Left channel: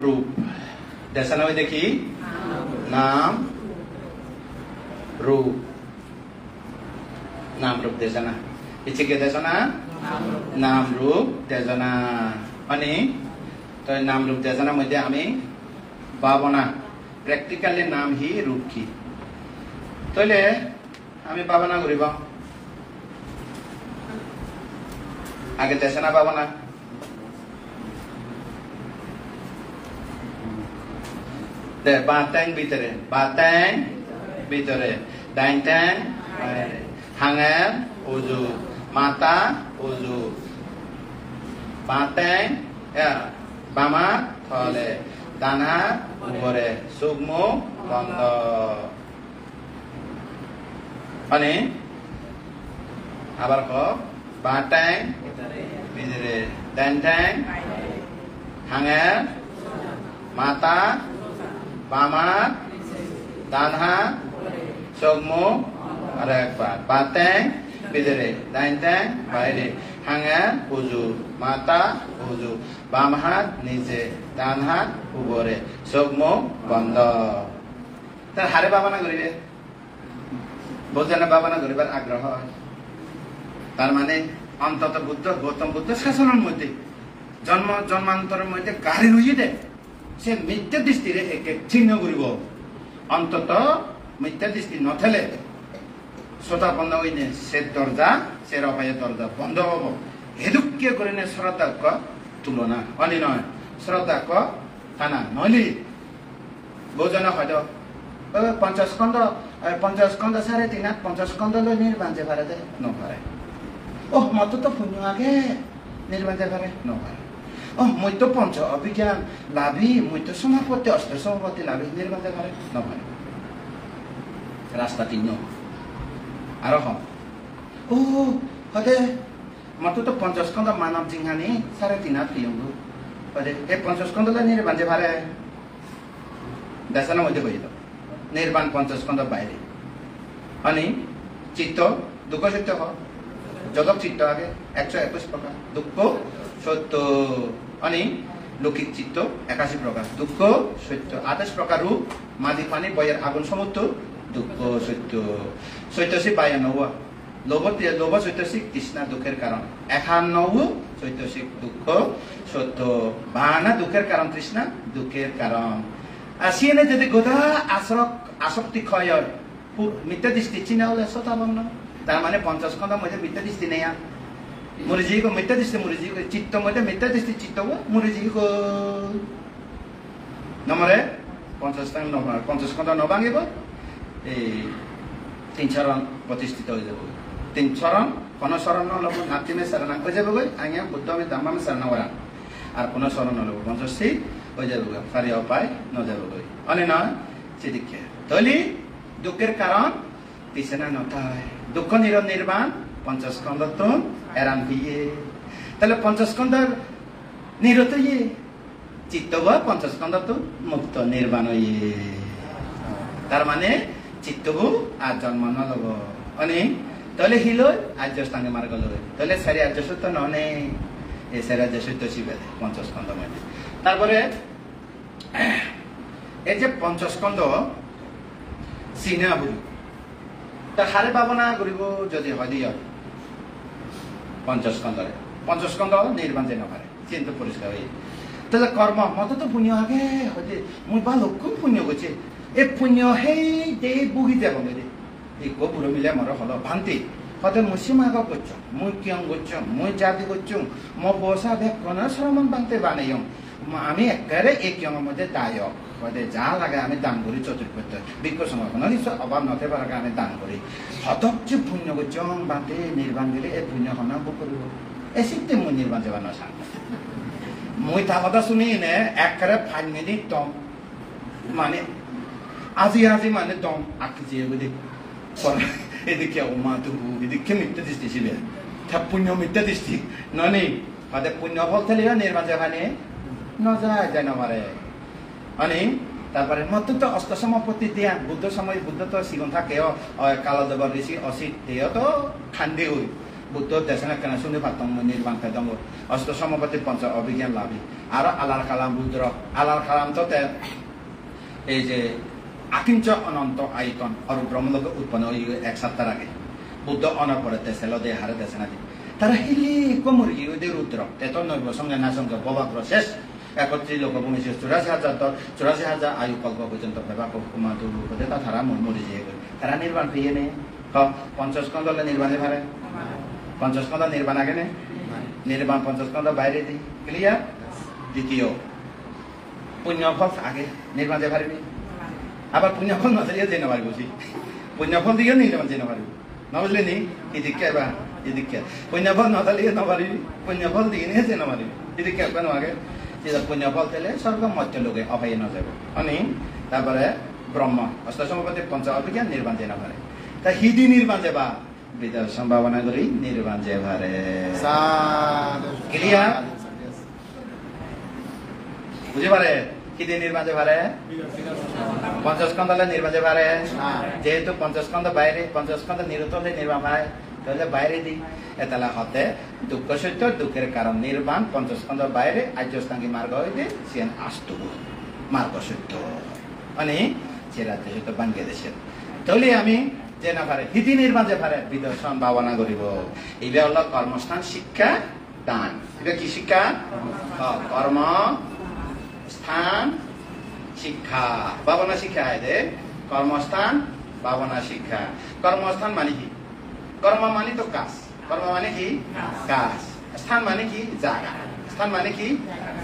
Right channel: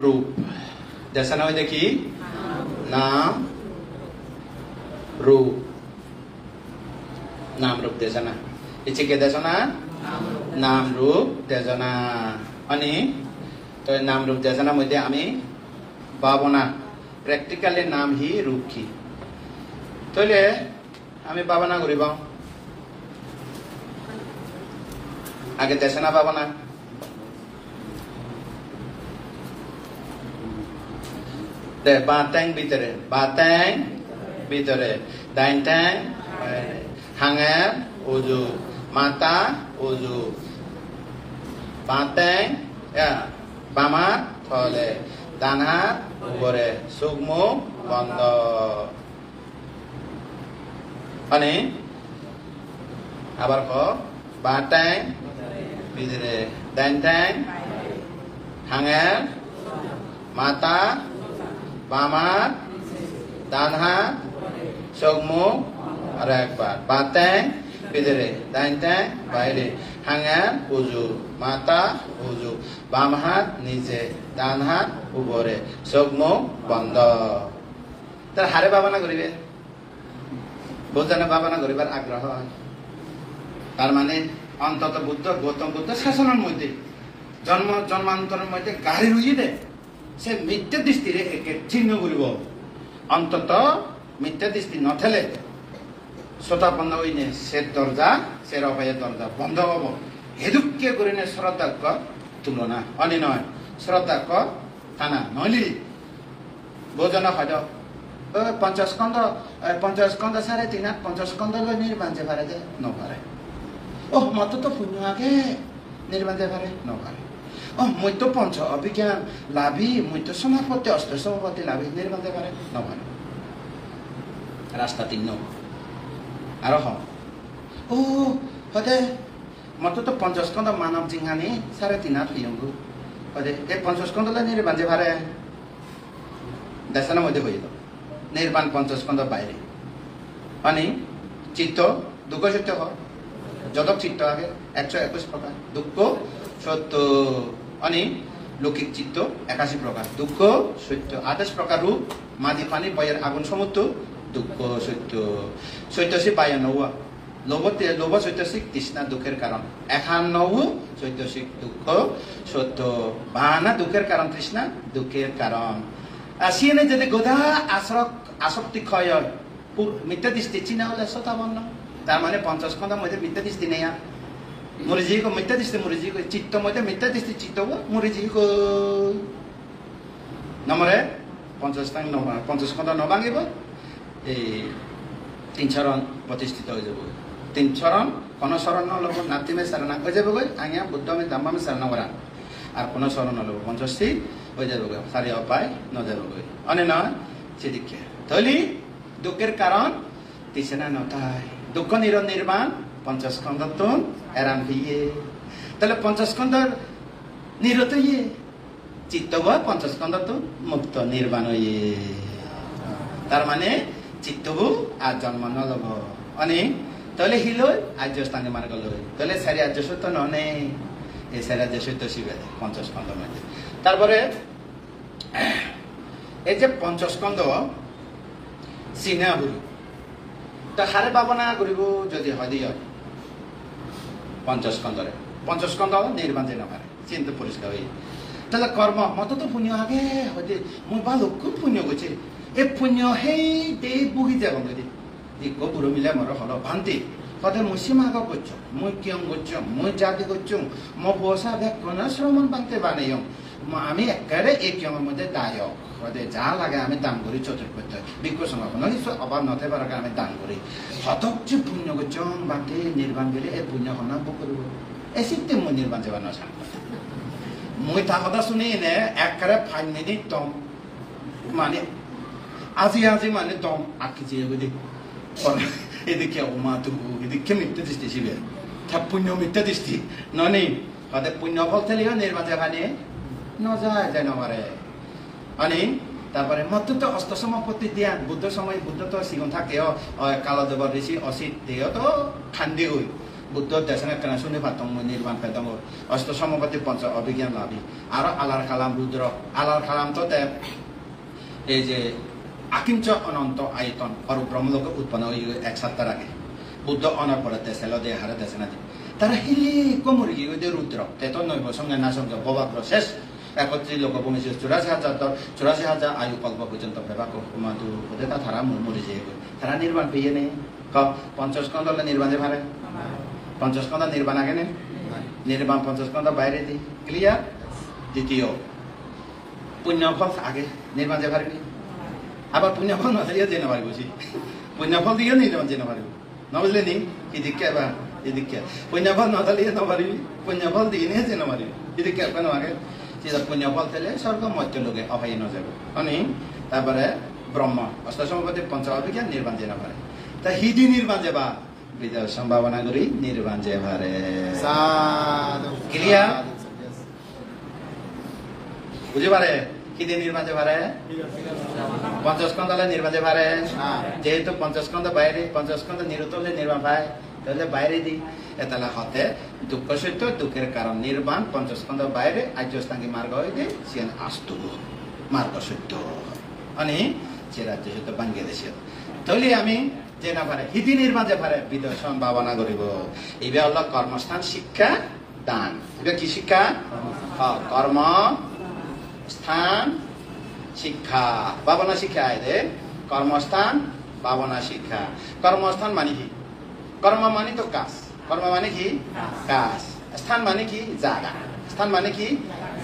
रूप जैसा ना देखी नाम रूप नाम रूप देशना इचे के देशना नाम रूप देशना अनि तो नाम रूप देशना मध्य आमी भावना प्रैक्टिकली नाम ही रूप की तो ले आमी भावना करिबा आगे देशना भावना batang bitare daintang hangar uzu mata uzu batang ya bama thole dana ubore sugmo bondo ani abar ko batang bitare daintang hangar mata Pamat, Tanha, Sogmo, Arakbar, Batang, Bidere, Daintang, Baire, Hanga, Uzu, Mata, Uzu, Bamahat, Nize, Tanha, Ubore, Sogmo, Bondo. তার হারে বাবানা করিবে বোঝানো বাবানা করিবার আগ্রহ তার মানে অন্তত বুদ্ধ গৌতম বুদ্ধ শাসনের মধ্যে জন্মান্তরের মধ্যে গাড়ি লুইয়ে দেয় से मिथ्या दृष्टि एक चिन्ह करिब अंतत मिथ्या दृष्टि नथले श्रोता बंद होइने से दर्जा से रफाय दर्जा बंद हब हेदुक्य गरिने श्रद्धाक तुलना अनि नय श्रद्धाक ताना नली बोजना हदो पंचस्कंद सारे तीन पंचस्कंद लो निर्बांजे पारे दे न पारे ओ मत तो पुण्यके निर्बांजे पारे न पारे মই তো পঞ্চ অভিজ্ঞান লাভী মই তো সমাপত্তি অষ্ট সমাপত্তি লাভী নির্বান্ধে পারে নপারে রাস্তা তিন আর হম ও হদে মত তো পঞ্চস্কন্ধ মানব জিঙ্গানি সাড়ে তিন হাত পিয়ঙ্গু হদে এই পঞ্চস্কন্ধ নির্বান্ধে পারে দেশানোর মধ্যে হয়ে নির্বাণ পঞ্চস্কন্ধ বাইরে মানে চিত্ত দুঃখ সত্য জগৎ চিত্ত আগে 121 প্রকার দুঃখ সত্য अनि लौकिक चित्त 81 प्रकार दुःख सत्य 28 प्रकार माझी पानी बयर आगुन समुद्र दुःख सत्य सत्यसी 92 लोभ सत्यसी तृष्णा दुखेर कारण 91 सत्यसी दुःख सत्य 52 दुखेर कारण तृष्णा दुखेर कारण आसिने যদি গোদা আসক্তি ক্ষয় মিথ্যা দৃষ্টি চিনা হলে সতা বর্ণ তার মানে 50 খন্ডের মধ্যে মিথ্যা দৃষ্টি নেই मुरिजी को मिथ्या दृष्टि मुरिजी को चित्त मध्य मिथ्या दृष्टि चित्त को मुरिजी को नमरे पंचस्कंद नभांगिब ए तीन चरण प्रतिष्ठित हो जाबो तीन चरण कोन शरण लब नाति में शरण हो जाबो आज्ञा बुद्ध में धम्म में शरण करा আর কোন শরণ लब पंचस्ती हो जाबो सारे उपाय न जाबो अने न चिदिके तली दुखेर कारण तृष्णा नथाय दुख निर्वाण पंचस्कंद तो एरान हिए तले पंचस्कंद निरत ये चित्त व पंचस्कंद तो मुक्त निर्वाण ये तार माने चित्त हो आ जन्म न लब अनि तले हिलो आज्य स्थाने मार्ग लो तले सारी आज्य सत्य नने ए सारी आज्य सत्य शिवे पंचस्कंद मध्ये तारपरे ए जे पंचस्कंद सिना बुरु ता हारे भावना करिब जदि हदिय पंचस्कंद निर्बांजे नपारे चिंता परिष्कार हुई तले कर्म मत तो पुण्य आगे हदे मु बालो कोन पुण्य गचे ए पुण्य हे दे बुगी जाबो नदि ए को पुरो मिले मोर हलो भांति हदे मुसिमा ग गच मु कियं गच मु जाति गच मो पोसा भे कोन श्रमन बांते बानेयम আমি একারে এই কিয়মৰ মধ্যে দায়ক হদে যা লাগে আমি দান করি চতুর্পত্য বিজ্ঞ সমাপনা নিশ্চয় অভাব নতে পারে আমি দান করি হতক যে পুণ্য গচং বাতে নির্বাণ গেলে এই পুণ্য হনা বকরিব এসিতে মু নির্বাণ যাব না সান মই তা কথা শুনি নে একারে 5 মিনিট দম মানে আজি মানে দম আকি যে বদি এদিকে ওমা তু এদিকে মিথ্যা দৃষ্টি ছিল তা পুণ্য মিথ্যা দৃষ্টি ননি হদে পুণ্য ফল থেলিও নির্বাণ যাবানে নজায় জানো মারে মানে তারপরে মত তো অষ্ট সমাপত্তি দিয়া বুদ্ধ সময় বুদ্ধ তো সিগন থাকে কালদেব ঋষি অসিত দেহ তো খান্দি হই বুদ্ধ দেশনা কেনা শুনে পাতং নির্বাণ পেদং অষ্ট সমপতি পঞ্চ অভিজ্ঞান লাভি আর আলার কালাম রুদ্র আলার কালাম তো এই যে আকিঞ্চ অনন্ত আয়তন আর ব্রহ্মলোক উৎপন্ন এক সপ্তাহ আগে বুদ্ধ অনার পরে দেশে লদে হারে দেশে না তারা হিলি কোমর ইউদে রুদ্র তেতো নৈব সঙ্গে না সঙ্গে ববাগ্র শেষ 31 লোক বংশে 84,000 আয়ু কল্প পর্যন্ত ব্যবহার উপদে তারা মরে যেয়ে তারা নির্বাণ পেয়ে নেই 50 স্কন্ধ নির্বাণে পারে 50 স্কন্ধ নির্বাণ আগে নেই নির্বাণ 50 স্কন্ধ বাইরে দিই ক্লিয়ার দ্বিতীয় পুণ্যফল আগে নির্বাণ যে পারেনি আবার পুণ্যফল নজরিয়ে যেতে পারি বুঝি পুণ্যফল দিয়ে নির্বাণ যেতে পারবো না বুঝলি নি কি দীক্ষা বা এই দীক্ষা পুণ্যফল নজরিয়ে না পারিবি পুণ্যফল দিয়ে নিয়ে যেতে পারবি এই দীক্ষা কেন আগে যেটা পুণ্যফল পেলে স্বর্গ মধ্য লোকে অপায় ন যাবে অনেক তারপরে ব্রহ্ম অষ্টসমপতি পঞ্চ অভিজ্ঞান নির্বাণ যে না পারে তা হিদি নির্বাণ যে বা বিদ্যার সম্ভাবনা করি নির্বাণ যে পারে ক্লিয়ার বুঝে পারে হিদি নির্বাণ যে পারে 50 স্কন্ধ নির্বাণ যে পারে যেহেতু 50 স্কন্ধ বাইরে 50 স্কন্ধ নিরুতলে নির্বাণ পায় তাহলে বাইরে দিই তাহলে হতে দুঃখ সত্য দুঃখের কারণ নির্বাণ 50 স্কন্ধ বাইরে আর্যস্থাঙ্গী মার্গ হইতে সিয়ান আস্তু মার্গ সত্য মানে সে রাজ্য সত্য বাংলাদেশের তাহলে আমি যে না পারে হিদি নির্বাণ যে পারে বিদর্শন ভাবনা করিব এইটা হল কর্মস্থান শিক্ষা দান এটা কি শিক্ষা কর্ম স্থান শিক্ষা ভাবনা শিক্ষা এদের কর্মস্থান ভাবনা শিক্ষা কর্মস্থান মানে কি কর্ম মানে তো কাজ কর্ম মানে কি কাজ স্থান মানে কি জায়গা স্থান মানে কি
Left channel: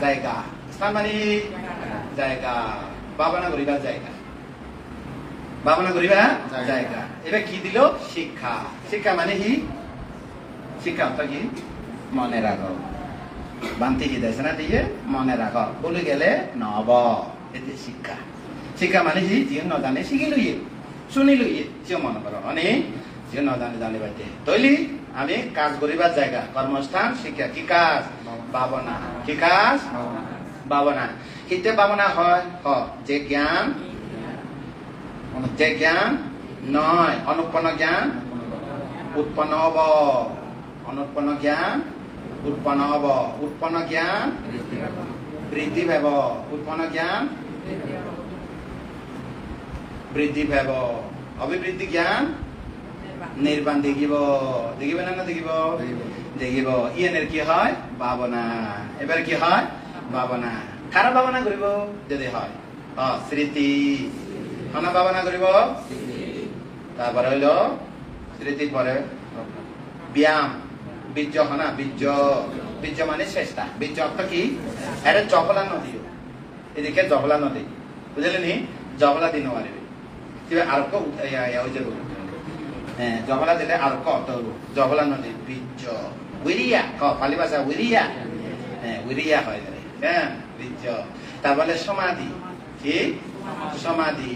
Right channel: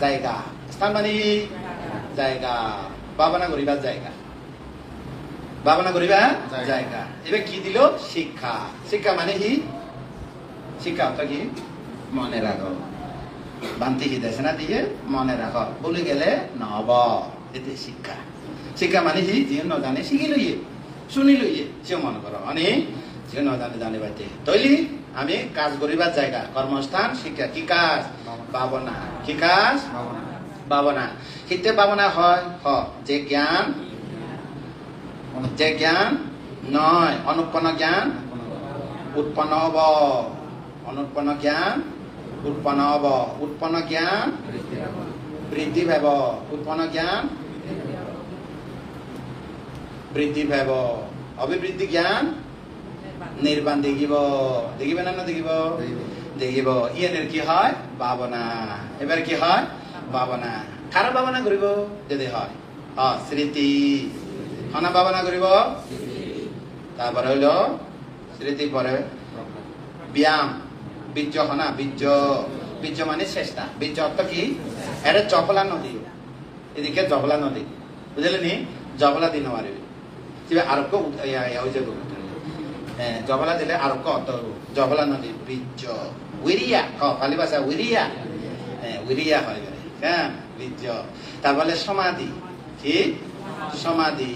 জায়গা স্থান মানে কি জায়গা ভাবনা করিবার জায়গা ভাবনা করিবার জায়গা এবার কি দিল শিক্ষা শিক্ষা মানে কি শিক্ষা অর্থ কি মনে রাখো বান্তি কি দেশে না দিয়ে মনে রাখো বলে গেলে নব এতে শিক্ষা শিক্ষা মানে কি যে নজানে শিখি লইয়ে শুনি লইয়ে সে মনে করো অনেক যে নজানে জানে বাড়তে তৈলি আমি কাজ করিবার জায়গা কর্মস্থান শিক্ষা কি কাজ ভাবনা কি কাজ ভাবনা হিতে ভাবনা হয় যে জ্ঞান নয় অনুৎপন্ন জ্ঞান উৎপন্ন হব অনুৎপন্ন জ্ঞান উৎপন্ন হব উৎপন্ন জ্ঞান বৃদ্ধি পাব উৎপন্ন জ্ঞান বৃদ্ধি পাব অভিবৃদ্ধি জ্ঞান নির্বাণ দেখিব দেখিব না দেখিব দেখিব ইয়ানের কি হয় ভাবনা এবার কি হয় ভাবনা কার ভাবনা করিব যদি হয় স্মৃতি হনা ভাবনা করিব তারপরে হইল স্মৃতির পরে ব্যায়াম বীর্য হনা বীর্য বীর্য মানে চেষ্টা বীর্য অর্থ কি এটা জবলা নদী এদিকে জবলা নদী বুঝলেনি জবলা দিন মারিবে আরো হ্যাঁ জবলা দিলে আরো অর্থ হবো জবলা নদী বীর্য উইরিয়া পালি ভাষা উইরিয়া হ্যাঁ উইরিয়া হয় হ্যাঁ বীর্য তারপরে সমাধি ঠিক সমাধি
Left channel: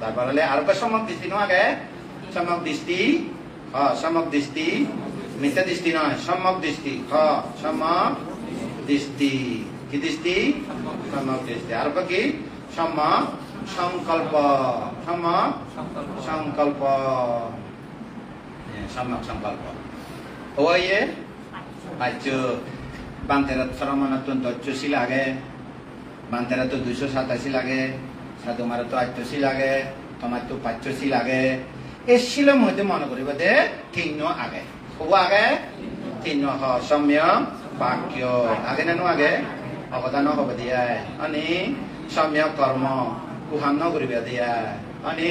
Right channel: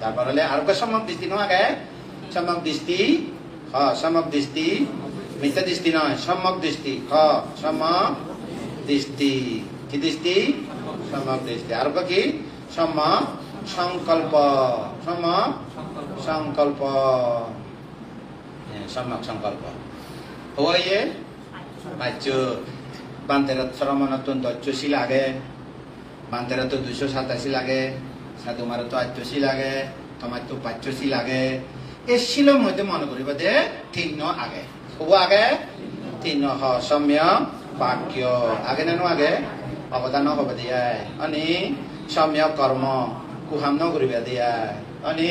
তারপর হলে আর সমক দৃষ্টি নয় সমক দৃষ্টি সমক দৃষ্টি মিথ্যা দৃষ্টি নয় সম্যক দৃষ্টি সম্যক দৃষ্টি কি দৃষ্টি সম্যক দৃষ্টি আর কি সম্যক সংকল্প সম্যক সংকল্প সম্যক সংকল্প ওয়ে বাচ্য বান্তেরা শ্রমণাত্মন্ত 88 লাগে বান্তেরা তো 287 লাগে তোমার তো 88 লাগে তোমার তো 85 লাগে এই শিলম হইতে মনে করিব যে 3 আগে খুব আগে 3 সম্যক বাক্য আগে নানো আগে অবদান হব দিয়া অনি সম্যক কর্ম কুহাম নকরিবা দিয়া অনি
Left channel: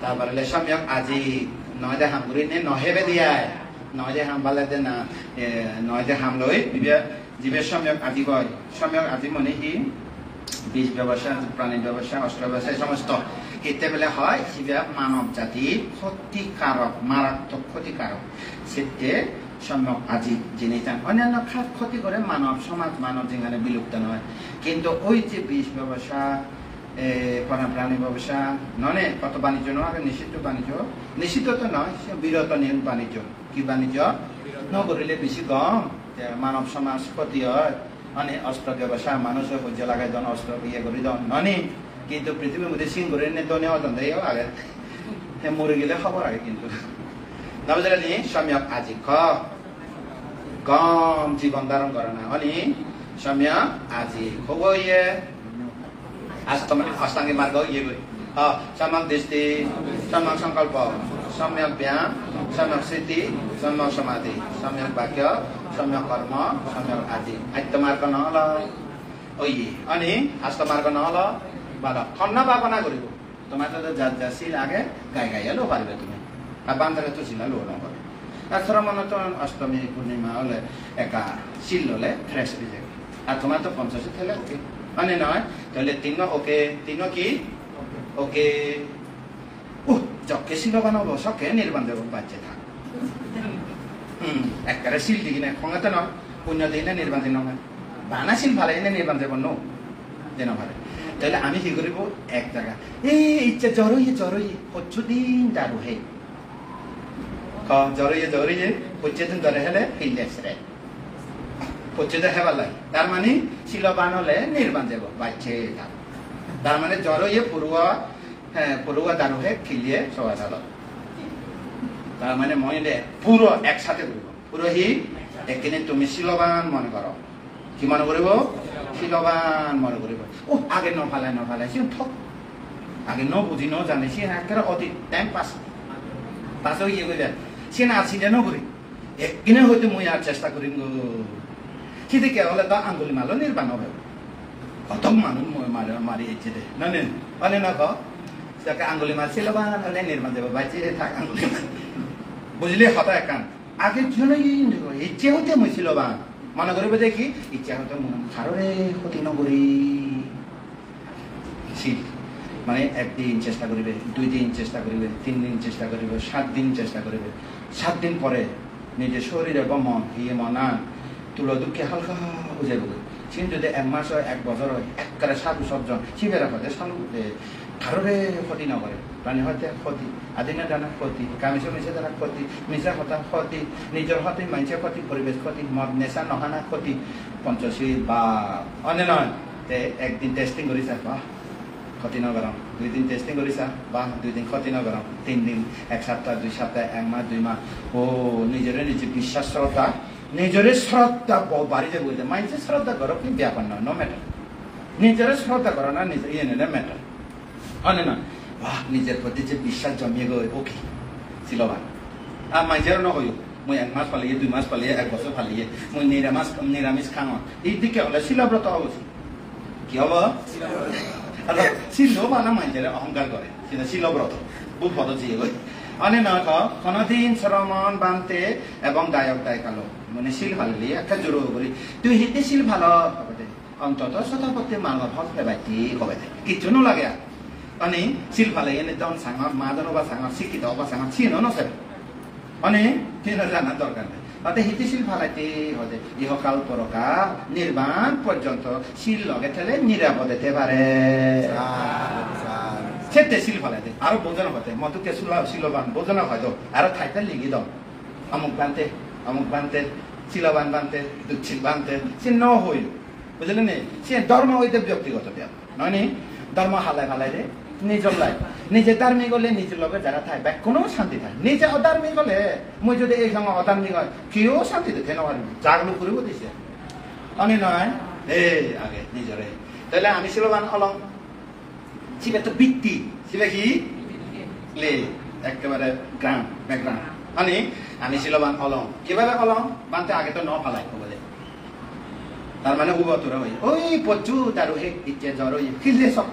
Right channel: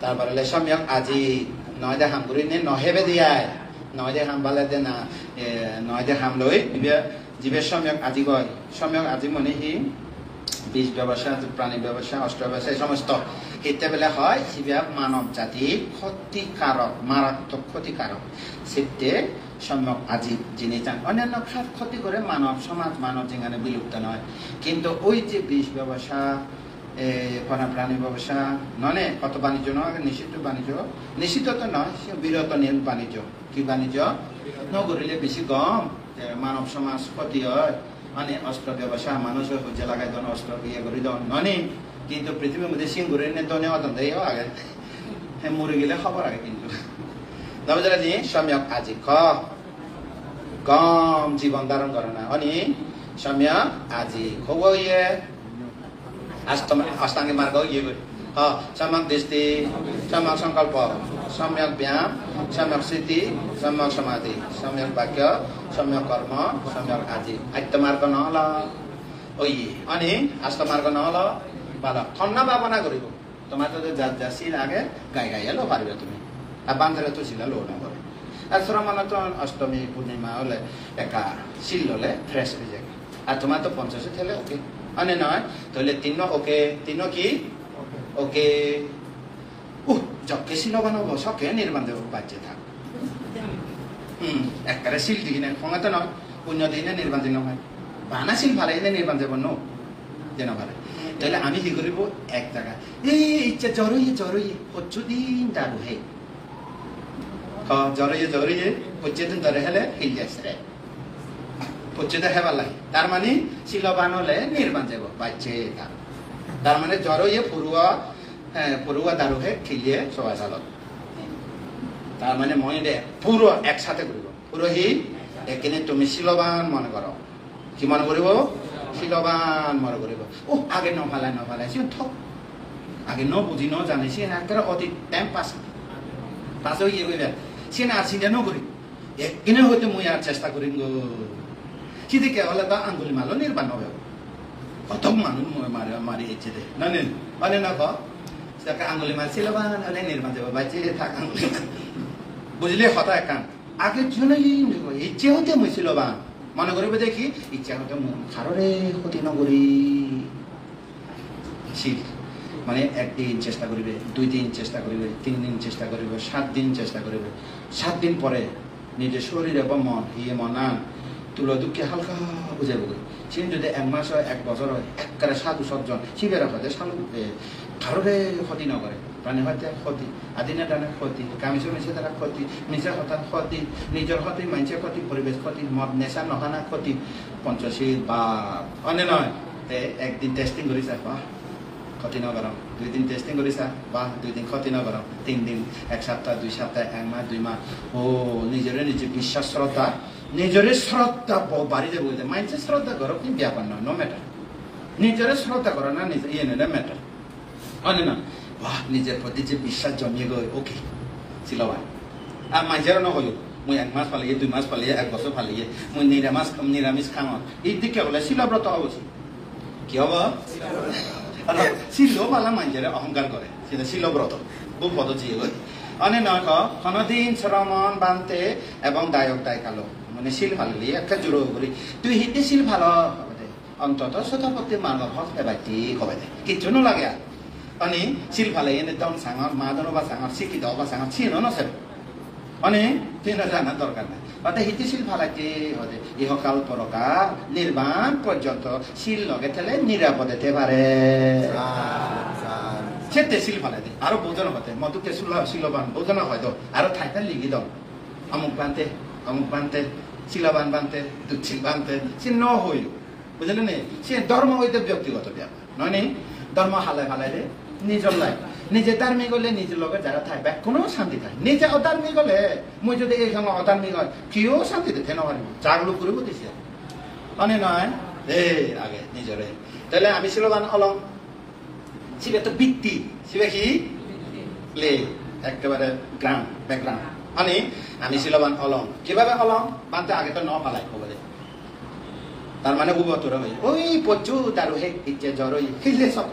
তারপরে সম্যক আজি নয় দে হাম করি নহেবে দিয়া নয় দে হাম বালে দে না নয় দে হাম লই জীবের সম্যক আজি কয় সম্যক আজি মনে কি বীজ ব্যবসা প্রাণী ব্যবসা অস্ত্র ব্যবসা এই সমস্ত এতে বেলা হয় সিবিয়া মানব জাতি ক্ষতিকারক মারাত্মক ক্ষতিকারক সেতে সম্যক আজি যিনি চান অন্যান্য ক্ষতি করে মানব সমাজ মানব যেখানে বিলুপ্ত নয় কিন্তু ওই যে বীজ ব্যবসা প্রাণী ব্যবসা নয় কত বাণিজ্য নয় নিষিদ্ধ বাণিজ্য নিষিদ্ধ তো নয় বিরত নিয়ম বাণিজ্য কি বাণিজ্য নগরিলে বেশি কম মানব সমাজ ক্ষতি হয় মানে অস্ত্র ব্যবসা মানুষ বুঝে লাগাই দন অস্ত্র ইয়ে করি দন ননি কিন্তু পৃথিবীর মধ্যে সিং করে নিয়ে দনে অতন আগে মরে গেলে খবর আগে কিন্তু नबुझेर सम्यक आजीख गम जीवन धारण गर्न अनि सम्यक आजी खोगोये अष्टाङ्गिक मार्ग हो यो सम्यक दृष्टि सम्यक संकल्प सम्यक व्यायाम सम्यक स्थिति सम्यक समाधि सम्यक वाक्य सम्यक कर्म सम्यक आजी आत्त मार्ग नहल ओये अनि अष्ट मार्ग नहल बाला खन्न बापना गरिबो তোমার তো যা সিন আগে গাই গাই লো পারবে তুমি আর বান্ধরে তো সিনা লো না আর শ্রমণ তো অষ্টমী পূর্ণিমা হলে একা সিল হলে ফ্রেশ হয়ে যায় আর তোমার তো 50 থেলে ওকে মানে নয় তাহলে তিন ওকে তিন কি ওকে যকে সিল বানাবো সবকে নির্বাণ দেব বাচ্চা থাক একবারে সিল দিই না ক্ষমতা না পুণ্য দিনে নির্বাণ দিন বানা সিল ভালো এনে নির্বাণ দেব নো যেন ভালো তাহলে আমি কি করিব এক জায়গা এই ইচ্ছা জরই পচুদিন দারু হে জরই পচুদিন ধরে হেলে হিলজাইছে পচুদে হেবালাই তার মানে শিলবান হলে নির্বাণ যাব বাচ্চে তার মানে জরই পুরুয়া দারু হে খিলিয়ে সবা চাল তার মানে মনে দে পুরো একসাথে করব পুরো হি এখানে তুমি শিলবান মনে করো কি মনে করিব শিলবান মনে করিব ও আগে নফালাই সে ঠক আগে বুঝি জানে সে একেবারে অতি টাইম পাস হয়ে গিয়ে গেলে সে না চিন্তা নকরি একদিনে হয়তো মুই আর চেষ্টা করিম গো সেদিকে হলে তা আঙ্গুলি মারলো নির্বাণ হবে কত মানুষ মারি ইচ্ছে দে মানে না কাকে আঙ্গুলি মার শিলবান হলে নির্বাণ দেবে বাচ্চে থাক আঙ্গুলি বুঝলি হতা একান আগে জুলাই ইচ্ছে হতে মুই শিলবান মনে করিব দেখি ইচ্ছা হতে কারোরে ক্ষতি নকরি মানে একদিন চেষ্টা করিবে 2 দিন চেষ্টা করিবে 3 দিন চেষ্টা করিবে 7 দিন চেষ্টা করিবে 7 দিন পরে নিজের শরীর এবং মন ইয়ে মনান তুলো দুঃখে হালকা বুঝাইব সিন যদি 1 মাস হয় 1 বছর হয় একবারে সাধু সজ্জন শিবের হতে সাধু কারোরে ক্ষতি নকরে প্রাণী হতে ক্ষতি আদিনা দানা ক্ষতি কামিছো মিছে দ্বারা ক্ষতি নিজের হতা ক্ষতি নিজের হতে মানুষের ক্ষতি পরিবেশ ক্ষতি মদ নেশা নহানা ক্ষতি পঞ্চশীল বা অনে নয় একদিন টেস্টিং করিছা বাহ ক্ষতি নগরম 2 দিন টেস্টিং করিছা বাহ 2 দিন ক্ষতি নগরম 3 দিন 1 সপ্তাহ 2 সপ্তাহ 1 মাস 2 মাস ও নিজে বিশ্বাস শ্রদ্ধা নিজের শ্রদ্ধা বাড়িতে বলতে মানুষের শ্রদ্ধা করো কি ব্যাপার না নো ম্যাটার নিজের শ্রদ্ধা করো না নিজের ইয়ে নেই ম্যাটার অনে না বাহ নিজের প্রতি যে বিশ্বাস জমিয়ে গেল ওকে শিলবান আর মানুষেরও না হইল মুই 1 মাস পালিয়ে 2 মাস পালিয়ে 1 বছর পালিয়ে মুই নিরামিষ খাওয়া এই দিকে হলে শিলব্রত হওয়া উচিত কি হব শিলবালা মানুষের অহংকার করে সেটা শিলব্রত বহু পদ্ধতি অনে নয় কোনদিন শ্রমণ বানতে এবং দায়ক দায় কালো মানে শিল ভালো একটা জোর করি তুই হিতে শিল ভালো অন্তত শতাপত্তি মানব হক বাইতি হবে কিছু লাগে আর अनि सिल फाले एने दम सांग मादन बा सांग सिकित बा सांग छिन न सर अनि तिन जाना दरकार নাই বাতে হিতি সিল ফালাইতে হতে ইহকাল পরকাল নির্বাণ পর্যন্ত সিল লগে থেলে নিরাপদেতে পারে সেতে সিল ফালাইতে আর বোঝানো হতে মতুকে শিলবান বোঝানো হয়তো আর থাইতে লিখি দাও আমুক বানতে শিলবান বানতে দুচ্ছিল বানতে সে ন হইল বুঝলেন সে ধর্ম হইতে ব্যক্তিগত ব্যাপার ননি ধর্ম হালাই দে নিজের লাইফ নিজে ধার্মিক হলে নিজের লোকের যারা থাকবে কোনো শান্তি থাকে নিজে অধার্মিক হলে মই যদি এই সময় অধার্মিক হয় কেউ শান্তিতে থেমে পারবি জাগলো করিব দিছে অনি নয় আগে নিজরে তাহলে আমি শিলবান অলং শিবে তো বৃত্তি শিবে কি প্লে একেবারে গ্রাম ব্যাকগ্রাউন্ড মানে আমি শিলবান অলং কিভাবে অলং বানতে আগে তো ন পালাই বলে তার মানে তোর ওই প্রচুর দারু হে ইচ্ছে জরই খিলে সব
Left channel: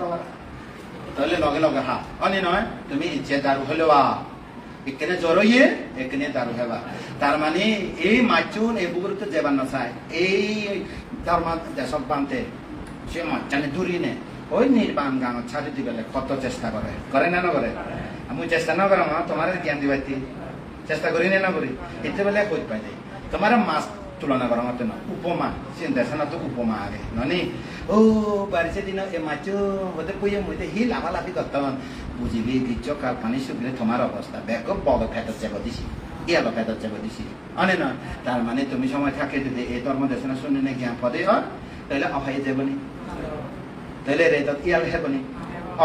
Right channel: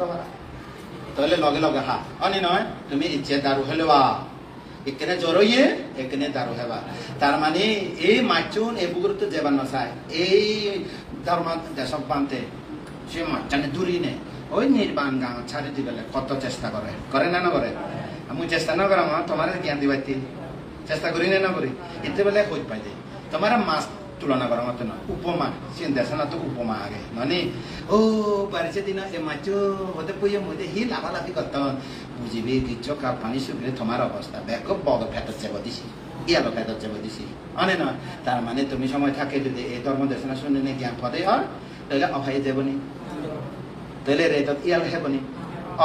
তাহলে লগে হা অনি নয় তুমি ইচ্ছে দারু হলে এখানে জরইয়ে এখানে দারু হেবা তার মানে এই মাচুন এই বুকুর তো যেবার নসায় এই ধর্ম দেশক বানতে সে মাচানে দূরি নে ওই নির্বাণ গাঁ ছাড়ে দিবেলে কত চেষ্টা করে না করে আমি চেষ্টা না করে তোমার জ্ঞান দিবাইতি চেষ্টা করি না করি এতে বলে খোঁজ পাই যাই তোমার মাছ তুলনা করার মতো না উপমা সে দেশে না তো উপমা আগে ননি ও বাড়িছে দিন এ মাছ হতে কইয়ে মইতে হি লাফালাফি করতাম বুঝিবি কিচ্ছ পানি শুকলে তোমার অবস্থা ব্যাগ বড় ফেটত চেপে দিছি ইয়ালো ফেটত চেপে দিছি অনে নয় তার মানে তুমি সময় থাকে যদি এই ধর্ম দেশনা শুনে নে জ্ঞান পদে হয় তাহলে অভয় দেবনি তাহলে রেতত ইয়াল হেবনি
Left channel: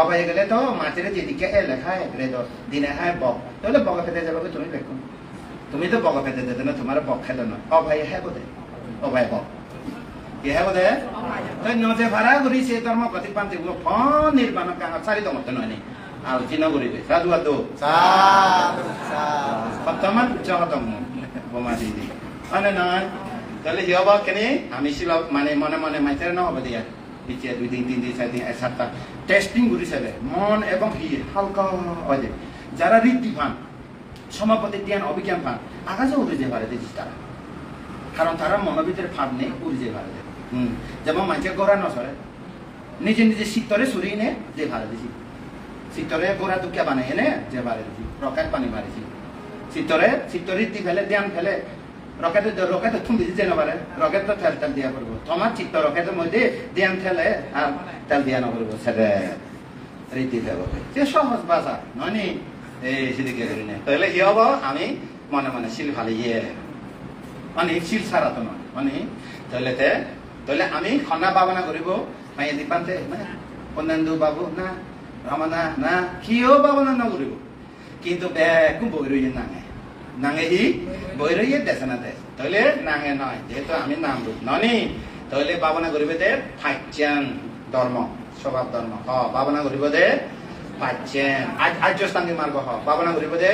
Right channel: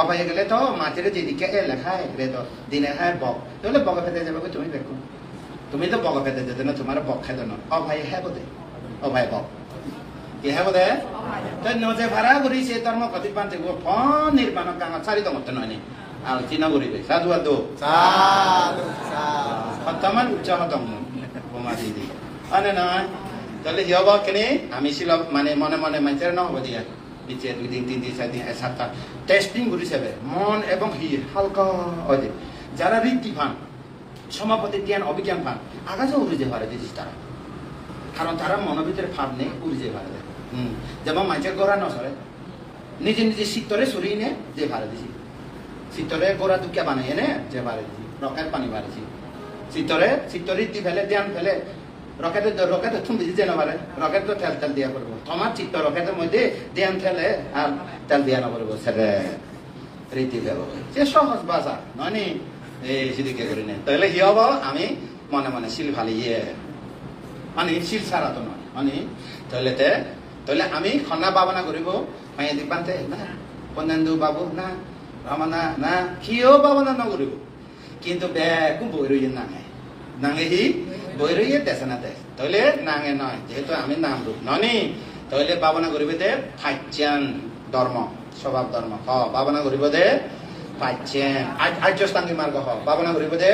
অভয় গেলে তো মাছের যেদিকে এ লেখা রেতত দিনে হয় বক তাহলে বকে ফেটে যাবে তুমি দেখুন তুমি তো বক খেতে যেতে না তোমার বক খেতে না অভাই হ্যাঁ বোধে অভাই বক কি হ্যাঁ বোধে নজে ভাড়া করেছে ধর্ম কতি পাঞ্চে ফোন নির্মাণ কাঙা চারি দমত নয় আর চিনা করিবে সাধু আদু বর্তমান উচ্চ হতম বোমা দিদি মানে নয় তাহলে হিয়ব কেনে আমি ছিল মানে মনে মনে মানুষের না হবে দিয়া পিছিয়ে 2 দিন 3 দিন 4 দিন 1 সপ্তাহ টেস্টিং করেছে মন এবং হি হালকা হয় যারা রীতি পান সমাপতি জ্ঞান অভিজ্ঞান পান আকাশে উড়ে যেতে পারে দিদিস তারা কারণ তারা মনের ভিতরে ভাব নেই উড়ে যেতে পারে যেমন মানুষের গোড়া নসরে নিজে নিজে শীতরে সরিয়ে নে যে ভাড়া দিছি শীতরে গোড়া দুকিয়া বানাই এনে যে ভাড়া দিছি রকেট পানি মারিছি শীতরে দি ফেলে ধ্যান ফেলে রকেট থুম দিছি যে নবারে রকেট তো তেল দিয়া করবো তোমার চিত্ত রকেটের মধ্যে ধ্যান ফেলে আর তেল দিয়া নকরবো সেটা রীতি দেব সে সহজ বাজার মানে সেদিকে করি না তাহলে কি হবো আমি মনে মনে শিল ফালিয়ে মানে শিল ছাড়া তোমার মানে তাহলে আমি খন্না ভাবনা করিব মাইয়া দিবান্তে না কন্যান্দু বাবু না রমনা না কিও ভাবনা না করিব কিন্তু বেকু বই রইয়ে নাঙে হি বই রইয়ে দেশে না দেশ তাহলে নাঙে নয় যেহেতু আমি নাম রূপ ননি তাহলে ভাবনা করিবে দে ফাইচান ধর্ম স্বভাব ধর্ম ভাবনা করিব দে ফাইচান আর্যস্থাঙ্গী মার্গ ভাবনা করিব দে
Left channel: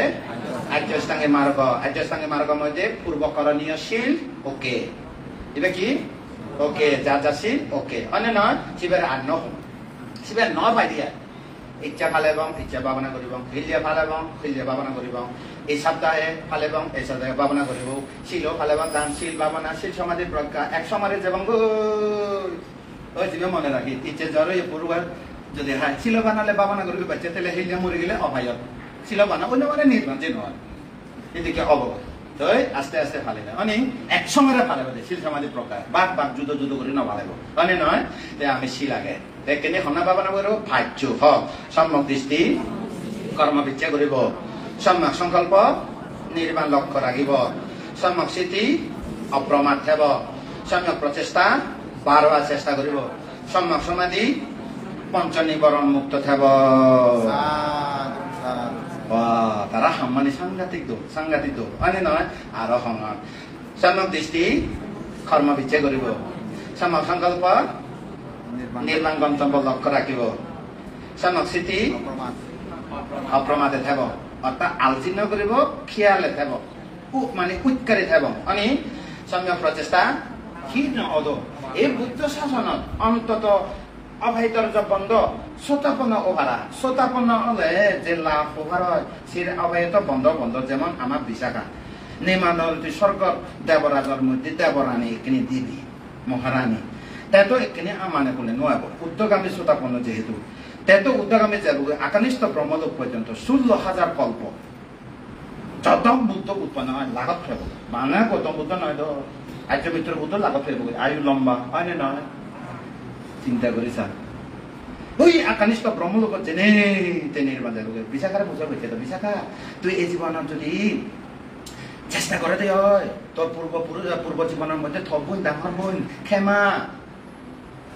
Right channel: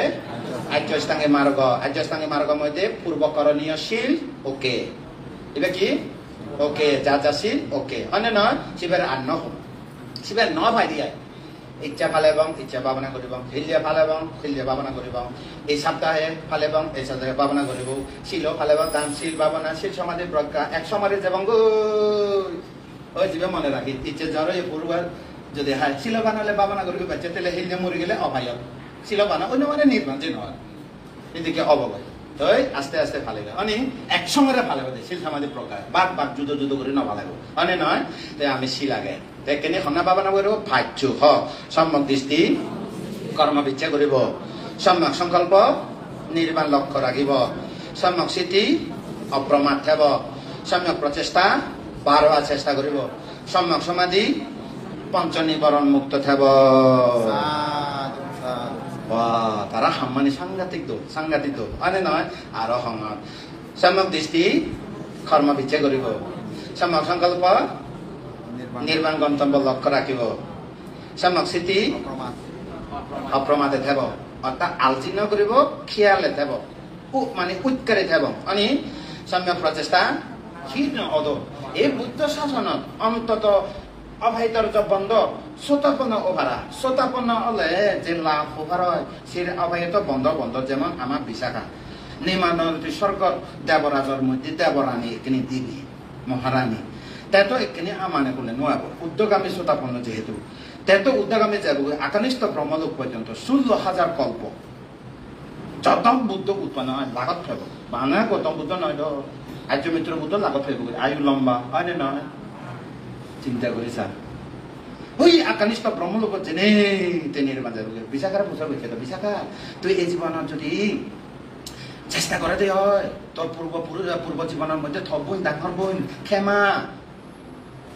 আর্যস্থাঙ্গী মার্গ মধ্যে পূর্বকরণীয় শীল ওকে এবার কি ওকে যাশীল ওকে মানে নয় শিবের আর শিবের ন ভাই দিয়া ইচ্ছা ফালেব ইচ্ছা ভাবনা করিব হিলিয়া ফালেব হিলিয়া ভাবনা করিব এই সপ্তাহে ফালেব এই সপ্তাহে ভাবনা করিব শিল ফালেব গান শিল ভাবনা শিল সমাধি প্রজ্ঞা এক সমাধি যাব ওই জীবে মনে রাখি ইচ্ছে জ্বর এই পূর্বার যদি হয় শিল বানালে ভাবনা করিব বাচ্চা তাহলে হিলিয়া মরে গেলে অভায় শিল বানা অন্য মানে নির্মাণ যে নয় এদিকে অবগত তাই আস্তে আস্তে ফালিবে মানে একসঙ্গে ফালিব শিল সমাধি প্রকার বাঘ যুদ্ধ করে না ফালিব মানে নয় আমি শিল আগে দেখেনি সন্না ভাবনা কৰিব ভাজ্য সম্যক দৃষ্টি কৰ্ম বিচ্ছা কৰিব সম্যক সংকল্প নিৰ্মাণ লক্ষ্য ৰাখিব সম্যক স্থিতি অপ্ৰমাদ থাকব সম্যক প্ৰচেষ্টা বাৰবাৰ চেষ্টা কৰিব সম্যক সমাধি পঞ্চনিবরণ মুক্ত থাকব তারা সম্মানী সাংঘাতিক দোষ মানে নয় আরো সম্মান সম্যক দৃষ্টি কর্ম বিচ্ছা কৰিব সম্যক সংকল্প নিৰ্মাণ গন্তব্য লক্ষ্য ৰাখিব সম্যক স্থিতি অপ্ৰমাদে থাকব অৰ্থাৎ আলোচনা কৰিব খিয়ালে থাকব মানে উৎকারে থাকব মানে সম্যক প্রচেষ্টা ক্ষীণ অদ এই বুদ্ধ শাসনত অন্তত অভয়দর্য বন্ধ শ্রোতাপন্ন ওভারা শ্রোতাপন্ন হলে যে লাভ ওভার হয় সে অভয়ত বন্ধ যেমন আমার বিশাখা নিমানরী স্বর্গত দেবরাজর মধ্যে দেবরানী এখানে দেবী মহারানী তেতো এখানে আমানে কোনে নোয়াব উদ্যোগামী শ্রোতাপন্ন যেহেতু তেতো উদ্যোগামী যাব আকানিষ্ঠ ব্রহ্মলোক পর্যন্ত 16,000 কল্প যতম বুদ্ধ উৎপন্ন হয় লাগত ফেব বাংলা গৌতম বুদ্ধ নয় তো আর্যমিত্র বুদ্ধ লাগত ফেব আয়ু লম্বা আরে নয় চিন্তা করিছা ওই আকানিষ্ঠ ব্রহ্মলোকত যেনে তেনের বাজে বিশাখার বুঝার বলছে তো বিশাখা তুই এই জীবনত যদি চেষ্টা করাতে হয় তোর পূর্ব জীবনের মধ্যে থ বোন ডাঙর বোন ক্ষমা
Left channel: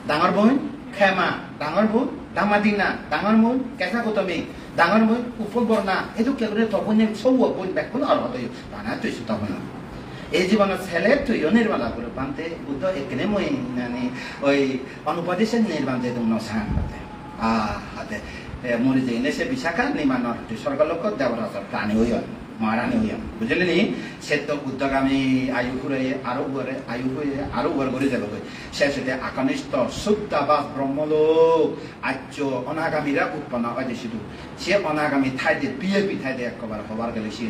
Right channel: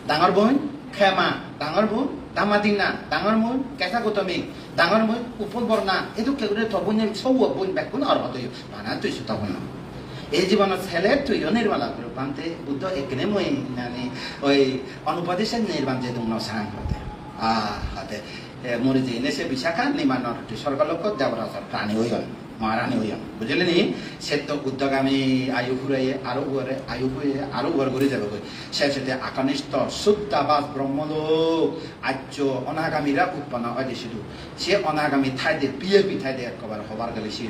ডাঙর বোন ক্ষমা ডাঙর বোন দামাদিনা ডাঙর বোন কেঁচা গৌতমী ডাঙর বোন উপর বর্ণা এইটো কেউরে থ বোন সৌ বোন ব্যাকুল আর হতে বানা তুই সুতা বোন এই জীবনত ছেলে তুইও নির্মাণ করে পান্তে বুদ্ধ এখানে মই মানে ওই অনুপদেশে নির্মাণ যে তোমার সাং হাতে হাতে মরে যে এনে সে বিশাখা নির্মাণ স্বর্গলোক দেবরাজর প্রাণী হইল মহারানী হইম বুঝলি নি সে তো উদ্যোগামী আয়ু ঘুরে আরো উয়ার করে যাবে শেষে আকানিষ্ঠ শুদ্ধাবাস ব্রহ্মলোক আর্য অনাগামীরা উৎপন্ন হয় দেশিত সে অনাগামী ঠাইতে বিএপি ঠাইতে একবার হবার গেলে সে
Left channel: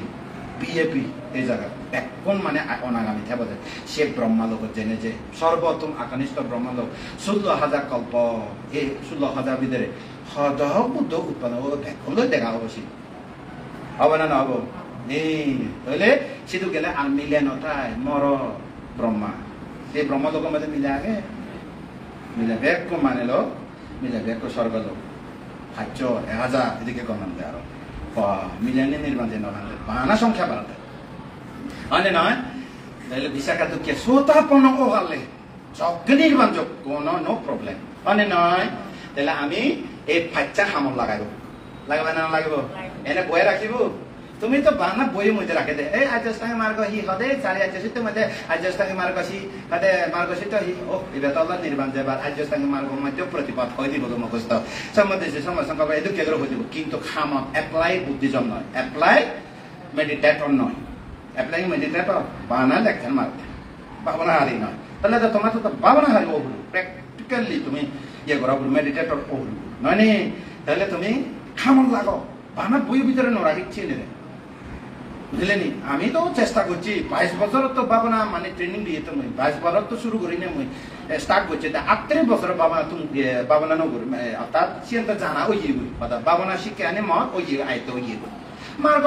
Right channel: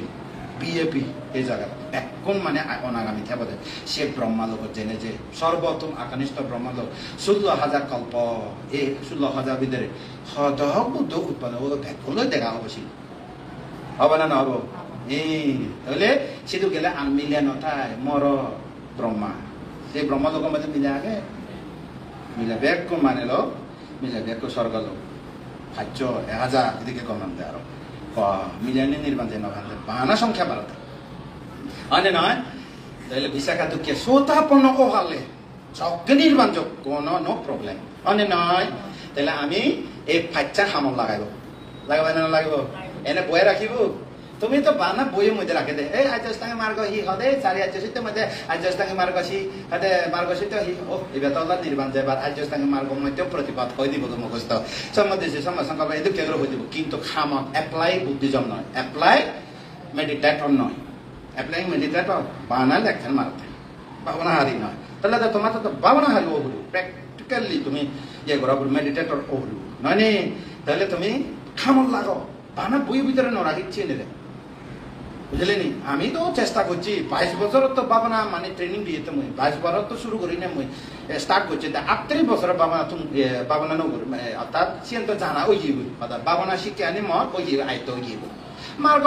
বিএপি এই জায়গা এখন মানে অনাগামী থাকবে সে ব্রহ্মলোক জেনে যে সর্বোত্তম আকানিষ্ঠ ব্রহ্মলোক 16,000 কল্প এই 16,000 ভিতরে সদহ বুদ্ধ উৎপন্ন হলো এখন দেখা হবো সে হবে না হবো তাহলে সেটু গেলে আর মিলে নথায় মর ব্রহ্মা সেই ব্রহ্মলোক মধ্যে মিলে আগে মিলে ব্যাগ মানে লো মিলে ব্যাগ স্বর্গ লোক খাদ্য 1000 এদিকে গণন দেওয়া মিলেনি নির্মাণ বাহানা সংখ্যা বাড়াতে মানে নয় তাহলে বিশাখা দুঃখে শ্রোতাপন্ন হলে সবকে নির্মাণ যোগ কোনো নো প্রবলেম মানে নয় তাহলে আমি এই ফাইচার হামল লাগাবো না লাগাবো এনে বয়ে রাখিব তুমি তো বানা বইয়ের মধ্যে রাখে দে এই আজস্তাঙ্গে মার্গ হি হদে চারি আজসিত মধ্যে আজস্তাঙ্গে মার্গ সি হদে মার্গসিত হি ও এবার তলা নির্মাণ যাবার আজস্তাঙ্গে মার্গ মধ্যে প্রতিপাদ হয়ে দিব মুখস্থ সম্বন্ধে সমাসংকল্প এদু কেবল হয়ে দিব কিন্তু খাম অ্যাপ্লাই বুদ্ধিজন নয় অ্যাপ্লাই মেডিটেটর নয় অ্যাপ্লাইং মেডিটেটর বানা লেখেন মারতে ভাবনা হারি নয় তাহলে তো তোমার তো ভাবনা হারি ওগুলো প্র্যাকটিক্যালি তুমি ইয়ে করা মেডিটেটর ওগুলো নয় তাহলে তুমি খামন লাগাও বানা বইয়ের ভিতরে নড়া দিচ্ছি নেবে বুঝলে নি আমি তো চেষ্টা করছি 22 বছর তো বাবনা মানে ট্রেনিং দিয়ে তো 22 বছর তো শুরু করি না মুই স্টার্ট করছি 38 বছর বাবনা তুমি বাবনা নগর অর্থাৎ সিএন তো জানা ওই জীব বাবনা শিক্ষা আনে মত ওই জীব আয়ত্ত ওই জীব মার্গ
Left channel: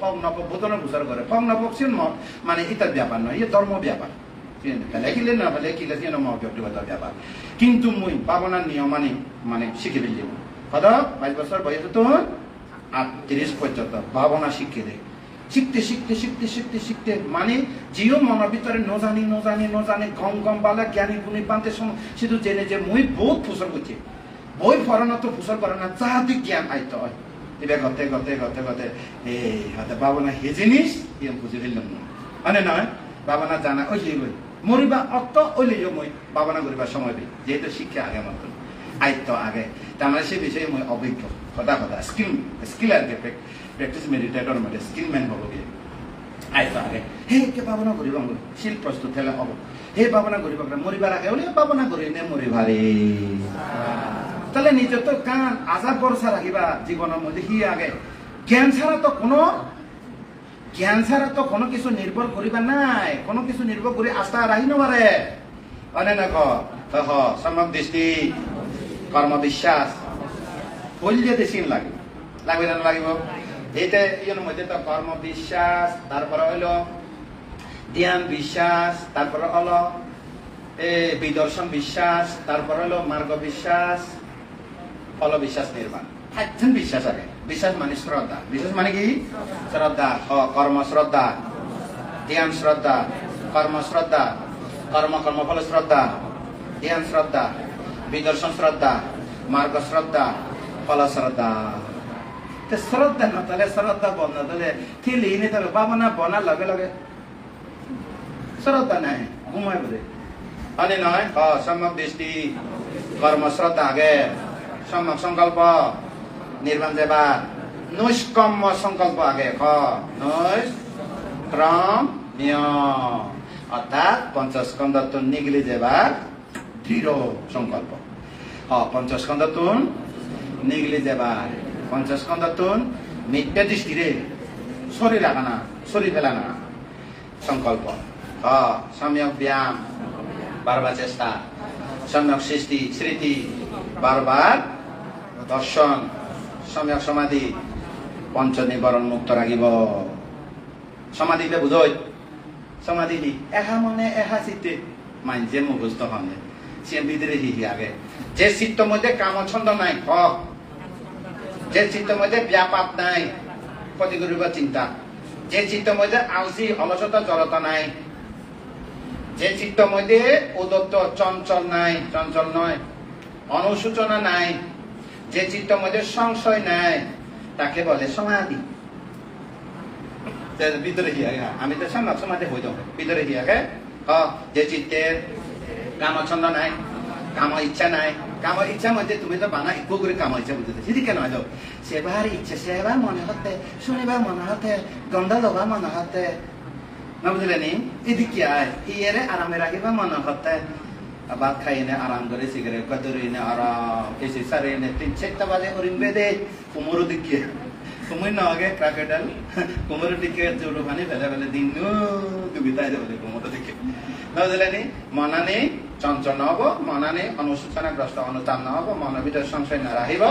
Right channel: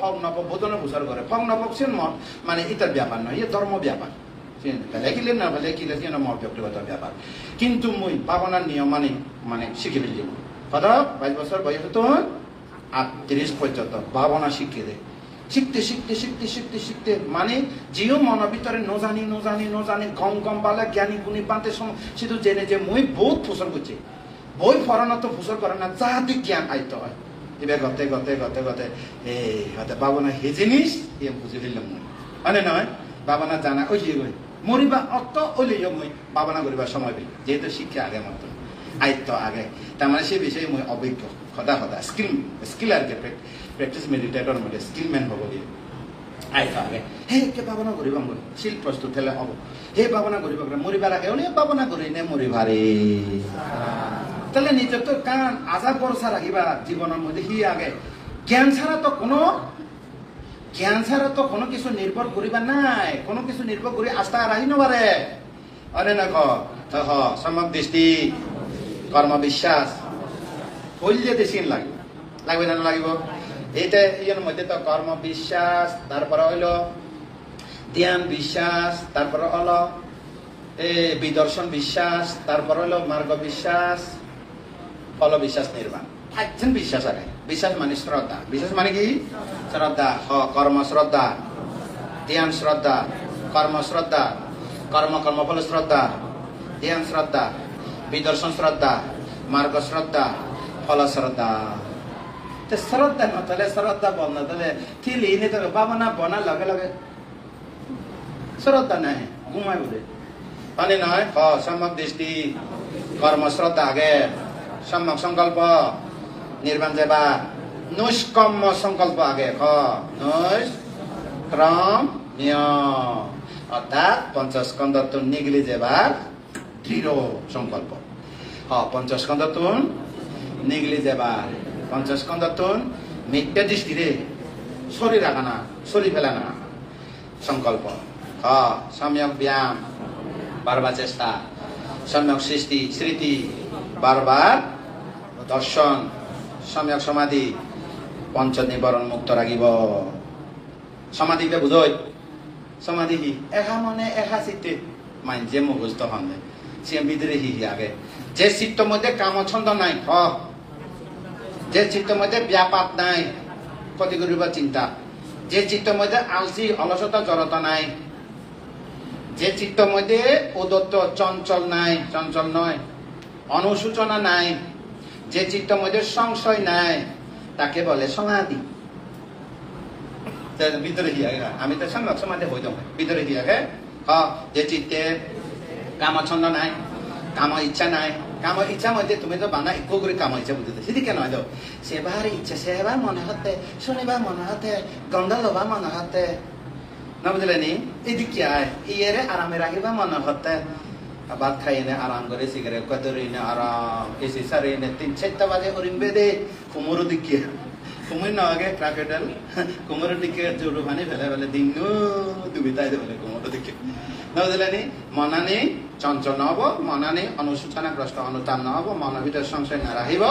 ফগ নব বোধনে বছর করে ফগ নব সিন মত মানে ইতার ব্যাপার নয় ইয়ে ধর্ম ব্যাপার লেখিলে না বলে কি লেখি না মত ব্যক্তিগত ব্যাপার কিন্তু মুই বাবনার নিয়ম মানে শিখে ফেলছি কথা 22 বছর বয়সে তো 38 পর্যন্ত ভাবনা শিখে দেয় শিখতে শিখতে শিখতে শিখতে শিখতে মানে যেও মনের ভিতরে নজানি গম পালা জ্ঞানী গুণী পান্তে শুধু জেনে যে মই বহুত ফুসল করছি বই পড়ানো তো ফুসল করে না যাহাতে জ্ঞান আয়ত্ত হয় এবার গতে এই হতে ভাবনা হে জিনিস বুঝে দিলাম মানে নয় ভাবনা জানা ওই যে মরিবা অত ওইলে মই ভাবনা করিবার সময় দিই যেহেতু শিক্ষা আগে মতো আয়ত্ত আগে তার মানে সে বিষয়ে মই অভিজ্ঞ সদা স্কিল আর কি প্র্যাকটিস মেডিটেটর মধ্যে স্কিল ম্যান হব গিয়ে আয়ত্ত আগে হে কে ভাবনা করিব শিল প্রস্তুত হলে হব হে ভাবনা করিব মরিবার আগে ওই ভাবনা করি নে মরিবারে তাহলে নিজে তো কান আজার ভরসা রাখিবা জীবনের মধ্যে হি আগে জ্ঞান ছাড়া তো কোনো কিছু নির্ভর করিবা নাই কোনো কিছু নির্ভর করি আস্থা রাখি নবারে আরে না কহ সম্যক দৃষ্টি কর্ম বিশ্বাস বললে দেশিন লাগবে না লাগিব এইটা ইয়ের মধ্যে তো কর্ম বিশ্বাস তারপরে হইল ধ্যান বিশ্বাস তারপরে হলো বিদর্শন বিশ্বাস তারপরে হলো মার্গ বিশ্বাস ফল বিশ্বাস নির্মাণ একজন বিশ্বাস আগে বিশ্বাস মানে শ্রদ্ধা বিশ্বাস মানে কি শ্রদ্ধা কর্ম শ্রদ্ধা ধ্যান শ্রদ্ধা কর্মফল শ্রদ্ধা ধ্যান শ্রদ্ধা বিদর্শন শ্রদ্ধা মার্গ শ্রদ্ধা ফল শ্রদ্ধা শ্রদ্ধা না তাহলে শ্রদ্ধা বনা তাহলে থিলি নি তাহলে বাবনা বনার লগে লগে শ্রদ্ধা নাই ঘুমায় বলে মানে নয় সম্যক দৃষ্টি কর্ম শ্রদ্ধা আগে সম্যক সংকল্প নির্বাণ যাবা নৈষ্কম্য সংকল্প আগে নৈষ্ক্রম নিয়ম অর্থাৎ পঞ্চস্কন্ধতুন নিগলি যাবার দৃঢ় সংকল্প পঞ্চস্কন্ধতুন নিগলি যাবার পঞ্চস্কন্ধতুন মিথ্যা দৃষ্টিরে শরীর রাখা না শরীর ফেলা না সংকল্প সম্যক ব্যায়াম বারবার চেষ্টা সম্যক স্মৃতি বারবার দর্শন সম্যক সমাধি পঞ্চ নিবরণ মুক্ত রাখিব সমাধিটা বুঝই সমাধি এহা মনে এহা চিত্তে মানছে মুখস্থ হন সে ভিতরে হি আগে যে চিত্ত মধ্যে কামছন্দ নাই যে চিত্ত মধ্যে ব্যাপার নাই ক্ষতি করিব চিন্তা যে চিত্ত মধ্যে আলসি অলসতা জড়তা নাই যে চিত্ত মধ্যে উদত্ত চঞ্চল নয় অনুসূচনা নাই যে চিত্ত মধ্যে সংশয় নাই তাকে বলে সমাধি ভিতরে আমি তো সমাধি হইতাম ভিতরে যে চিত্তে কামছন্দ নাই কাম ইচ্ছা নাই কাম ইচ্ছা মধ্যে তুমি তো বানা একটু করে কাম ইচ্ছা বুঝতে সেদি কেন হয়তো সেবার ইচ্ছা সেবার মনে হতে শুনিবার মনে হতে গন্ধ লবা মনে হতে না বুঝলে নি এদিকে ইয়েরে আরামে রাখিবা মনে হতে ভাত খাই নে আরাম করে সিগারেট কতরি নে আরাম এসে সারে নে 3-4 বাজে করিবে দে কুমুর দিকে কুমুর না আগে ক্রাকেডাল কুমুর দিকে জোড়ো পানি ফেলে দিন দুবিতাই দেবে কুমুর দিকে না বুঝলে নি মনানে চঞ্চল নহব মনানে অনুসূচনাগ্রস্ত অনুতাপ নহব মনের ভিতরে সংশয় না রাখিব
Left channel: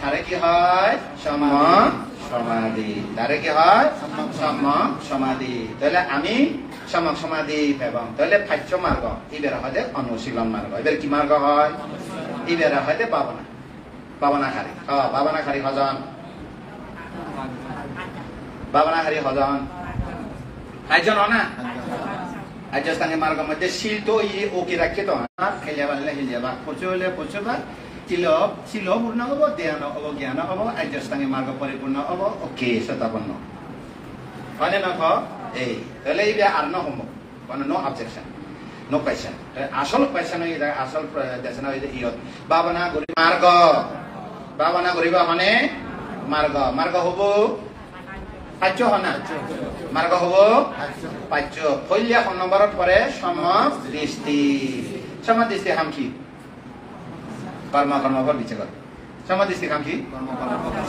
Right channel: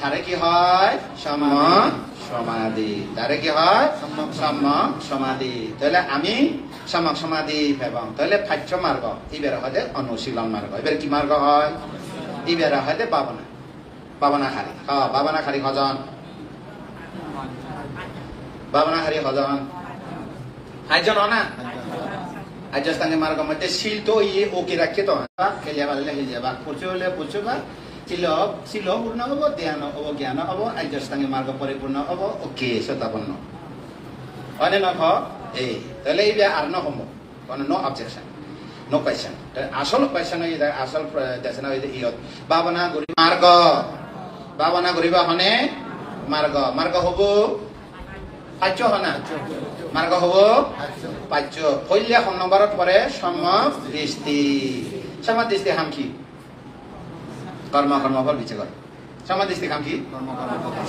তারে কি হয় সমাধি তারে কি হয় সম্যক সমাধি তাহলে আমি সম্যক সমাধি পাবাম তাহলে ফাচ্য মার্গ ইবেরা হতে অনুশীলন মার্গ এবার কি মার্গ হয় ইবেরা হতে বাবনাখারি হজন আইজন না আজস্তানি মার্গ মধ্যে শিল তো ইয়ে ওকে রাখে তো খেলিয়াবা পুচবা শিল পূর্ণ হব ধ্যান হব জ্ঞান হব আজস্তানি মার্গ পরিপূর্ণ হব ওকে সতাপন্ন হয়নে নহয় এই তাহলে এই আর ন হম মানে নো অবজেকশন নো কোয়েশ্চন আসল কোয়েশ্চন আসল দেশন ইয়ত ভাবনা করি মার্গ ভাবনা করিবা মানে মার্গ মার্গ হব পাচ্য হনা মার্গ হব পাচ্য ফলিয়া কোন নম্বরের পরে সমদৃষ্টি সমদৃষ্টি হাম কি কর্ম কর্মফল বিচ্ছে কর সমদৃষ্টি হাম কি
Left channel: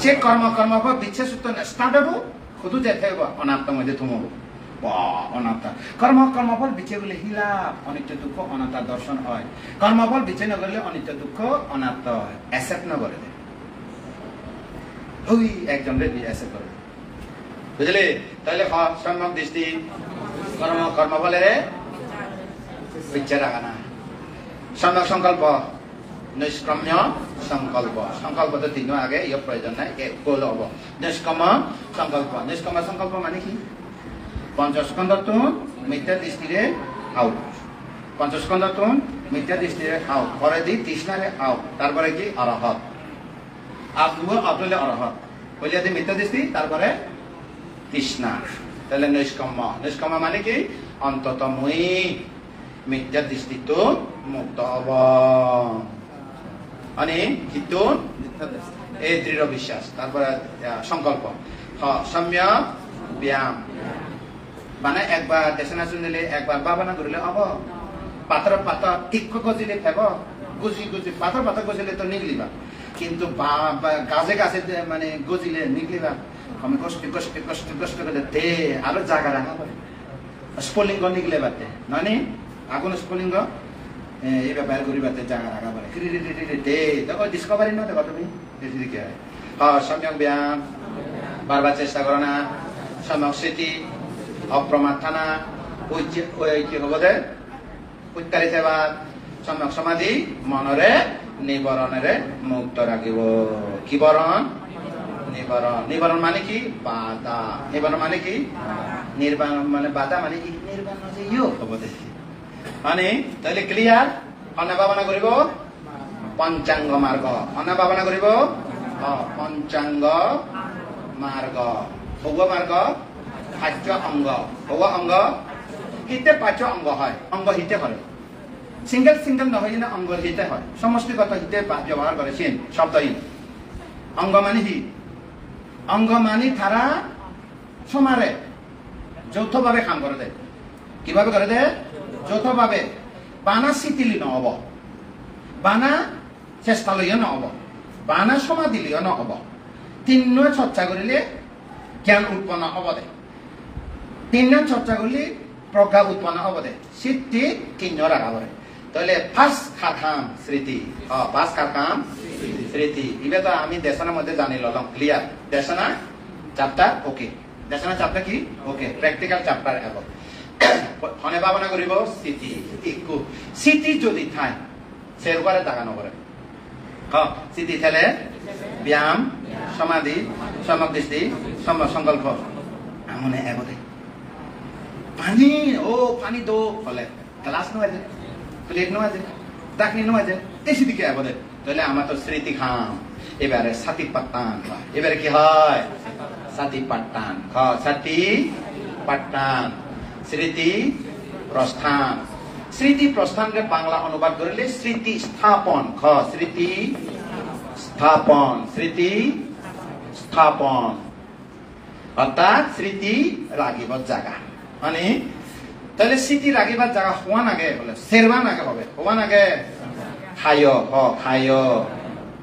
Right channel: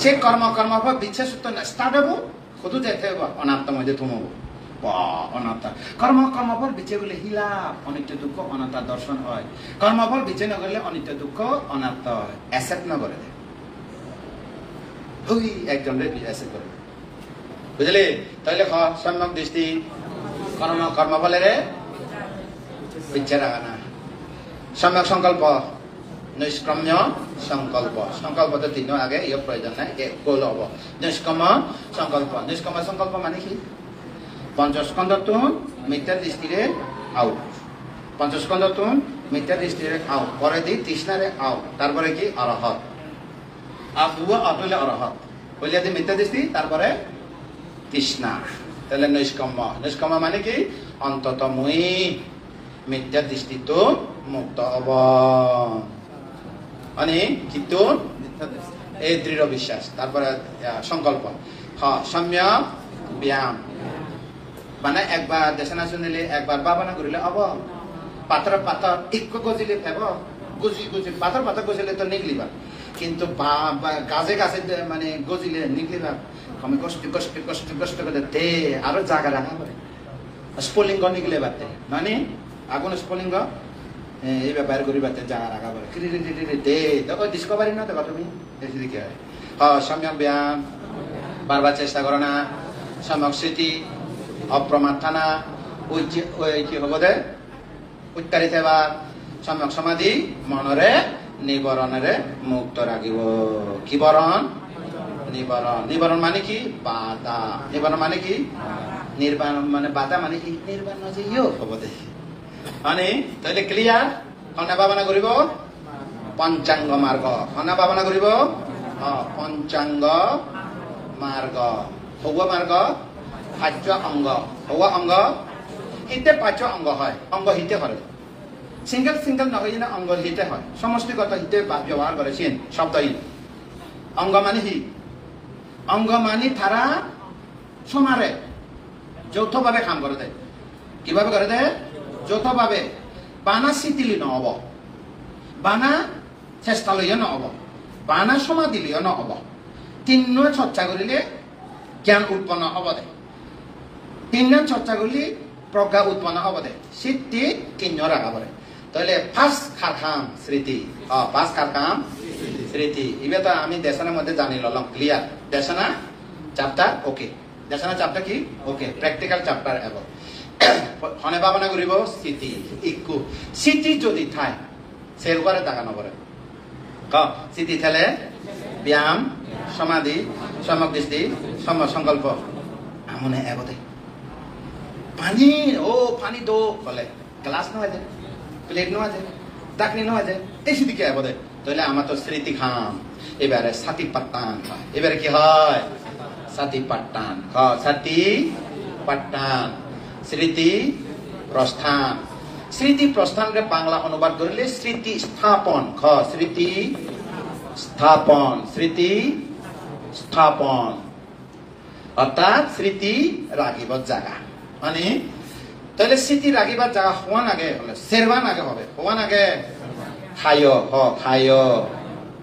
সে কর্ম কর্মফল বিচ্ছে সূত্র স্টার্ট হব খুদু যেতে হব অনাত্ম মধ্যে থমব অনাত্মা কর্ম কর্মফল বিচ্ছে গেলে হিলাপ অনিত্য দুঃখ অনাত্মার দর্শন হয় কর্মফল বিচ্ছে না করলে অনিত্য দুঃখ অনাত্মা হয় অ্যাকসেপ্ট না করে ওই একজনের অ্যাকসেপ্ট করে বুঝলে তাহলে সম্যক দৃষ্টি কর্মফলের ইচ্ছা রাখা না সম্যক সংকল্প নিষ্ক্রম্য সংকল্প সংকল্প তো তিন আগে ইয়ে প্রয়োজন নাই গোল হব নিষ্ক্রম সংকল্প মানে কি পঞ্চস্কন্ধটো মিথ্যা দৃষ্টিরে আউট পঞ্চস্কন্ধটো মিথ্যা দৃষ্টিরে আউট পরে দি তৃষ্ণারে আউট তারপরে কি অরহত আবুলে অরহত বলিয়া দি মিথ্যা দৃষ্টি তারপরে তৃষ্ণা তাহলে নিষ্কম্ম মানে কি অন্তত মুই মিথ্যা দৃষ্টি তো মুক্ত হব মানে কিন্তু এই দৃঢ় বিশ্বাস তারপরে সংকল্প সম্যক ব্যায়াম মানে একবার দেশনা শুনিলে একবার ভাবনা করিলে হব পাথর টিক্ক গজিলে হব গুজি পাথর গজিলে তো নিগলিবা কিন্তু গাছে গাছে মানে গজিলে নিগলিবা আমি কষ্ট করে দে আরো জায়গা রাখা হয় স্ফুলিঙ্গ নিগলে বাতে মানে আগুন স্ফুলিঙ্গ এই ব্যাপার করি বাতে জায়গা রাখা হয় দে তখন ডিসকভারি না দেখো তুমি বেশি দিকে সম্যক ব্যায়াম বারবার চেষ্টা করো না সম্যক স্মৃতি অপ্রমাদ থানা কি হব দে উৎকারিত বা সম্যক সমাধি মনরে নিবরণেরে মুক্ত রাখিব কি বরণ নিবরণ মানে কি বাধা নিবরণ মানে কি নির্বাণ মানে বাধা মানে কি নির্বাণ মানে ইয় হব দে মানে তাহলে ক্লিয়ার কন্যা ভাবনা করিব পঞ্চাঙ্গ মার্গ কন্যা ভাবনা করিব পঞ্চাঙ্গ মার্গ হব মার্গ পাঁচ অঙ্গ হব অঙ্গ হিতে পাঁচ অঙ্গ হয় অঙ্গ হিতে হয় সিঙ্গেল নহয় না অঙ্গ হিতে হয় সমষ্টিগত হিতে ব্যবহার করে চিন শব্দহীন অঙ্গ মানে হি অঙ্গ মানে তারা সমারে যৌথভাবে কাম করে দেয় কিভাবে করে দেয় যৌথভাবে বানা শিথিলি নহব বানা চেষ্টা লইয়া নহব বানা সমাধি লইয়া নহব তিন্ন চর্চা করিলে জ্ঞান উৎপন্ন হব দে তিন্ন চর্চা করলে প্রজ্ঞা উৎপন্ন হব দে সিদ্ধি তিন্ন রাখা পড়ে তাহলে ফার্স্ট খাম স্মৃতি ফার্স্ট খাম স্মৃতি এবার তো আমি দেশনার মধ্যে জানি ললাম ক্লিয়ার দেশনা চ্যাপ্টার ওকে দেশনা চ্যাপ্টার কি ওকে প্র্যাকটিক্যাল চ্যাপ্টার এবং মনে ভাবনা করিব স্মৃতি ইকু স্মৃতি যদি থাই সের উপরে টাকা নকরে স্মৃতি থাকলে ব্যায়াম সমাধি সম্যক দৃষ্টি সংকল্প আমনে এগোতে পানি পানি দো বলে গ্লাস নয় যে প্লেট নয় যে ডাকনি নয় যে এই স্মৃতিকে এগোতে তাহলে আমার তো স্মৃতি খাম এবারে সাথী পাট্টান এবারে কি হয় সাথী পাট্টান সাথী পাট্টান স্মৃতি প্রস্থান স্মৃতি প্রস্থানকে বাংলা অনুবাদ করিলে স্মৃতি স্থাপন স্মৃতি স্থাপন অর্থাৎ স্মৃতি রাখিবার জায়গা মানে তাহলে স্মৃতি রাখিবার জায়গা হওয়া নাগে বলে সেরবান আগে হবে হওয়া নাগে খায়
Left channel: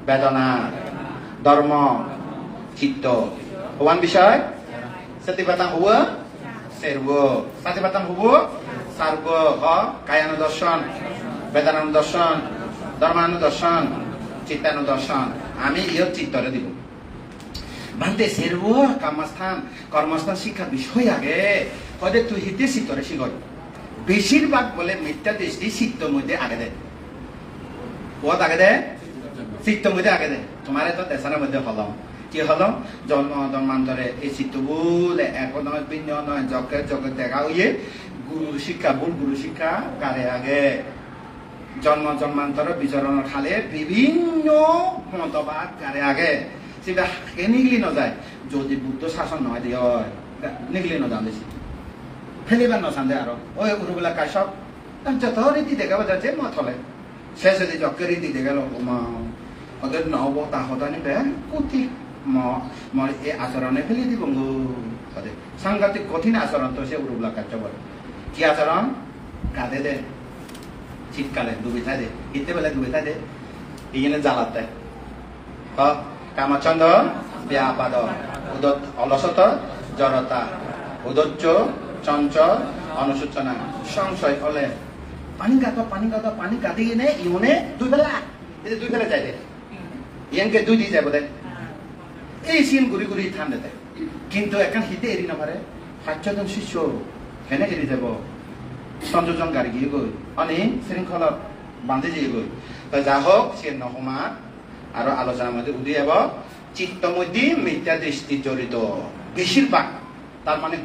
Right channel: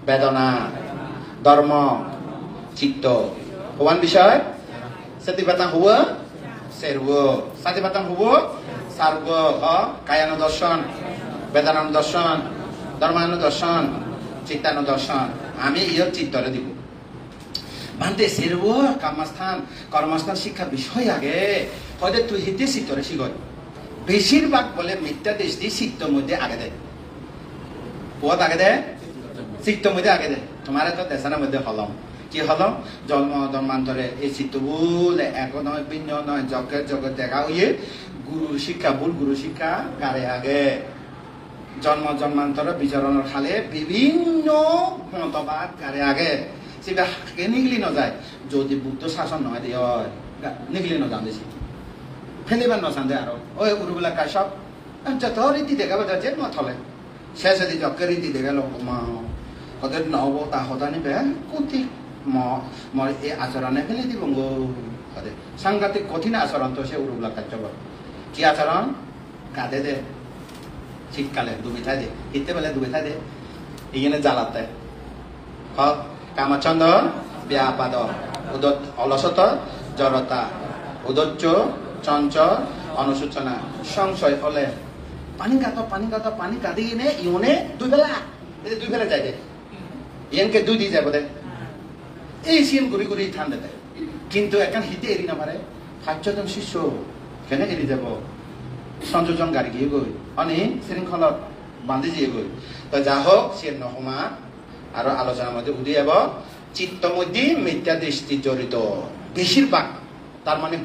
বেদনা ধর্ম চিত্ত হওয়ান বিষয় সতীপাতাং হব সেরব সতীপাতাং হব সার্ব কায়ানুদর্শন বেদানুদর্শন ধর্মানুদর্শন চিত্তানুদর্শন আমি ইয় চিত্তরে দিব ভান্তে সেরব কর্মস্থান শিক্ষা বিষয় আগে ওদের তুই হিতে চিত্তরে শিখর বেশিরভাগ বলে মিথ্যা দৃষ্টি চিত্তর মধ্যে আগে দেয় পথ আগে দেয় চিত্তর মধ্যে আগে দেয় তোমার তো দেশের মধ্যে হলম কি হলম জন্মান্তরে এই চিত্ত বলে একদমে ভিন্ন নয় জগৎ দেখা হইয়ে গুরুর শিক্ষা ভুল গুরু শিক্ষা কারে আগে জন্মান্তরে বিচরণের খালে বিভিন্ন মতবাদ কারে আগে সেটা নিগলি না যায় যদি বুদ্ধ শাসন নয় দিয়ে निक्लिन जाँदैछ फेलिबान नछान्दै आरो ओए उरुबला कासब जत रीति देखाबो जाचे म थले शेषदी जक्के रीति देखालो म हदर नहबो ता हदानि बे कुति म ए आचरणे फेलिदि बंगो हदे सांगातिक कठिन आचरण तो से उरुबला काचब কি আচরণ কাঁদে দে শীতকালে ডুবে থাকে শীতে বেলা ডুবে থাকে এখানে জ্বালাতে কামাচন্দ ব্যাপাদ উদত অলসত জড়তা উদচ্চ চঞ্চল অনুসূচনা সংশয় ফলে পানি কাঁদি কিনে ইউনে দুই বেলা যায় দে ইয়ানকে দুই দিয়ে যাব দে এই সিন ঘুরি ঠান্ডাতে কিন্তু এখন শীতে এড়ি নাপারে 4জন শিষ্য কেনে এড়ি যাব সংযোজন গাড়ি গিয়ে গই अनि শৃঙ্খলা বাঁধে দিয়ে গই তো যা হোক সে নহমা আর আলোচনার মধ্যে উঠে যাব চিত্ত মধ্যে মিথ্যা দৃষ্টি জড়িত বেশিরভাগ তার মানে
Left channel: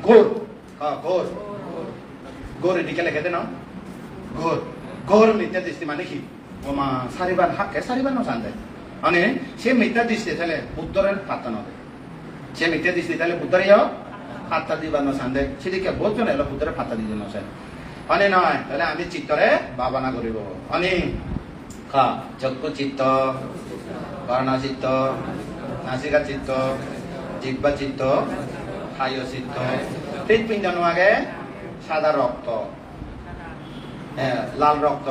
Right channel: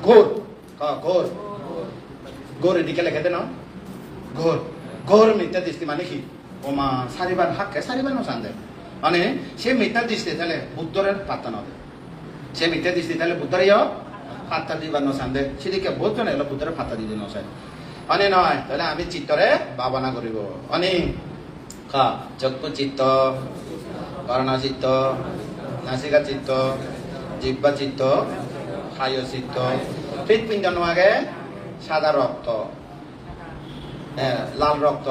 ঘোর এদিকে লেখাতে না ঘোর মিথ্যা দৃষ্টি মানে কি ওমা সারিবার হাকে সারিবার নসান দেয় মানে সে মিথ্যা দৃষ্টি তাহলে উত্তরের পাত্তা নবে সে মিথ্যা দৃষ্টি তাহলে উত্তরে যাও পাত্তা দিবার নসান দেয় সেদিকে বোধ না এলো উত্তরে পাত্তা দিয়ে নসান অনে নয় তাহলে আমি চিত্তরে ভাবনা করিব অনে চক্ষু চিত্ত কর্ণ চিত্ত নাসিকা চিত্ত জিহ্বা চিত্ত খায় চিত্ত হৃৎপিণ্ড নোয়াগে সাদা রক্ত লাল রক্ত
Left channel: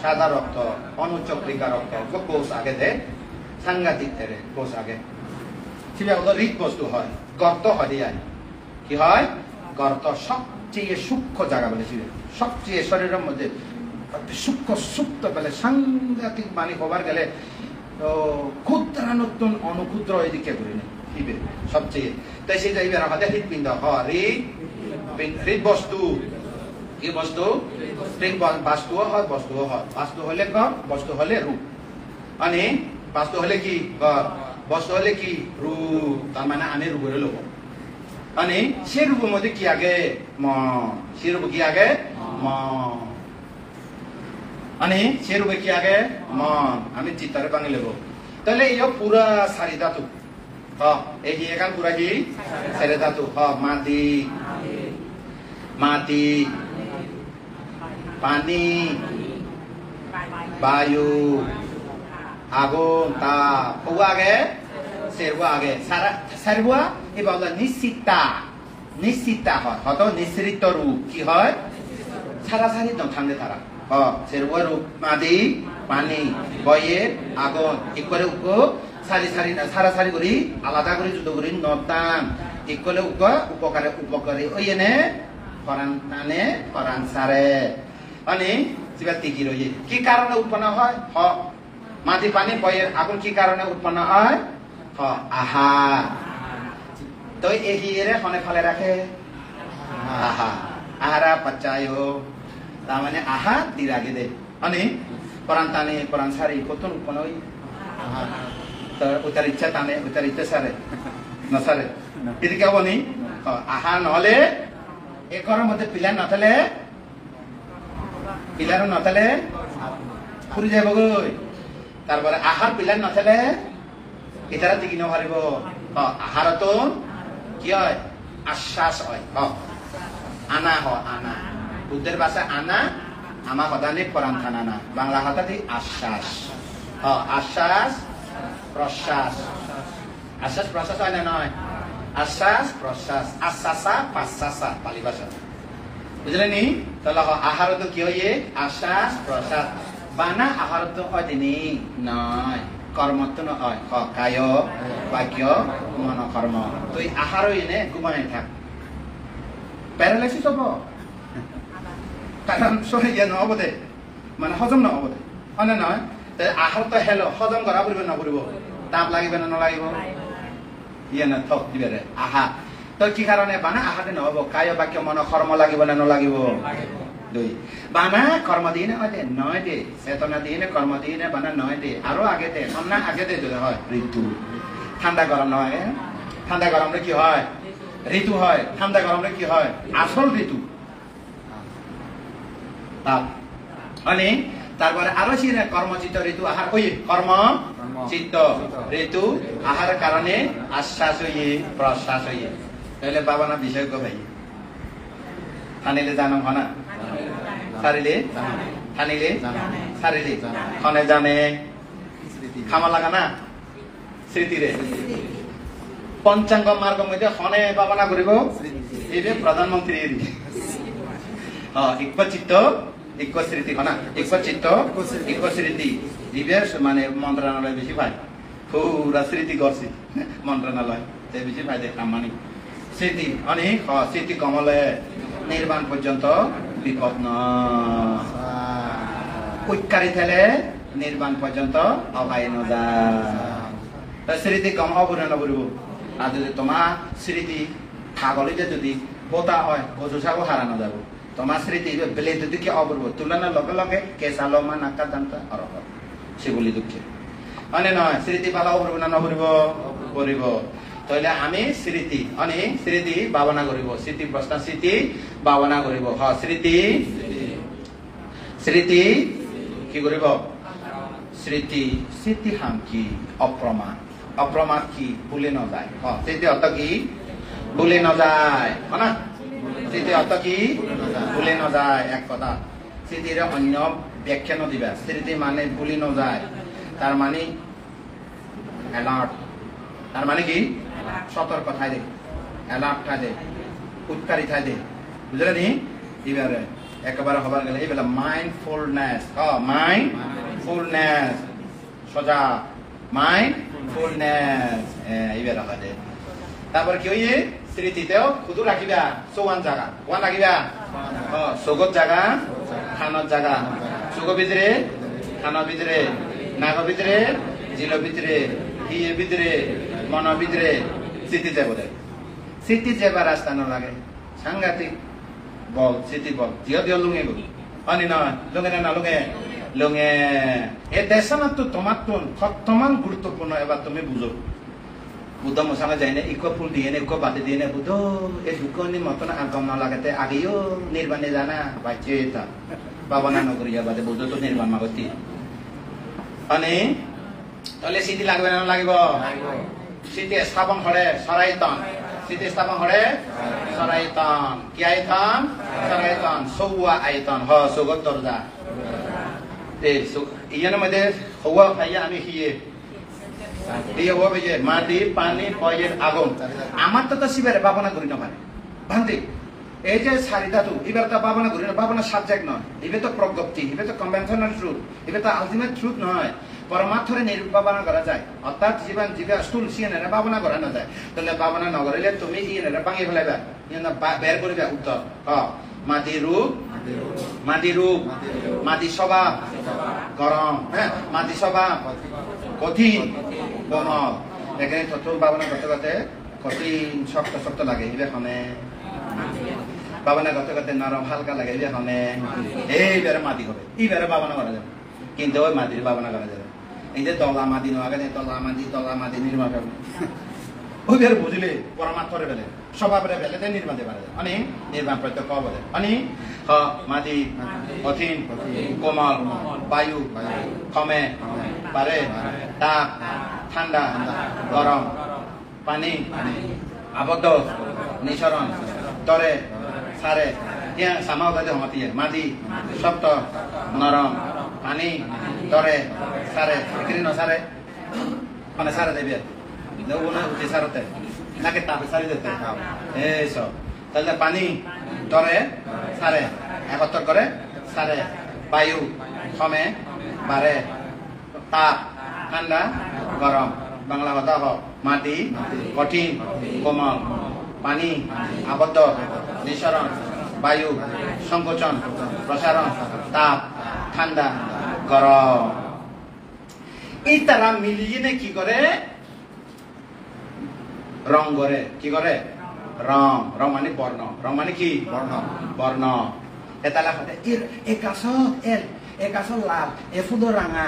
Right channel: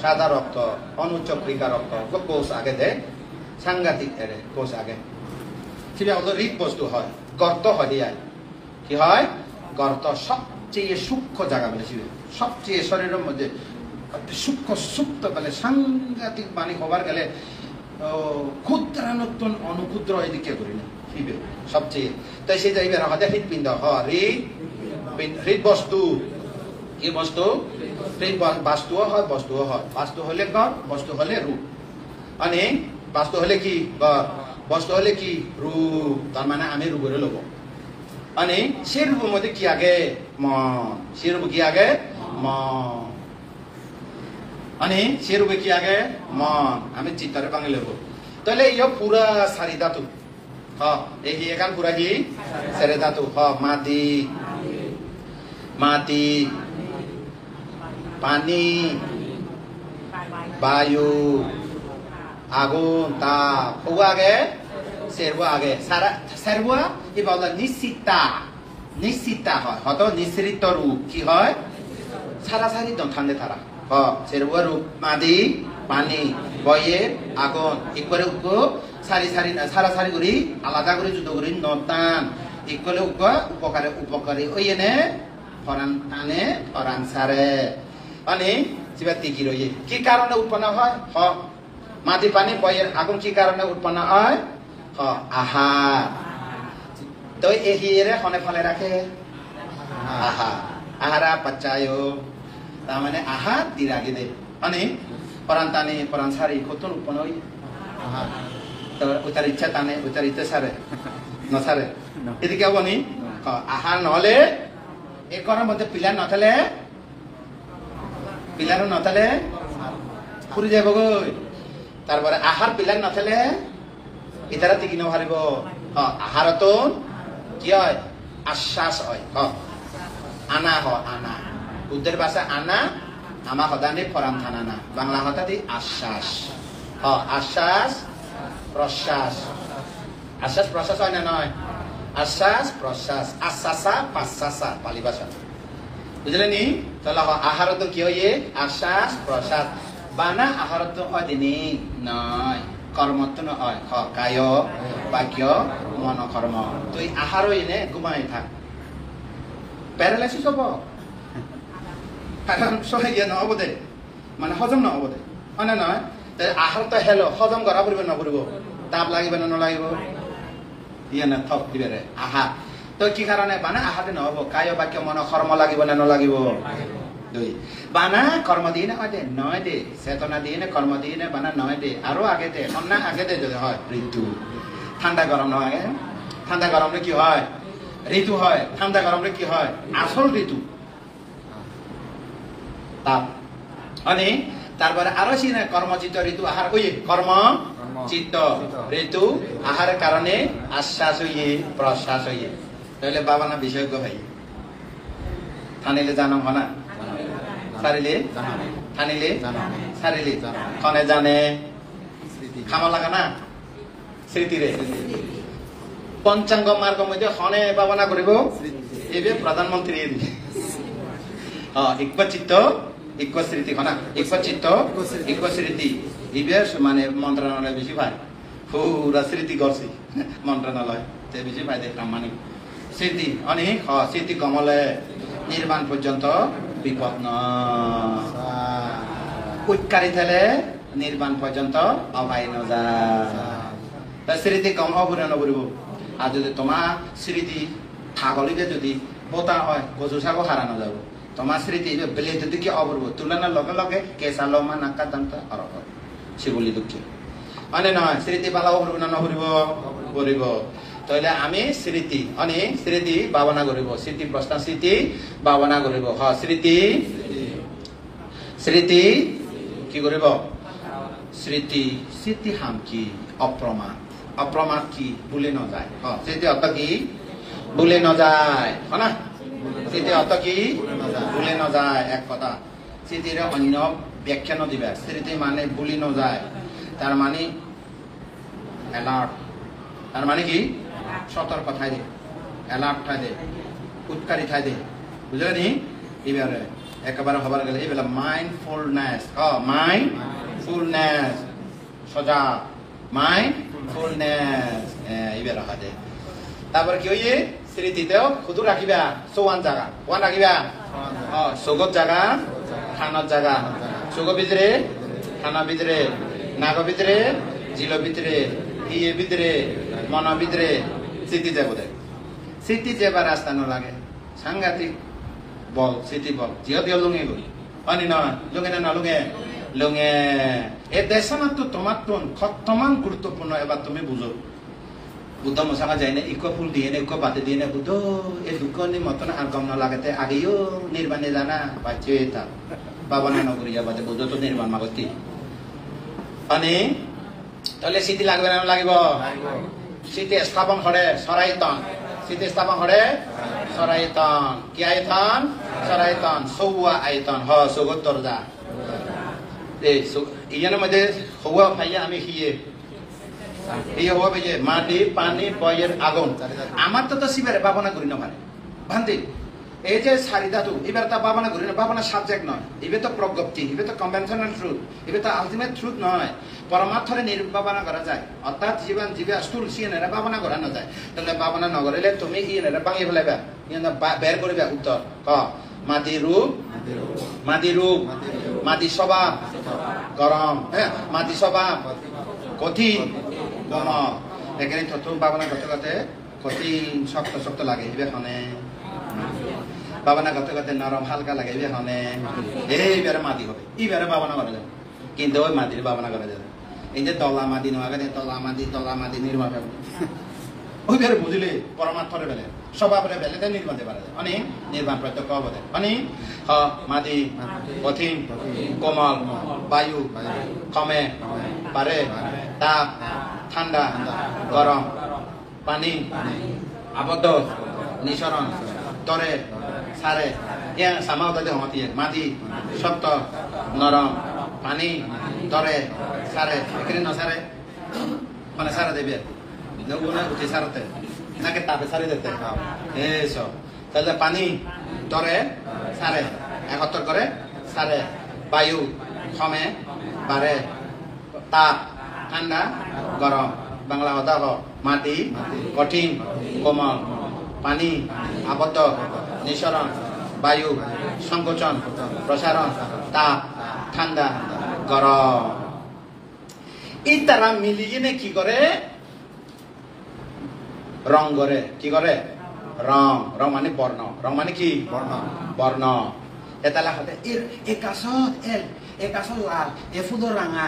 সাদা রক্ত অনুচক্রিকা রক্ত কোষ আগে দে সাংঘাতিক এরে কোষ আগে সেটা হৃদ বস্তু হয় গর্ত হয় দিয়ে কি হয় গর্ত সবচেয়ে সূক্ষ্ম জায়গা বলেছিল সবচেয়ে শরীরের মধ্যে সূক্ষ্ম সুপ্ত গেলে সাংঘাতিক বাণী হবার গেলে ক্ষুদ্রানতুন অনুক্ষুদ্র এদিকে করি না সবচেয়ে তাই সে যাইবে আমাদের হৃৎপিণ্ড হৃদ বস্তু কি বস্তু বাস্তু হয় বাস্তু হলে ঘর বস্তু হলে রূপ মানে বাস্তু হলে কি বস্তু হলে কি রূপ তার মানে আমি রূপের লোক মানে সে রূপের মধ্যে কি আগে সে রূপ কি আগে মানে সে রূপে কি আগে মন আমি চিত্তারে বাঙালি লেব তাহলে এই পুরা সারি ধাতু এই এখান পুরা কি সারি ধাতু মাটি পানি বায়ু আগুন তাপ আগে সেরবো আগে সারবো এবার নিশ্চিতা হয় হয়তো নিঃসৃত রূপ কি হয় সারাসারি ঠান্ডে তারা সেরবো রূপ মাটি পানি বয়ে আগুন একরে উগ্র সারি করি আলাদা করে যুদ্ধ করি নদান একলে উপকারে ওই এনে ফরান টানে ফরান সারে মানে সেবা টিকি রয়ে কি কারণে উৎপন্ন হয় মাটি পানি বয়ের আগুন কি কারণে উৎপন্ন হয় আহার তো এহিরে ফনে ফলে রাখে আহারা পাচ্চায় তার মানে আহার দি রাখে দে মানে ফরান টানে ফরান সারি কত উৎপন্ন হয় তো উতার ইচ্ছা টানে উতার ইচ্ছা সারে নসারে এদিকে হব নি আহার নহলে এই ঘরের মধ্যে পিলার নথালে পিলারও নথালে ফুরি যাব গই তারপরে আহার পিলার নথালে এটারা টিকি নহারিব আহারত কি হয় আশ্বাস হয় আনা আনা বুদ্ধের ভাষা আনা আমা হদানে ফরাম থানা না বাংলা হতাতে আশ্বাস আশ্বাস প্রশ্বাস হয় না নয় আশ্বাস প্রশ্বাস আশ্বাসা পাশ্বাসা পালি ভাষা বুঝলেন নি তাহলে আহারত কি হয় আশ্বাস প্রশ্বাস বানা আহারত হয় দিনে নয় কর্মত্ব নয় কায় বাক্য মন কর্ম তো এই আহারও এনে ঘুমাই থাক প্যারালাইসিস হব কারণ সহায় নহব দে মানে হজম নহব দে হয় না নয় আহার তো হেলো হজম করা পড়বে নকরিব তাপ লাগিব না নলাগিব ইয়ে না থক দিবে রে আহা তো কি কারণে বানা আহাতে নহব কায় বাক্য মন কর্ম লাগিব না নলাগিব দুই বানা কর্ম দিয়ে নয় দে চেতনা দিয়ে কর্ম দিয়ে বানা নয় দে আরো আগে দে না আগে দে যদি হয় ঋতু ঠান্ডা গরম হয় ঠান্ডা গরমে কি হয় ঋতু হয় ঠান্ডা গরমে কি হয় আসল ঋতু তাপ মানে তারপরে আরো সে কর্মচিত্ত ঋতু আহার ওই কর্ম চিত্ত ঋতু আহার কারণে আশ্বাস হইয়ে প্রশ্বাস হইয়ে তাহলে বাবা না বিষয় কো ভাই থানিলে জানো হনা সারিলে থানিলে সারিলে কনে জানে খামা লাগা না স্মৃতিরে পঞ্চাঙ্গ মার্গ মধ্যে হনে বাবা না করিব এবে প্রধানমন্ত্রী ইক্ষ চিত্ত ইক্ষ স্মৃতি হনা ইক্ষ চিত্ত ইক্ষ স্মৃতি ইবে মানে মন্ত্রণালয় বেশি ভাই পুরা স্মৃতি করছি মন্ত্রণালয় তে বেশি ভাই দেখলাম মানে স্মৃতি অনেক স্মৃতি কমলে নির্বাণ পর্যন্ত বিপদ নৈকারি থেলে নির্বাণ পর্যন্ত অবাই নয় স্মৃতি কম হবরে নবরিব আর যদি তোমার স্মৃতি খাগলিতে যদি বোতা হয় গজু সাগো হারানো যাব তোমার স্মৃতি বেলে যদি কি অবরব তুলনার লগে লগে কেঁচা লমা নাকা দামটা অরব সে বলি দুঃখে মানে নয় স্মৃতি পালা অবরব না নবরিব করিব তাহলে আমি স্মৃতি অনেক স্মৃতি ভাবনা করিব স্মৃতি প্রশ্ন স্মৃতি ভাবনা করিব স্মৃতি স্মৃতি কি করিব স্মৃতি স্মৃতি হাম কি অপ্রমাদ অপ্রমাদ কি ভুলে ন যায় স্মৃতি অর্থ কি ভুলে ন যায় না স্মৃতি অর্থ কি ভুলে ন যায় এক কথা স্মৃতির অন্য ব্যাখ্যা নদিবা স্মৃতি মানে ভুলে ন যায় তার মানে অ্যালার্ট তার মানে কি সতর্ক থাকে অ্যালার্ট থাকে উৎকারী থাকে বুঝলে নি এবারে একেবারে হবার গেলে এই বেলা মাইন্ডফুলনেস মাইন্ডফুলনেস সজা মাইন্ডফুলনেস এইবার রাখা যায় তারপর কি হইয়ে স্মৃতিতেও খুদু রাখিবা চৌয়ান জায়গা ওয়ান রাখিবা সগত জায়গা খানার জায়গা সগ ভিতরে খানা ভিতরে নাগ ভিতরে জিল ভিতরে ইয়ে ভিতরে মন ভিতরে স্মৃতি যাবে স্মৃতি যাবার রাস্তা ন লাগে সাংঘাতিক বল স্মৃতি বল জিও দিও লুঙে পানি না লুঙে না লুঙে লুঙে এ দেশনা তো তোমার তো খতমান গুরুত্বপূর্ণ এবার তুমি বুঝো বুদ্ধা মশাকা যায় না ইকো ফুল দিয়ে না ইকো বাদে দিয়ে না বুদ্ধ এ দুকনি মতন আলবাম না লাগাতে আগেও নির্বাণে জানা বাচ্চে তা বাবা না নগরিয়া বাদে বুদ্ধ তো নির্বাণ নগতি মানে তাহলে স্মৃতি লাগবে না লাগিব স্মৃতি স্থাপন করে সরাইতন স্মৃতি স্থাপন করে সরাইতন কি আয়তন সরাইতন সৌয়া আয়তন সৌগত দরজা ইয়ার মধ্যে হওয়া ভাইয়া আমি হিয়ে এই হওয়া যে মাটি পানি পয়ের আগুন আমার তো শিবের ভাবনা করি না মানে ভান্তি এই যে সারি ধাতু এবার তা ভাবনা করি না ভাবনা সাবজেক্ট নয় এবার তো প্রজ্ঞপ্তি এবার তো কনভেনশনাল ট্রুথ এবার তো আলটিমেট ট্রুথ নয় পরমার্থরে নির্ভাবনা করা যায় অর্থাৎ জীবন জীবা স্থূল সিএনএর ভাবনা করা না যায় তাহলে ভাবনা না করলে তুমি ইএনএর ভাঙিয়ে ফেলাইবা বের করবে উত্তর মাটি রূপ মাটি রূপ মাটি স্বভাব গরম হ্যাঁ মাটি স্বভাব কঠিন গরম এখানে তত ভাবনা করতে করতে কঠিন শক্ত শক্ত লাগে এখানে ভাবনা করতে করতে নরম হালকা লাগে এখানে এইবারে মাটি হবে এইবারে ভাবনা করা যাবে কিন্তু ওই মাটির ভাবনা করা যাবে এই যে তলা মাটি নেওয়া গেলে তলা মাটি নির্মাণ হবে ওই বের বুঝলে পরমাত্মরে বেলে স্বভাবের বেলে তাই নির্মাণ পারা যায় অনেক নির্মাণ প্রত্যক্ষ হবে অনেক মাটি কঠিন কোমল বায়ু কমে পারে তাপ ঠান্ডা গরম পানি আবদ্ধ নিঃসরণ তরে সারে ইয়া সামাওতাতে হতিয়ে মাটি শক্ত নরম পানি তরে সারে এখানে ন সারে মানে সারে দেবে না উঠে সারতে নাকি তাপে সারি দিতে এইসব তাহলে পানি তরে সারে একত্র করে সারে বায়ু কমে বাড়ে তাপ ঠান্ডা গরম বাংলা কথা মাটি কঠিন কোমল পানি আবদ্ধ নিঃসরণ বায়ু সংকোচন প্রসারণ তাপ ঠান্ডা গরম এই তারা মিলিয়ে কি করে রং করে কি করে রং রং মানে বর্ণ রং মানে কি বর্ণ বর্ণ এতালা হাতে একাশ এল একাশ লাল এফুলো রাঙা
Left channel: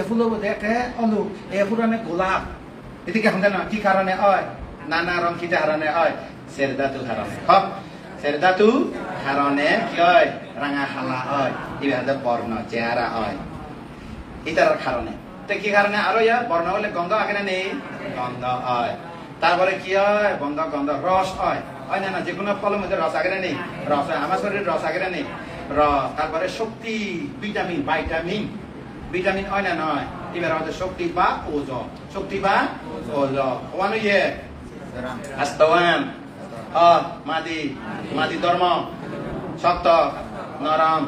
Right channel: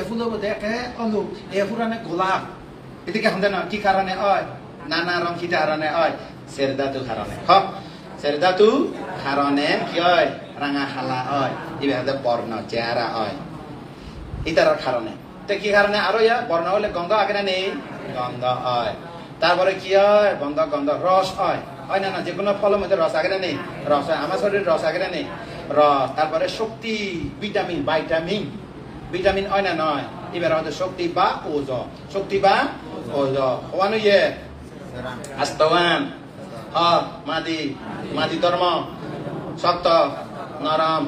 এফুলো দেখে অলুক এফুরানে গোলাপ এদিকে হাতে না কি কারণে হয় নানা রং কি কারণে হয় সেরদাতু কারণে সেরদাতু কারণে কি হয় রাঙা হালা হয় এভাবে বর্ণ চেহারা হয় এটার কারণে তো কি কারণে আরো বর্ণ হলে গন্ধ আগে নেই গন্ধ হয় তারপরে কি হয় গন্ধ গন্ধ রস হয় হয় না না যে কোনো ফলের মধ্যে রস আগে নেই রস হয় আমার শরীরে রস আগে নেই রস তারপরে শক্তি ভিটামিন ভাইটামিন ভিটামিন হয় না নয় এবার আমাদের শক্তি বা ওজ শক্তি বা ওজ ওয়ানো ইয়ে আস্তাওয়ান মাদি মাদি ধর্ম শক্ত নরম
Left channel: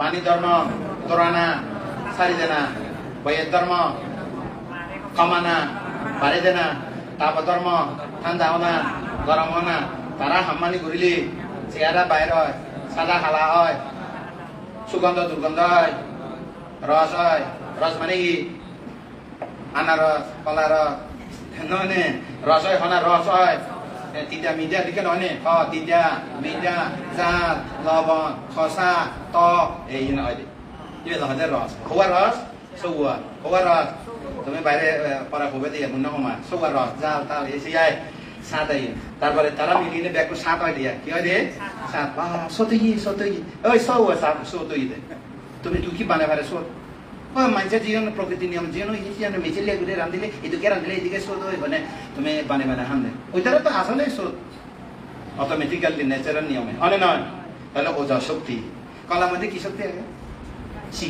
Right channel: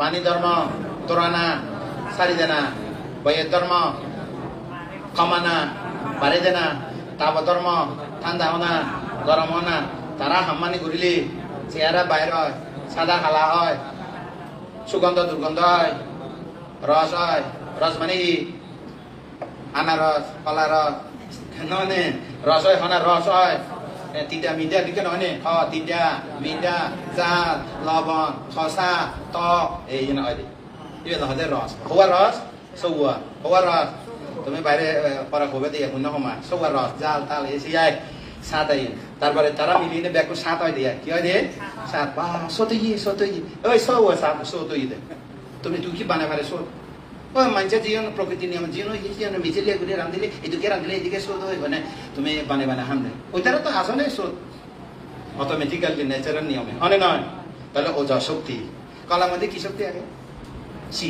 পানি ধর্ম তোরানা সারি দেনা বইয়ের ধর্ম ক্ষমানা পারে দেনা তাপ ধর্ম ঠান্ডা হনা গরম হনা তারা হাম্মানি ঘুরিলি চেহারা বাইর হয় সাদা কালা হয় সুগন্ধ দুর্গন্ধ হয় রস হয় রস মানে কি আনারস কলা রস ননে রস হয় হনা রস হয় তিতা মিঠা দিকে ননে তিতা মিঠা জাল লবণ খসা টক এই নয় ইয়ে নহলে রস হওয়া রস সৌয়া হওয়া রস তুমি বাইরে পড়া হবে দিয়ে মনে সময় সৌয়া রস জাল তাল এসে যায় সাত হয় তারপরে তারা মিলিয়ে ব্যাগু সাত হয় দিয়ে কি হয় দিয়ে সাত বা সতই ওই সৌয়া সাত সতই দে তুমি কি বানাই পারে সৌ মানুষের জীবন প্রকৃতি নিয়ম জীবন মিছিলে ঘুরে রাঁধিলে এদিকে রাঁধিলে এদিকে শোধ হয় মানে তুমি বানে বানে হামলে ওইটারও তো আসলে শোধ অটোমেটিক্যাল ন্যাচারাল নিয়মে অনেক নয় তাহলে ওজা শক্তি কলার মধ্যে কি শক্তি আগে সি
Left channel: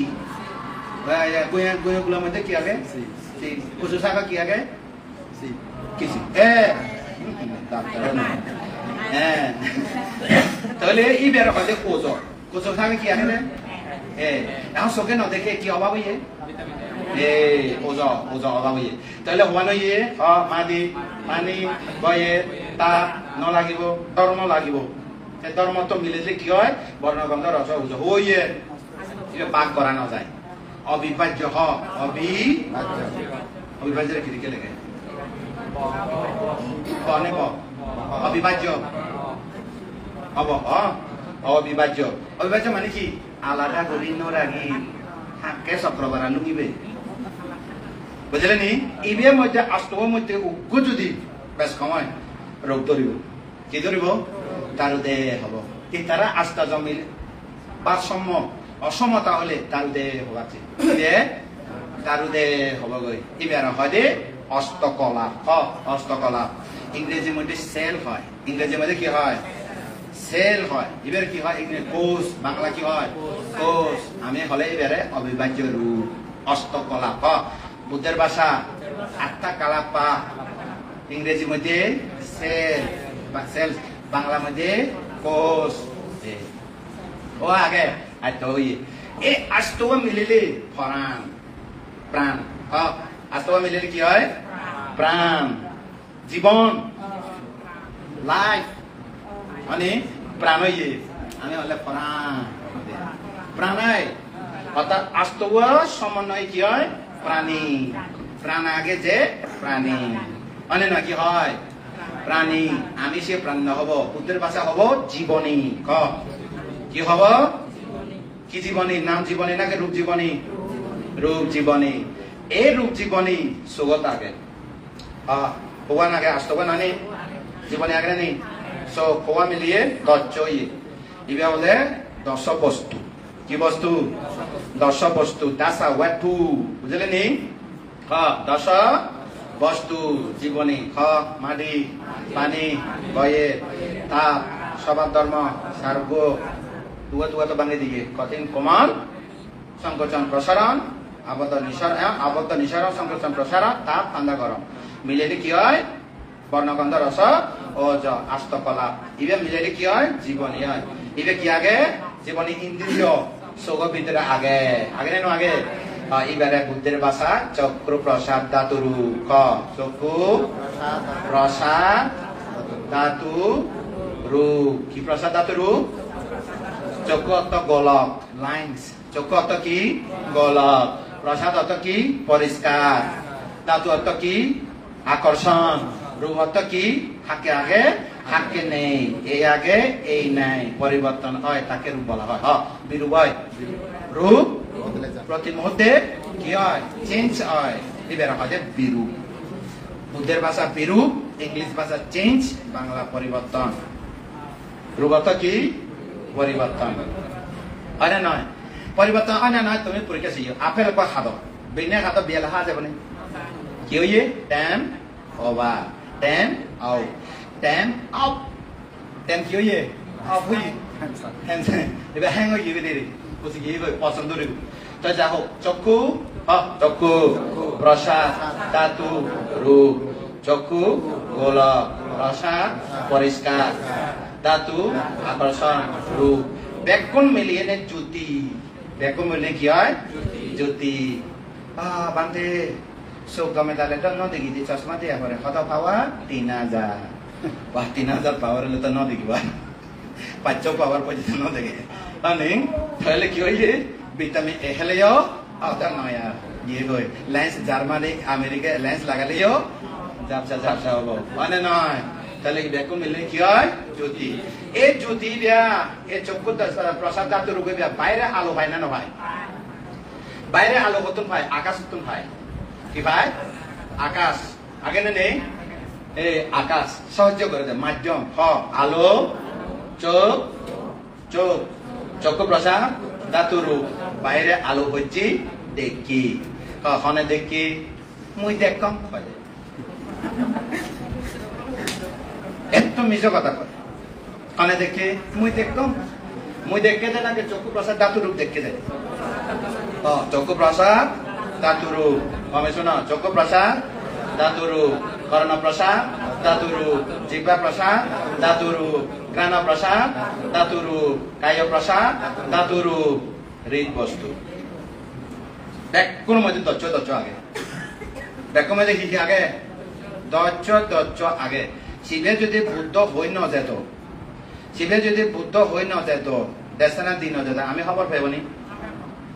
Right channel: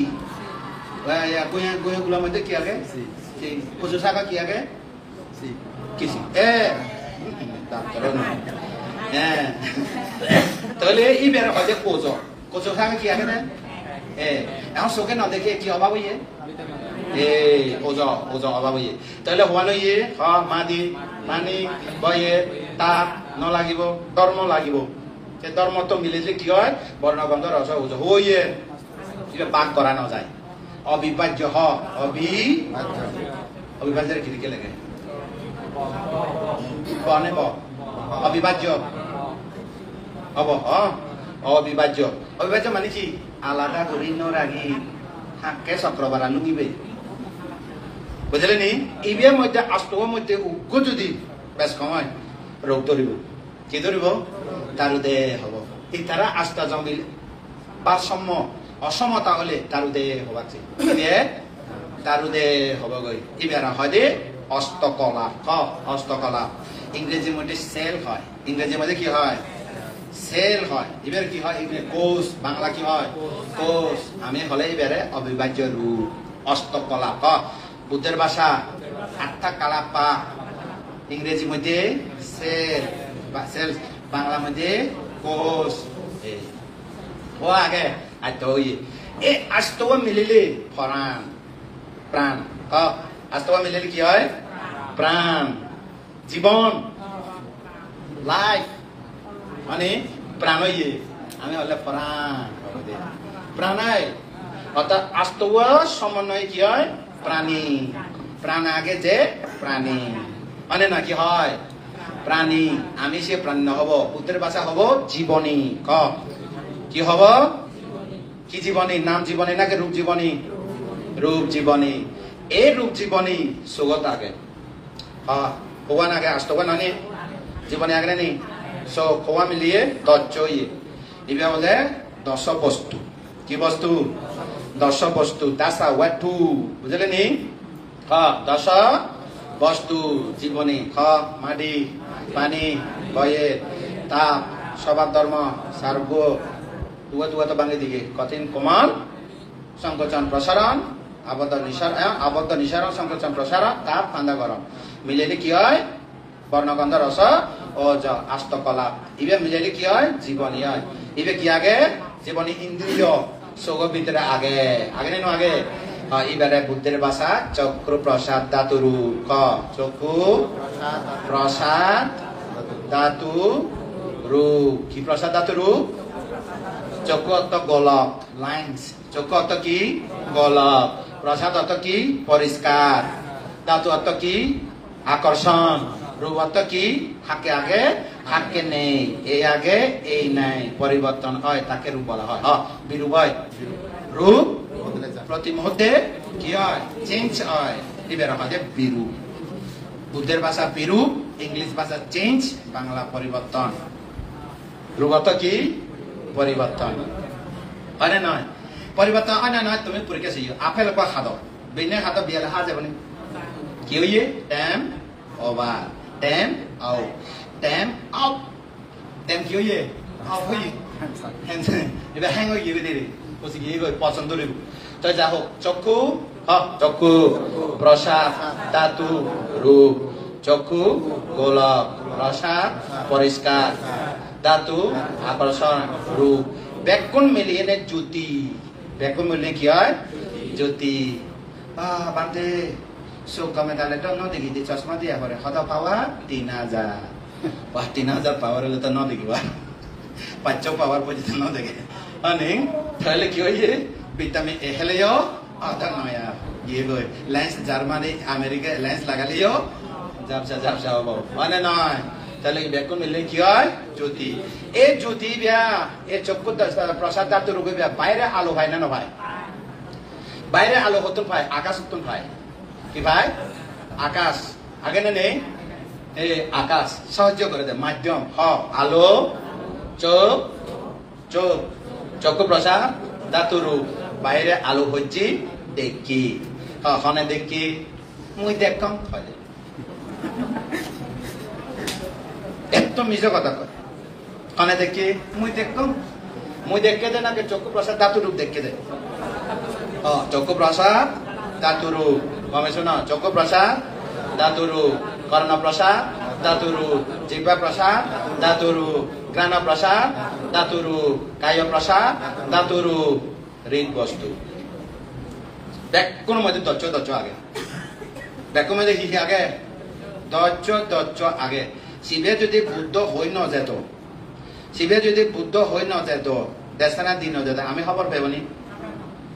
গুঁয়োগুলোর মধ্যে কি আগে কচু শাখা কি আগে কিছু হ্যাঁ তাহলে এই বের হয় যে ওজ কচু শাখা কি আগে না এখন চোখে নেদেখে কি অভাব হইয়ে ওজা অভাব হইয়ে তাহলে হওয়া নইয়ে মাদি পানি বয়ে তাপ নলাগিব ধর্ম লাগিব ধর্ম তো মিলিলে কি হয় বর্ণগন্ধ রস ওজা হইয়ে পাক করা না যায় অবিভাজ্য অবিভাজ্যের খিড়িকে লেগে অবিভাজ্য হব অবিভাজ্য অবিভাজ্য মানে কি আলাদা করি নরাগি হাঁকে চক্রবারা লুকিবে বুঝলেন ইবির মধ্যে আস্তর মধ্যে উগ্র যদি বেশ সময় রোগ ধরিব কি ধরিব তারুদে হব এই তারা আস্থা জমিল ভারসাম্য অসমতা হলে তারুদে হবাছে তারুদে হবগৈ ইবেরা হয় দে হস্তকলা হস্তকলা ইংরেজির মধ্যে সেল হয় ইংরেজির মধ্যে কি হয় সেল হয় এবার কি হয় কোষ বাংলা কি হয় কোষ আমি হলে এবারে অবিভাজ্য রূপ হস্তকলা বুদ্ধের ভাষা আটটা কালা পা ইংরেজি মধ্যে সেল সেল বাংলা মধ্যে কোষ ও আগে এই আস্তব মিলিলে প্রাণ প্রাণ আস্তব মিলিলে কি হয় প্রাণ জীবন লাইফ মানে প্রাণ আমি হলে প্রাণ প্রাণায় অর্থাৎ আস্তব সমন্বয় কি হয় প্রাণী প্রাণ আগে যে প্রাণী মানে না কি হয় প্রাণী আমি সে প্রাণ হব বুদ্ধের ভাষা হব জীবনী কি হব কি জীবনী নাম জীবনী নাকি রূপ জীবনী রূপ জীবনী এই রূপ জীবনী সুগত আগে ভগবান আগে আস্তব নানি জীবনী আগে নেই খোয়া মিলিয়ে দশই ইবে হলে 10 বস্তু কি বস্তু 10 বস্তু দাসা ওয়াটু বুঝলেন নি 10 বস্তু জীবনী মাটি পানি বয়ে তাপ স্বভাব ধর্ম সার্গ দুয়াতে বাঙালি দিকে কঠিন কোমল সংকোচন প্রসারণ আবদ্ধ নিঃসারণ সংকোচন প্রসারণ তাপ ঠান্ডা গরম মিলেলে কি হয় বর্ণগন্ধ রস ও আস্তকলা ইবে মিলেলে কি হয় জীবনী হয় ইবে কি আগে জীবনী ইন্দ্রিয় সোগ ভিতরে আগে আগে নেন আগে এবারে বুদ্ধের ভাষা চক্র প্রসাদ ধাতু রূপ চক্ষু প্রসাদ ধাতু রূপ কি প্রসাদ ধাতু রূপ চক্ষু অর্থ গোলক লাইন্স চক্ষু অর্থ কি গোলক প্রসাদ অর্থ কি পরিষ্কার ধাতু অর্থ কি আকর্ষণ রূপ অর্থ কি থাকে আগে থাকে নেই এই আগে এই নাই পরিবর্তন হয় তাকে রূপ বলা হয় বিরূপ হয় রূপ প্রতি মুহূর্তে কি হয় চেঞ্জ হয় এবার হয় বিরূপ বুদ্ধের ভাষা বিরূপ ইংলিশ ভাষা চেঞ্জ বাংলা পরিবর্তন রূপ অর্থ কি পরিবর্তন হয় নয় পরিবর্তন হয় নয় তুমি পরীক্ষা চাইও আপেল খাদ বেনে খাদ বিয়াল খা যাবনে কি হইয়ে টাইম ওভার টেম আউট টেম আউট টেম কি হইয়ে আউট হইয়ে এবার হ্যাং হয়ে গিয়ে দিদি বসে গিয়ে পছন্দ রে তো যা হোক চক্ষু চক্ষু প্রসাদ ধাতু রূপ চক্ষু গোলক প্রসাদ পরিষ্কার ধাতু আকর্ষণ রূপ ব্যাকুণ মিলিয়ে নে জ্যোতি ব্যাকুণ মিলিয়ে কি হয় জ্যোতি বান্তে চোখ গমে তাহলে তো নদেখি দি চশমা দিয়া করে কত পাওয়া 3000 wah 3000 পাওয়ার হলে তো নদেখিবা 500 পাওয়ার পর্যন্ত নদেখে અને তাহলে কি হয়েছে ভিটামিন এ খেলেও আধা নয়া গিয়ে গই লেন্স জার্মানি আমেরিকা লেন্স লাগালেও ঝাপসা হবো মানে নয় তাহলে ব্যাকুণ মিললে কি হয় জ্যোতি এই জ্যোতি বিয়া এই চক্ষু প্রসাদ ধাতু রূপে বিয়া বাইরে আলো হয় না ভাই বাইরে আলো হতুন ভাই আকাশ হতুন ভাই কি ভাই আকাশ আগে না নেই এই আকাশ সাহায্য করে দেয় মাধ্যম আলো চোখ চোখ চক্ষু প্রসাদ ধাতু রূপ বাইরে আলো হচ্ছে দেখি কখনো দেখি মুই দেখম এত মিশে কথা কয় কনে দেখি মুই দেখে দেন আগে চক্ষু প্রসাদ ধাতু রূপ দেখে দেন চক্ষু প্রসাদ ধাতু রূপ কমে শোনো চক্ষু প্রসাদ ধাতু রূপ কর্ণ প্রসাদ ধাতু রূপ জিহ্বা প্রসাদ ধাতু রূপ ঘ্রাণ প্রসাদ ধাতু রূপ কায় প্রসাদ ধাতু রূপ হৃদ বস্তু ব্যাকুণ মধ্যে দচ্ছ আগে ব্যাকুণ মধ্যে কি আগে দচ্ছ আগে শিবে যদি বুদ্ধ হই ন যেত শিবে যদি বুদ্ধ হই ন যেত দেশনা দিন যেত আমি খবর পাইবনি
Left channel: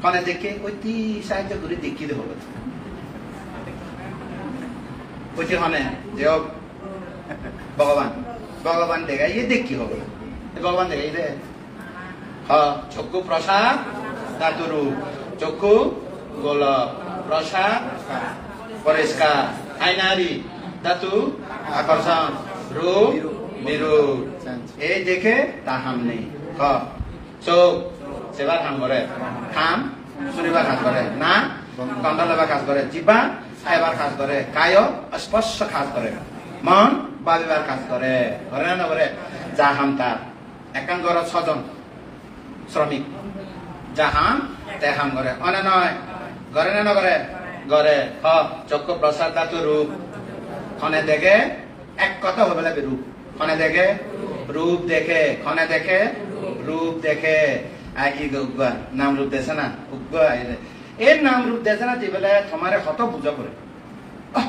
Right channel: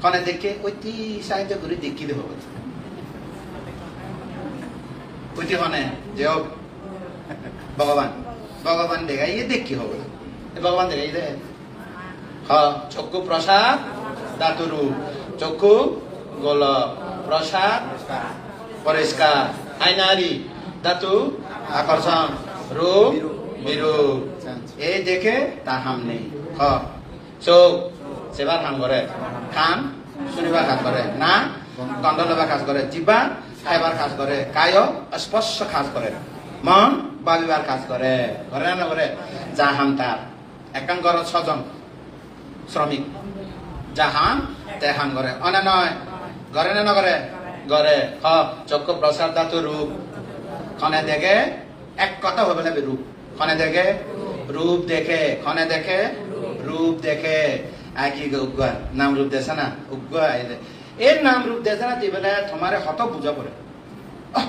কনে দেখে অতি সাহায্য করে দেখি দেব অতি হনে যে ভগবান দেখা ইয়ে দেখি হবে ভগবান দেখা যে চক্ষু প্রসাদ ধাতু রূপ চক্ষু গোলক প্রসাদ পরিষ্কার আইনারি ধাতু আকর্ষণ রূপ বিরূপ এই দেখে তা হাম নেই চোখ সেবার কাম করে কান শুনিবার কাজ করে না গন্ধ লবার কাজ করে জিহ্বা খাইবার কাজ করে কায় স্পর্শ কাজ করে মন ভাবিবার কাজ করে ঘরে না করে যাহান তার একাম ঘর 6 জন শ্রমিক যাহান তেহান করে অনে নয় ঘরে না করে ঘরে চক্ষু প্রসাদ ধাতু রূপ খনে দেখে এক কথা হবে না রূপ খনে দেখে রূপ দেখে খনে দেখে রূপ দেখে আগে উগ্গা নাম রূপ দেশে না উগ্গা এই নাম রূপ দেশে না দিবেলে তোমারে কত বুঝা পড়ে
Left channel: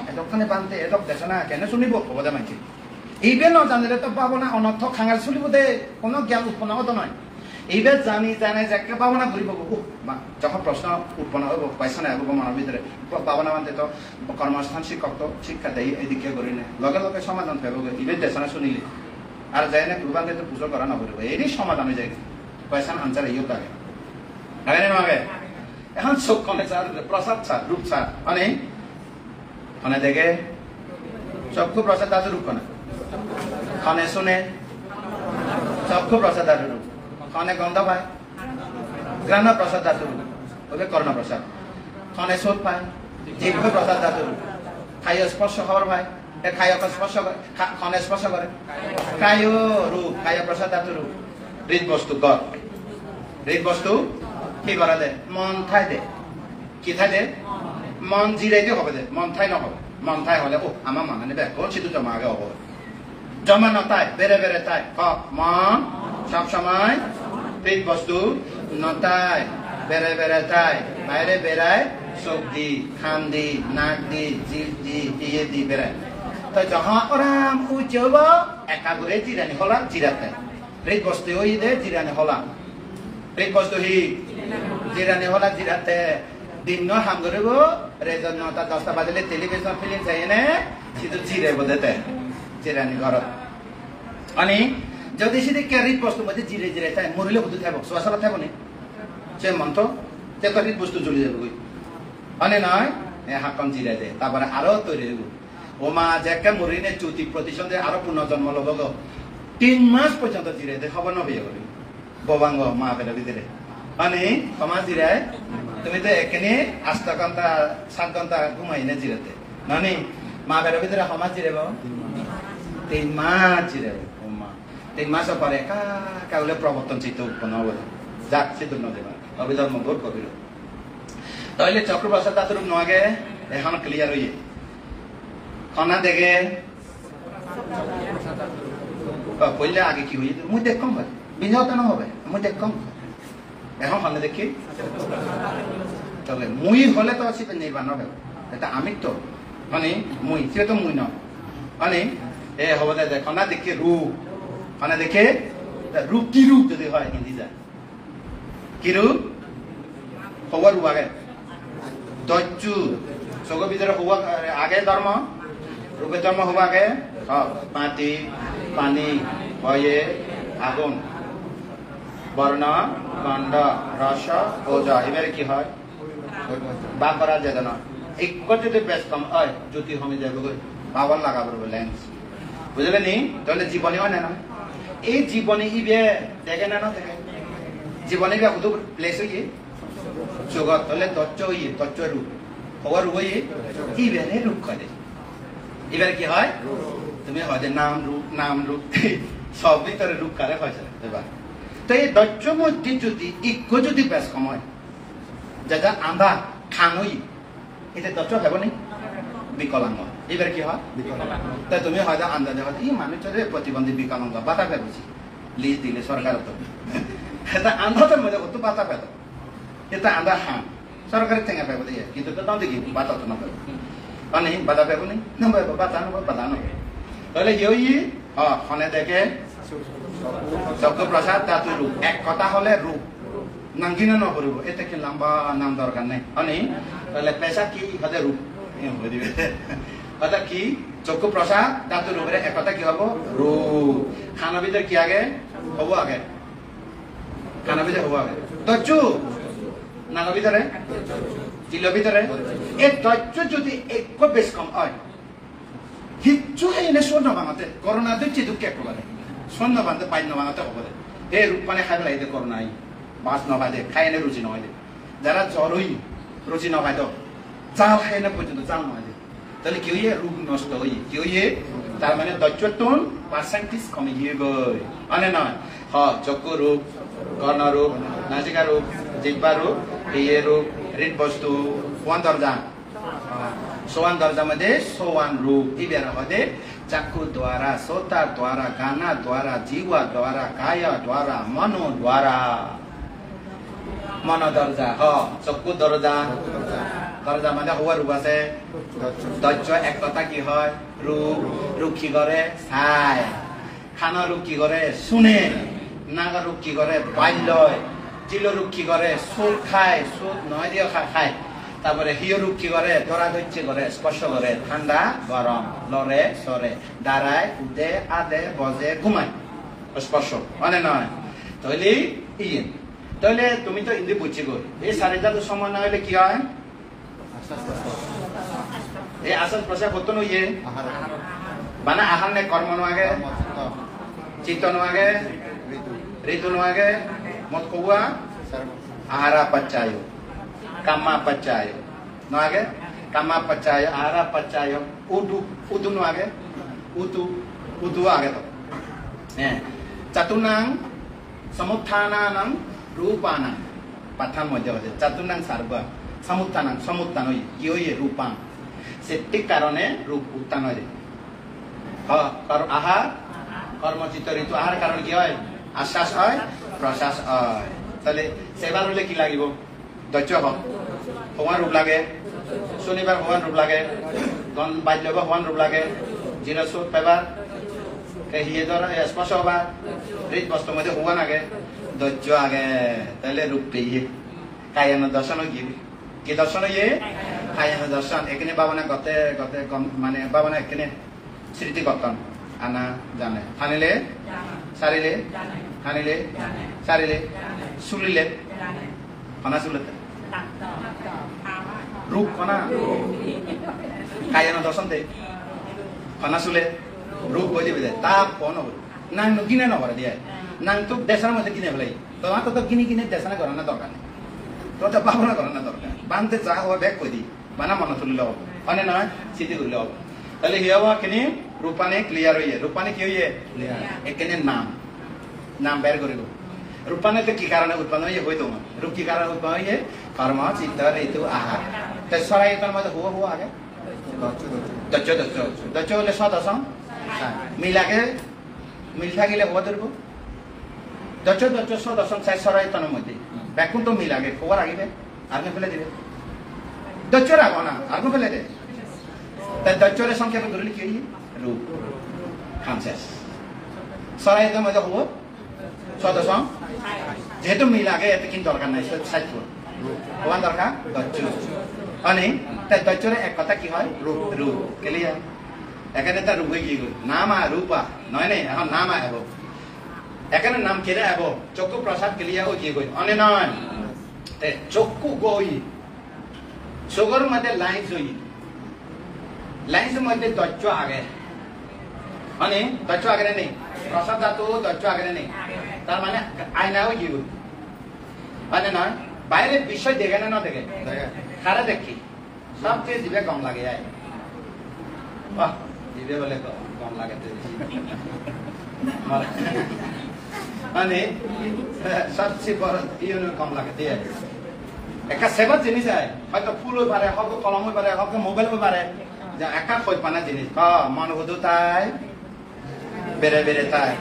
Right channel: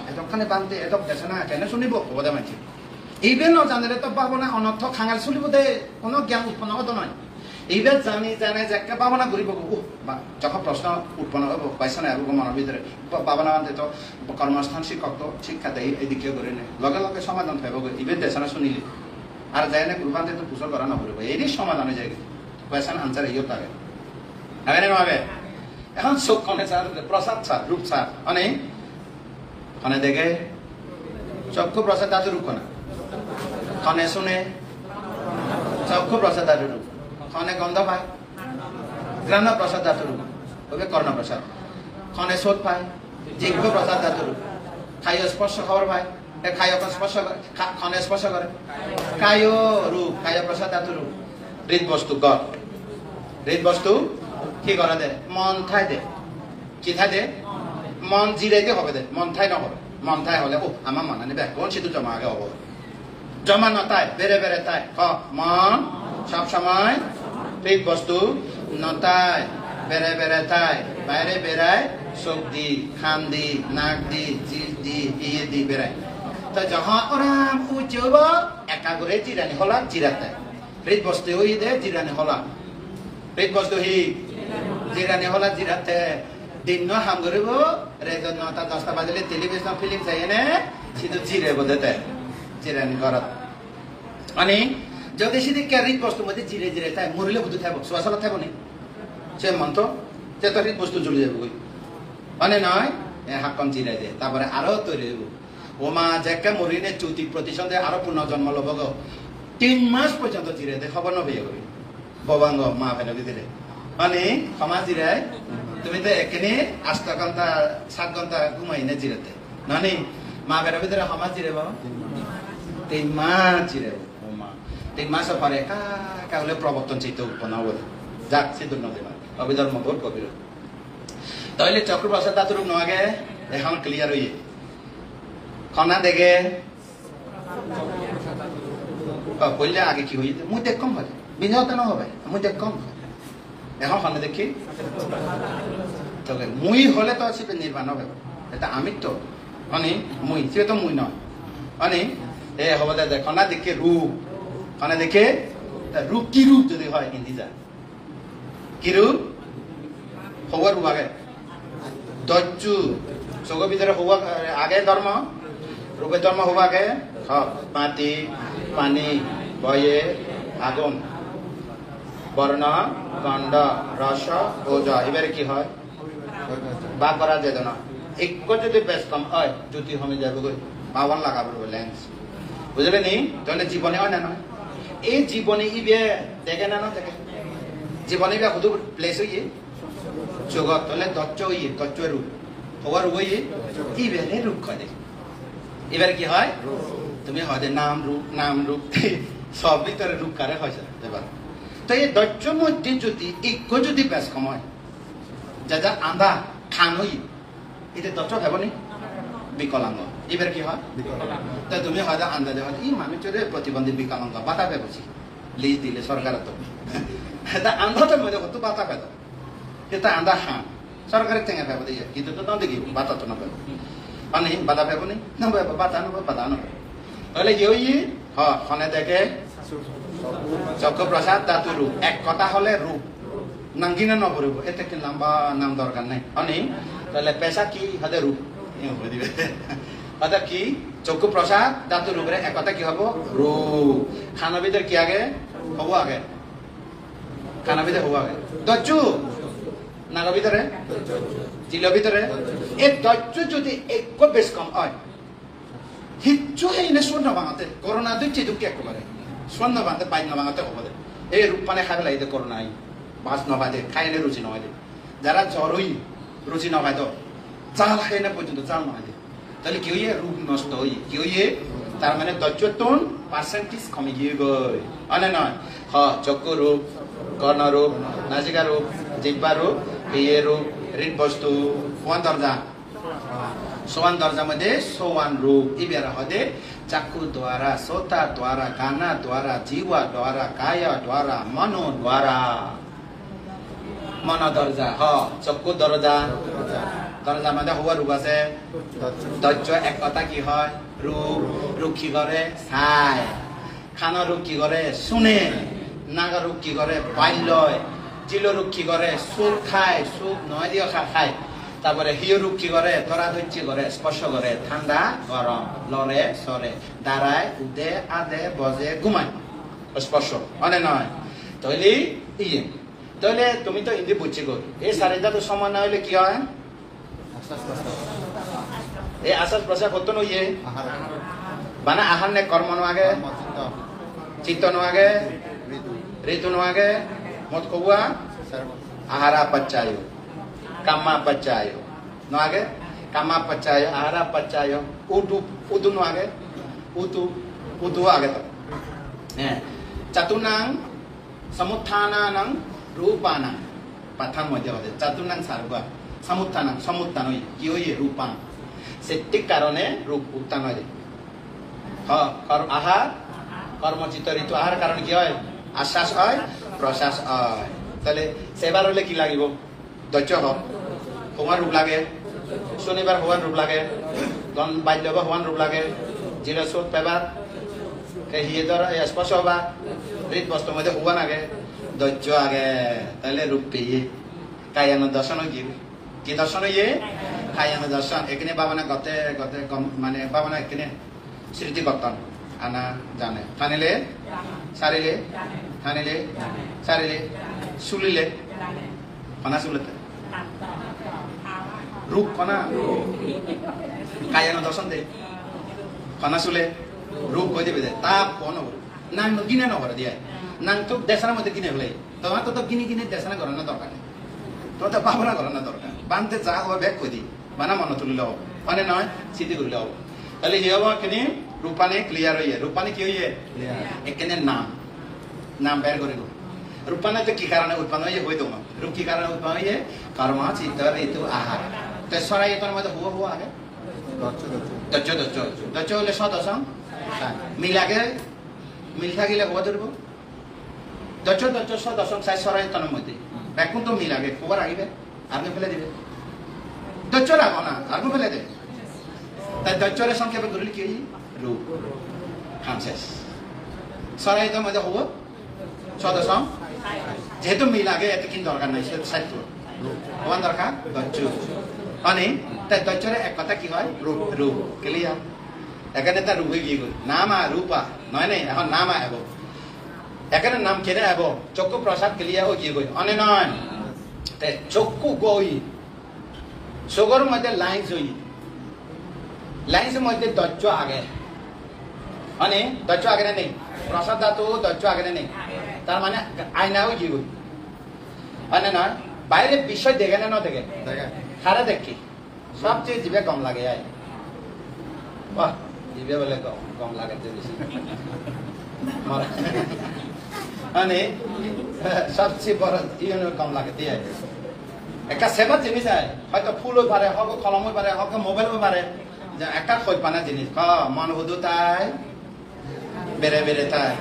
এতখানে বান্ধে এত দেশে না কেন শুনিব হবদা মানছি এইবে নজানিলে তো পাবো না অনর্থ খাঙাল শুনিব দে কোনো জ্ঞান উৎপন্ন হতো নয় এইবে জানে যে একটা পাবো না ঘুরিব যখন প্রশ্ন উৎপন্ন হব পাইছে না এবং মনের ভিতরে পাবো না মানতে তো কর্মস্থান শিক্ষক তো শিক্ষা দেয় এদিকে করি না লগে লগে সমাধান থাকব ইবে দেশে না শুনিলে আর যাই না গ্রুপাতে তো পুজো করা না করব এরই সমাধান হয়ে যায় পাইছে না আনসার ইয়েও থাকে আগে না আগে এখন চোখ কনে স্যার প্রসাদ স্যার রূপ স্যার মানে কনে দেখে চক্ষু প্রসাদ ধাতু রূপ কনে কনে শুনে চক্ষু প্রসাদ ধাতু রূপ কনে গন্ধ পায় ঘ্রাণ প্রসাদ ধাতু রূপ ওকে কর্ণ প্রসাদ কনে শোধ পায় জিহ্বা প্রসাদ ধাতু রূপ খায় স্পর্শ খবর পায় খায় স্পর্শ করে কনে স্পর্শ করে কায় রূপ খায় প্রসাদ ধাতু রূপ হৃদ বস্তু গড় হৃদ বস্তু কি করা দে মন ঠাই দে কি ঠাই দে মন জিরাইতে হবে দে মন ঠাই নহবে মন ঠাই হলে আমার মনে নেবে কোন সিদ্ধ জমা আগে হব জমা নতাই বেড়ে তাই মন সব সময় হৃদ বস্তু নতাই বেড়ে তাই বাইরে বেড়ায় চোখ দি খান দি নাক দি জিল দি ইয়ে দি বেড়ায় তো যখন ওরাম উচব একা করে জিরানি হলা জিরাতে হৃদ বস্তু হই দে জিরানি হলা হৃদ বস্তু হি জিরানি হলা জিরাতে দিন হাম করিব রেজন 9টা 10টা বাজিলে টেলিভিশন ফিল্ম চাই নে সিধু জিরে বদেতে জিরানি ঘরত মানে যদি সিধি হৃদ বস্তু মধ্যে জিরে তাই মরিলে বুধু থাকব শোয়াশালা থাকব নি সে মন্ত্র যে তো হৃদ বস্তু জ্বলি যাব মানে নয় হাকাম জিরাই দে তারপরে আরো তৈরি হইব ওমা যেকে মরিনে 34% আরো পুনর্জন্ম লব 3 মাস পর্যন্ত জিরাই দে খবর নবইয়া করি ববাঙ্গ মা ফেলে দিলে মানে ক্ষমা জিরায় তুমি তো এখানে 8 ঘন্টা 7 ঘন্টা ঘুমাই না জিরাতে নানি মা বের ভিতরে সমাজ জিরে 3 মাস জিরে 3 মাস পরে একা হলে প্রবর্তন চিত্ত উৎপন্ন হবে যাক সিদ্ধ নদী অবিধর্ম ভোট কবির তাহলে চক্রপ্রসাদ দাতুর নগে এখন ক্লিয়ার হইয়ে খনা দেখে বললে আগে কি হই মুই দেখ কম ভাই বিনাও কেন হবে মুই দেখ কম এখন খনা দেখি তবে মুই হলে তো আসবে নির্বাণ হবে এটা আমি তো মানে মুই সে তো মুই নয় মানে এ হবে দেখ খনা দেখে রূপ খনা দেখে রূপ কি রূপ যদি হয় হিন্দি যা কি রূপ খবর রূপ আগে দজ্জু সগর ভিতরে হওয়া আগে ধর্ম রূপের ধর্ম হওয়া আগে মাটি পানি বয়ে আগুন বর্ণ গন্ধ রস ওজা এবারে কি হয় বা করা যেত না এক যদি বেশ কম হয় জ্যোতি হমে যাবে পাওয়ার লাগাবো লেন্স বুঝলেন নি তাহলে জীবনে হয় না এই জীবনে ইবে দেখে না দেখে জীবনে কত প্লেস হইয়ে জগৎ তাহলে দচ্চ হইয়ে দচ্চ রূপ হওয়ার রূপ হইয়ে ইবে রূপ করে এবার কি হয় তুমি হয় নাম রূপ সব ভিতরে রূপ কারে হয়েছে তো এই দচ্চ মধ্যে যদি ইজ্ঞ যদি বেশ কম হয় যেটা আন্ধা খানই এটা দচ্চ ভেব নি বিকলাঙ্গ এবার কি হয় তাই তুমি হয়তো আন্দাজে হয় এই মানুষের প্রতিবন্ধী বিকলাঙ্গ বাতা পেয়েছি লিজ দিলে সরকার তো এটা আন্ধাতের মধ্যে কত বাতা পেত এটা আন্ধা হাঁ সরকারের টেঙা পেব দিয়ে কিন্তু তো দেখি বাতা তো নবে মানে বাধা পেব নি নবে বাধা নবে বাধা নবে তাহলে ইয়ে ফোনে দেখে চক্রপ্রসাদ দাতু রূপ এক কথা হলে রূপ নাঙ্গিনে নপরিব এতে কি লম্বা নাম দরকার নেই মানে তাহলে পেশা কি হাতে রূপ অর্থাৎ কি চক্ষুপ্রসাদ দাতু রূপের এক কথা কি হবো রূপ খানা ভিতরে কি আগে হবো আগে খানা ভিতরে হবো আগে দজ্জু নাগা ভিতরে জিল ভিতরে এই দজ্জ যদি এক বেশ কম হয় হিচ্ছু এনে স্বর্ণ ভাঙাতে করোনা দিচ্ছি দুঃখ একটু করে স্বর্ণ ভাঙতে পাই না ভাঙাতে হবে এই রূপ পানে খাই পেলাই করোনা মাছ নখাই দে খাই এনে রুচি নখাই দে যারা জ্বর হই রুচি নখাই দাও চাল খাই এনে পর্যন্ত চাল নখাই দে তাহলে কি হইয়ে রূপ নষ্ট হই কি হইয়ে তার মানে দৈত্যটন পার্সেন্টেজ কমে গিয়ে গই মানে নয় চক্ষু রূপ কর্ণ রূপ নাসিকা রূপ জিহ্বা রূপ ইয়ে রূপ হৃদ বস্তু সোয়ান দরজা सोवन दर्जा मध्ये सोवन रूप इबेर मध्ये चक्षु द्वारा सोता द्वारा गाना द्वारा जीव द्वारा काय द्वारा मनो द्वारा मन दर्जा चक्षु दर्जा दर्जा मध्ये हवा रूप আছে দজ্জ এক কথা কি হয় রূপ রূপ কি করে ছায় খানা রূপ কি করে শুনে নাগা রূপ কি করে বাল্যয় জিল রূপ কি করে সুর খায় সুর নয় দিয়ে খায় তারপরে হিয় রূপ কি করে ধরা ধৈর্য করে স্পর্শ করে ঠান্ডা গরম লড়ে সরে দাঁড়ায় উদে আদে বজে ঘুমায় স্পর্শ মানে নয় তাহলে ইয়ে তাহলে তুমি তো হিন্দি বুঝছি গো এই সারেটা তো সময় না হলে কি হয় এই আশ্বাস প্রশ্বাস হতো না ইয়ে মানে আহার নে কর্ম নাগে চিত্ত নাগে ঋতু নাগে মত কবুয়া আহারা পচ্চায় Kama pacayo, no age? Kama pacayo, ara pacayo, udu no age? Udu age to. Catunang samuthananang rupanang. Pathan model ade. Catunang sarva samuthanang yoye rupang. Setik karone rup utang ade. Kar ahar, karma citta ritu ahar karon ki hoy? Ashas hoy, prosas hoy. Tale sebar hole ki lagibo? দৈত্য হওয়ার রূপ লাগে শনিবার হওয়ার রূপ লাগে গণ বাল্য হওয়ার রূপ লাগে জিরো সুট পেবার হিয়ে ধর স্পর্শ হবা হৃদ বস্তু মধ্যে হওয়া লাগে দৈত্য আগে তাহলে রূপ পেয়ে কায়ান দর্শন কি দর্শন ইয়ে কায়ান দর্শন এখানে বাবানা গতে মানে বাবানা এখানে স্মৃতি করতাম আনা জানে থানিলে সারিলে থানিলে সারিলে শুলিলে কনা শুলতে রূপ কনা কায়ান দর্শন দে কনা শুলে রূপ গজে বেদে তাপ কোন নাং গিনে নবর দিয়া নাং তো দেশার মধ্যে গিনে ফেলাই তোমার তো গিনে দেশানা করার না দরকার তো তা ভাবনা করার না দরকার বানতে যা ও ব্যাগ কই দি বানা মন তুলিল হব মানে নয় স্মৃতি করিল হব তাহলে হিয়াওয়া কিনি রূপানে ক্লিয়ার হইয়ে রূপানে কি হইয়ে এখানে নাম বের করিব রূপানে তো কি কারণে উৎপন্ন হইয়ে হইতো রূপ কি কারণে উৎপন্ন হইয়ে কর্ম চিত্ত ঋতু আহার তো সরাই এটার মধ্যে হুয়া আগে দচ্চ হলে সদসং মিল থাকিলে হওয়া ধরব দচ্চ সদসং সাই সরাই এটার মধ্যে ব্যাকুন তো মিল আগে খবর আগিবে আগে ফেলে দিবে দচ্চ রাখো না আগে ফেলে দেবে তাই দচ্চরের সংক্ষেপে ধরলে কি রূপ খামশেষ সরাই এটার মধ্যে হবো সদসং যেহেতু মিল আগে এত কিন্তু দরকার নাই সাহিত্য হওয়ার দরকার দচ্চ মানে তাই দচ্চরে এক কথা কি হয় রূপ ক্লিয়ার এখানে তার রূপে কি নাম রূপা নয় নেই এখন নাম আব এখানে নাম কেটে আব চক্ষু প্রসাদ ক্লিয়ার ও কি গই অনে নয় চক্ষু গই চোখের মধ্যে লাইন জই লাইনের মধ্যে দচ্চ আগে মানে দচ্চ আগে নেই প্রসাদ ধাতু দচ্চ আগে নেই তার মানে আয়নাও কি মানে না বাইরে বিষয় দেখে না দেখে খারা দেখি সবচেয়ে জিভে কম লাগে বাহ জিভে বলে কম লাগে বেশি মানে সবচেয়ে বড় কম লাগে দিয়ে একটা সেবার জিনিস হয় হয়তো ফুল হয়ে পারে হোক কলম হয়ে পারে হোক মোবাইল হয়ে পারে একটা খোঁজ পানা জিনিস মন হুদু তাই বেড়ে তাই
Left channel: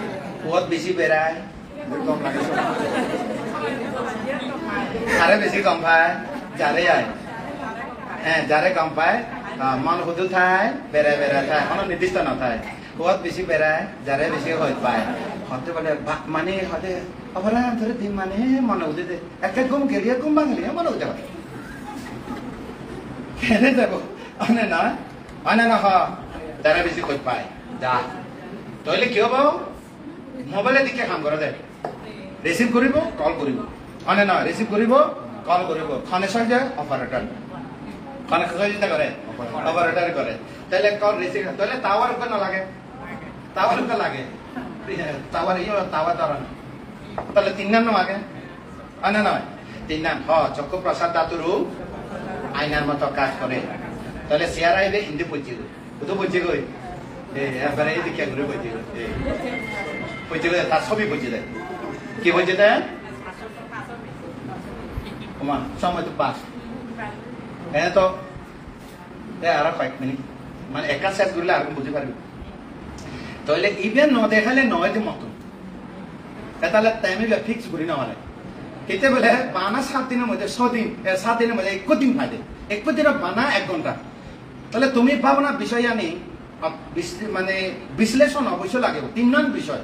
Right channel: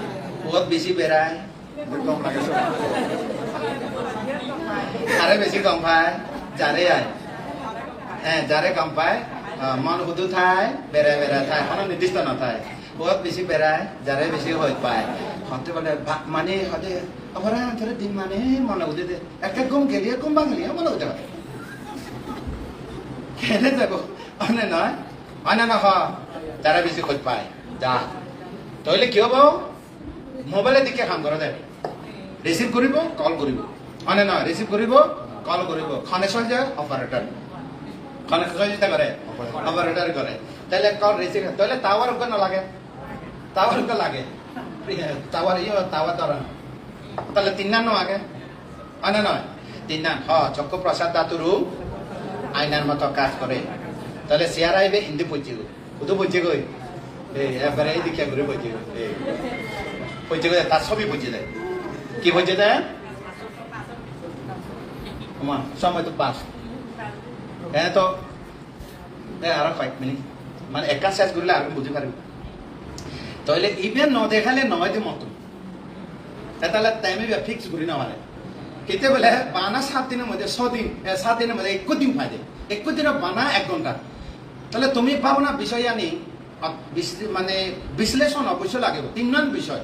বহুত বেশি বেড়ায় কম লাগে আরে বেশি কম পায় যারে আয় হ্যাঁ যারে কম পায় মন হুদু থায় বেড়ে থায় কোনো নির্দিষ্ট নথায় বহুত বেশি বেড়ায় যারে বেশি হয়ে পায় হতে বলে মানে হতে অপরাধ ধরে দিন মানে মনে উদে দে একটা ঘুম গেলিয়ে ঘুম ভাঙলিয়ে মনে উদে হয় কেনে যাবো অনে না যারা বেশি খোঁজ পায় যা তাহলে কি হব মোবাইলের দিকে কাম করে দেবে রিসিভ করিব কল করিব মানে না রিসিভ করিব কল করিব খনে সহজে অপারেটর খনে সহযোগিতা করে অপারেটর করে তাহলে কল রিসিভ তাহলে টাওয়ার উপরে না লাগে টাওয়ার উপরে লাগে টাওয়ার টাওয়ার ধরান তাহলে তিন নাম আগে আনে নয় তিন নাম চক্ষু প্রসাদ ধাতুরু আইনার মতো কাজ করে তাহলে শেয়ার আইবে হিন্দি পৌঁছে গই তো পৌঁছে গই এবারে এই দিকে ঘুরে পৌঁছে গই পৌঁছে গই তার ছবি পৌঁছে দেয় কি পৌঁছে দেয় সময় তো পাস এনে তো আর কয়েক মিনিট মানে একা শেষ করলে আর বুঝতে পারবি তাহলে ইভেন ন দেখালে নয় যে মতো তাহলে টাইমে ফিক্স করি না মানে কেতে বলে বানা 7 দিনের মধ্যে 6 দিন 7 দিনের মধ্যে 1 দিন ফাইদে 1 দিনের বানা 1 ঘন্টা তাহলে তুমি পাবো না বিষয় আনি মানে বিশ্লেষণ অবশ্যই লাগে 3 নন বিষয়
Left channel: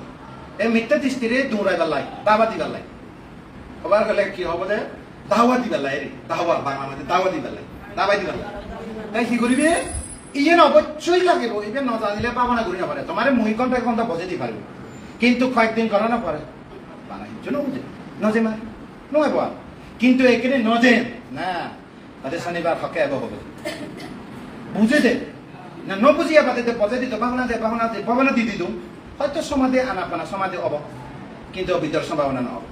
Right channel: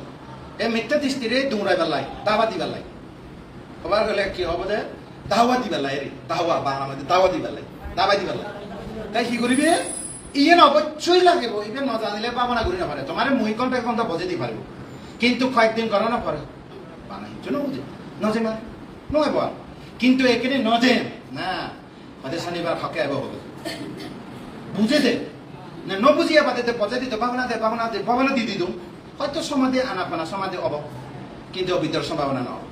এই মিথ্যা দৃষ্টিরে দৌড়াইবার লাই দাবা দিবার লাই আবার গেলে কি হবে যে দাওয়া দিবার লাই রে দাওয়া বাংলা মধ্যে দাওয়া দিবার লাই দাবা দিবার লাই তাই কি করিবে ইয়ে অবশ্যই লাগিব ইবে ন জানিলে পাবো না করি না পারে তোমার মুই ঘন্টা 1 ঘন্টা বজে দি পারবো কিন্তু কয়েকদিন করা না পারে বানা জন্য বুঝে নজে মানে নয় বল কিন্তু এখানে নজে না তাদের শনিবার হকে আব হবে বুঝে দে না ন বুঝিয়া বাদে বজে দিত ভাবনা দি দিত হয়তো সমাধি আনাপানা সমাধি হব কিন্তু অবিদ্যার সম্ভাবনা না হবে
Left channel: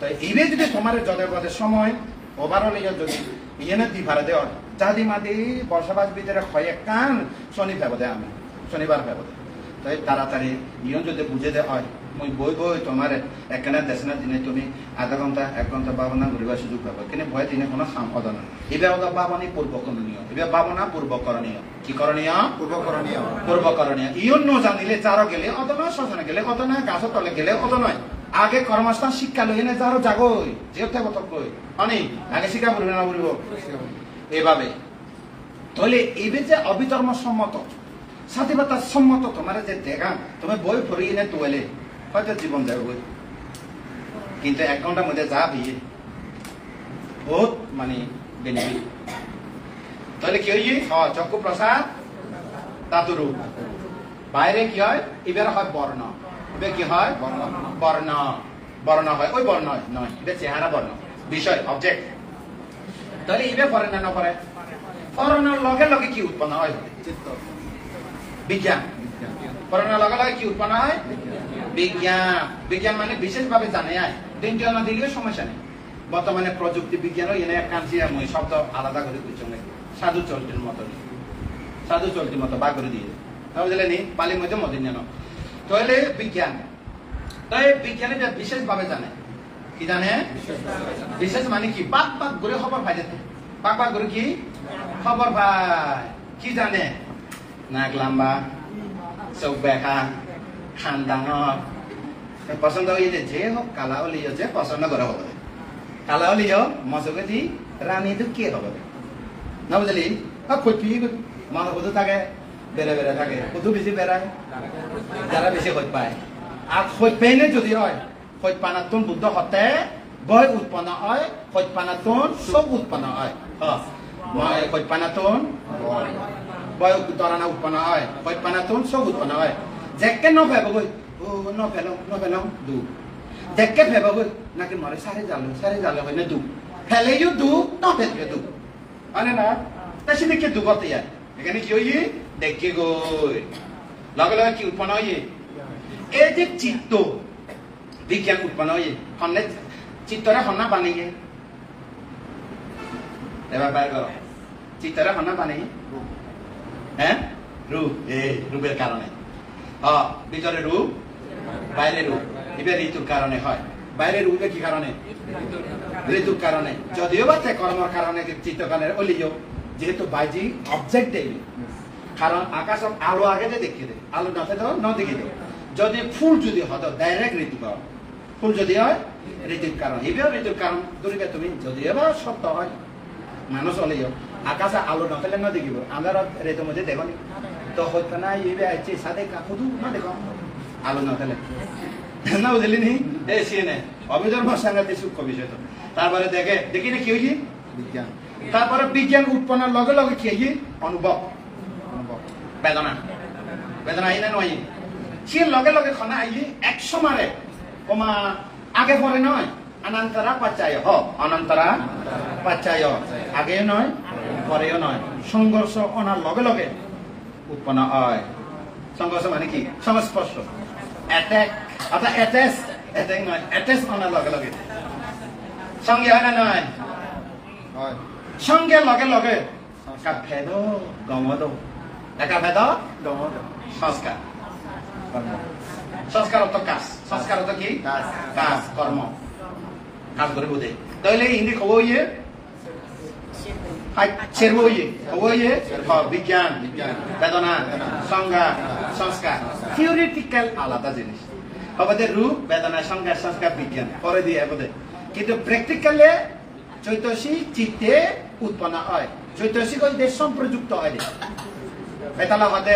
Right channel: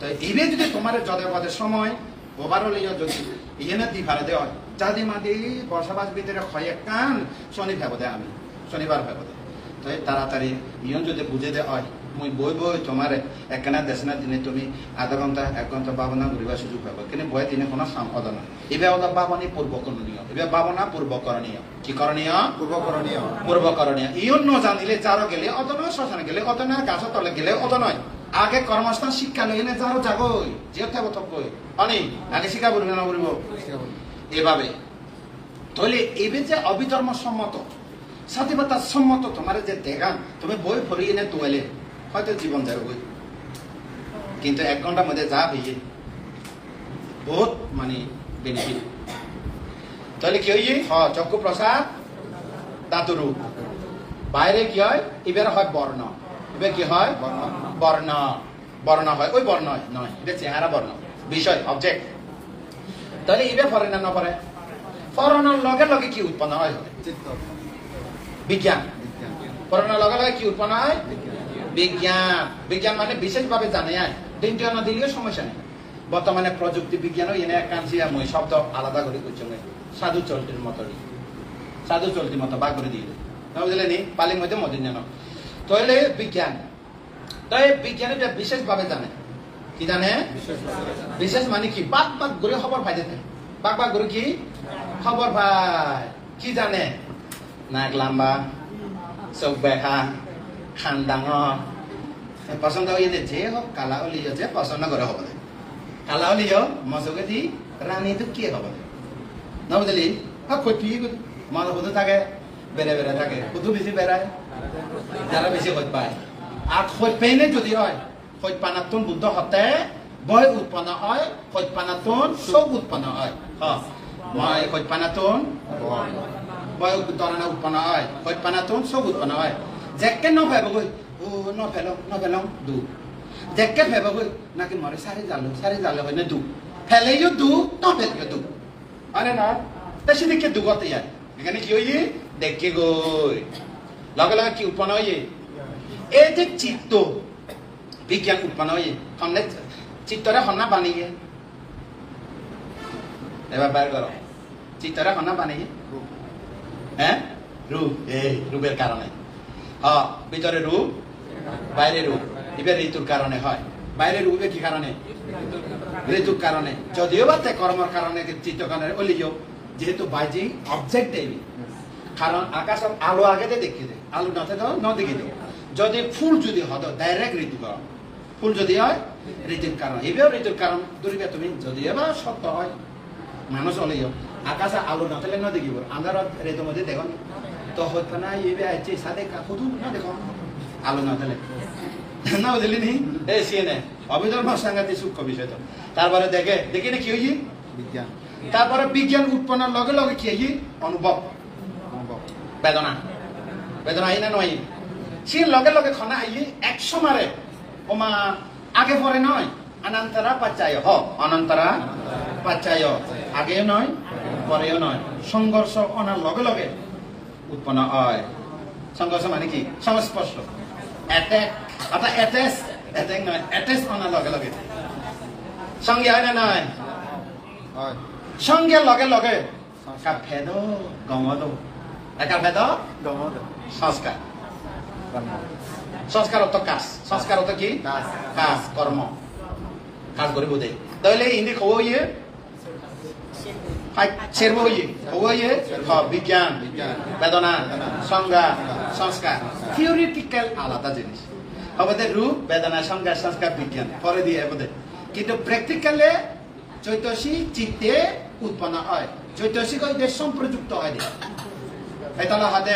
তো এইবে যদি তোমার যদে পদে সময় ওভারঅল যদি ইয়ে দি ভাড়া দেওয়া চাঁদি মাদি বর্ষাবাস ভিতরে হয় কান শনি ভেবদে আমি শনিবার ভেবদে তো তাড়াতাড়ি ইয়ন যদি বুঝে দেওয়া হয় মই বই তোমার একখানা দেশনা দিনে তুমি আধা ঘন্টা 1 ঘন্টা ভাবনা ঘুরিবার সুযোগ পাবো কিন্তু বই দিনে কোনো সাম্পদ নয় এবার হলো ভাবনী পূর্বকরণীয় এবার ভাবনা পূর্বকরণীয় কি করণীয় পূর্বকরণীয় ইয়ন ন জানিলে যারও গেলে অত নয় শ্মশানে গেলে অত নয় গাছের তলে গেলে অত নয় আগে কর্মস্থান শিক্ষা লই এনে যারও যাগই যেতে কই অনেক আগে শিক্ষা বলবে না বলবো এভাবে তাহলে এবে যে অবিধর্ম সম্মত স্বাধীনতার সম্মত তোমার যে দেখা তুমি বই পড়ি এনে তোলে হয়তো জীবন যাবে কিন্তু 1 ঘন্টার মধ্যে যা হইয়ে বহুত মানে বেনিফিট তাহলে কি হইয়ে চক্ষু প্রসাদ ধাতুরু বাইরে কি হয় এবার হয় বর্ণ এবার কি হয় বর্ণ হয় ওই বর্ণ নয় এটা চেহারা বর্ণ বিষয় অবজেক্ট তাহলে এবার পরে না পরে পড়ানোর লগে লগে কি উৎপন্ন হয় বিজ্ঞান পড়ানোর লগে লগে কি উৎপন্ন হয় বিজ্ঞান মানে বিশেষভাবে জানে দিনটি অন্য দিলেও সমস্যা নেই বর্তমানে প্রযুক্তি বিজ্ঞানও এনে এক কাঞ্চি শব্দ আলাদা করে সাধু চলতির মতো বা করে দিয়ে না বুঝলে নি পালির মধ্যে মদিন জানো তাহলে বিজ্ঞান তাই বিজ্ঞানে বিশেষভাবে জানে কি জানে বিশেষ মানে কি বাক বাক ঘুরে খবর ভাই যেতে বাক বাক ঘুরে কি খবর ভাই কি জানে নাক লম্বা চোখ বেকা খান ডাঙর পছন্দ হয়ে যে হোক কালা হলিও যে পছন্দ করে হবে কালা হলিও মজকে দি রানীটো কি হবে না বুঝলি খতি মানুষ শুধু থাকে বেড়ে বেড়ে থাকে শুধু বেশি বেড়ায় যারা বেশি খোঁজ পায় আর খোঁজ পেয়ে যদি হয় খোঁজ পানাতন বুদ্ধ হতে বয় উৎপন্ন হয় খোঁজ পানাতন চব উৎপন্ন হয় মই খোঁজ পানাতন বয় তরানা উৎপন্ন হয় খোঁজ পানাতন চব উৎপন্ন হয় যেকে নফেবগৈ নফেল দু যেকে ফেবগৈ নাকি মরে সারি জালে হয় না দু ফেলেও দু নফেলেও দু হয় না তাই সেদিকে দুগতে ইয়ার এখানে কি হই দেখে গই লগে লগে কি উৎপন্ন হই এই যে চিত্ত বিজ্ঞান উৎপন্ন হই হন্নে চিত্তরে হন্না বানিয়ে এবার বার করো চিত্তরে হন্না বানিয়ে হ্যাঁ রূপ রূপের কারণে ভিতরে রূপ বাইরে রূপ এবার ঋতুর কারণে হয় বাইরে রূপে কি কারণে ঋতুর কারণে যদিও বা কর্মর কারণে চিত্ত কারণে অলিও যেহেতু বাইজি অবজেক্ট দেবি কারণ আকাশ আলো আগে দেখি দে আলো নাতে তো ন দেখি দে যদি ফুল যদি হতো ডাইরেক্ট ঋতু কারণ ফুল যদি হয় ঋতুর কারণ এবার ঋতুর কারণ ধরিবে তুমি যদিও বা সত্য হয় মানুষ অলিও আকাশে আলো নাথালে ন দেখিব আমরা ঋতুর মধ্যে দেখো তো হয়তো না এবার আছে সাদে শুধু না দেখো আলো নাথালে না বুঝলি নি এই সিএনএ অভিধর্ম সাংঘাতিক সূক্ষ্ম বিষয় তো তারপরে দেখি না কি হয়েছি বিজ্ঞান তারপরে বিজ্ঞান উৎপন্নের লগে লগে কি হয়েছি অনুভব বেদনা বেদনা আই না নয় সে লগে লগে খানা আই একশো মারে কমা আগে পরে নয় অনন্তরা পাচ্যায় অনন্তরা পাচ্যায় আগে নয় পরেও নয় সংঘর্ষ অনার লগে লগে উৎপন্ন হয় সংঘর্ষ মানে কি সংস্পর্শ অ্যাটাক অর্থাৎ অ্যাটাক নয় অ্যাটাচ অনার লগে লগে সঙ্গে হয় না নয় সঙ্গে লগে লগে ভেদ দমদ একা ভেদ দমদ সংস্কার সংস্কার অর্থ কাজ সংস্কার অর্থ কি কাজ কর্ম কাজ করে বোধে তাহলে হিন্দি খবর ইয়ে ছেড়ব ইয়ে খবর ইয়ে বিজ্ঞান বেদনা সংজ্ঞা সংস্কার থিওরিটিক্যাল আলাদা জিনিস হবে রূপ বেদনা সংজ্ঞা সংস্কার বিজ্ঞান পরে দিয়ে বোধে কিন্তু প্র্যাকটিক্যালে চৈতসী চিত্তে উৎপন্ন হয় চৈতসী কইতে সম্প্রযুক্ত হয় এটা হাতে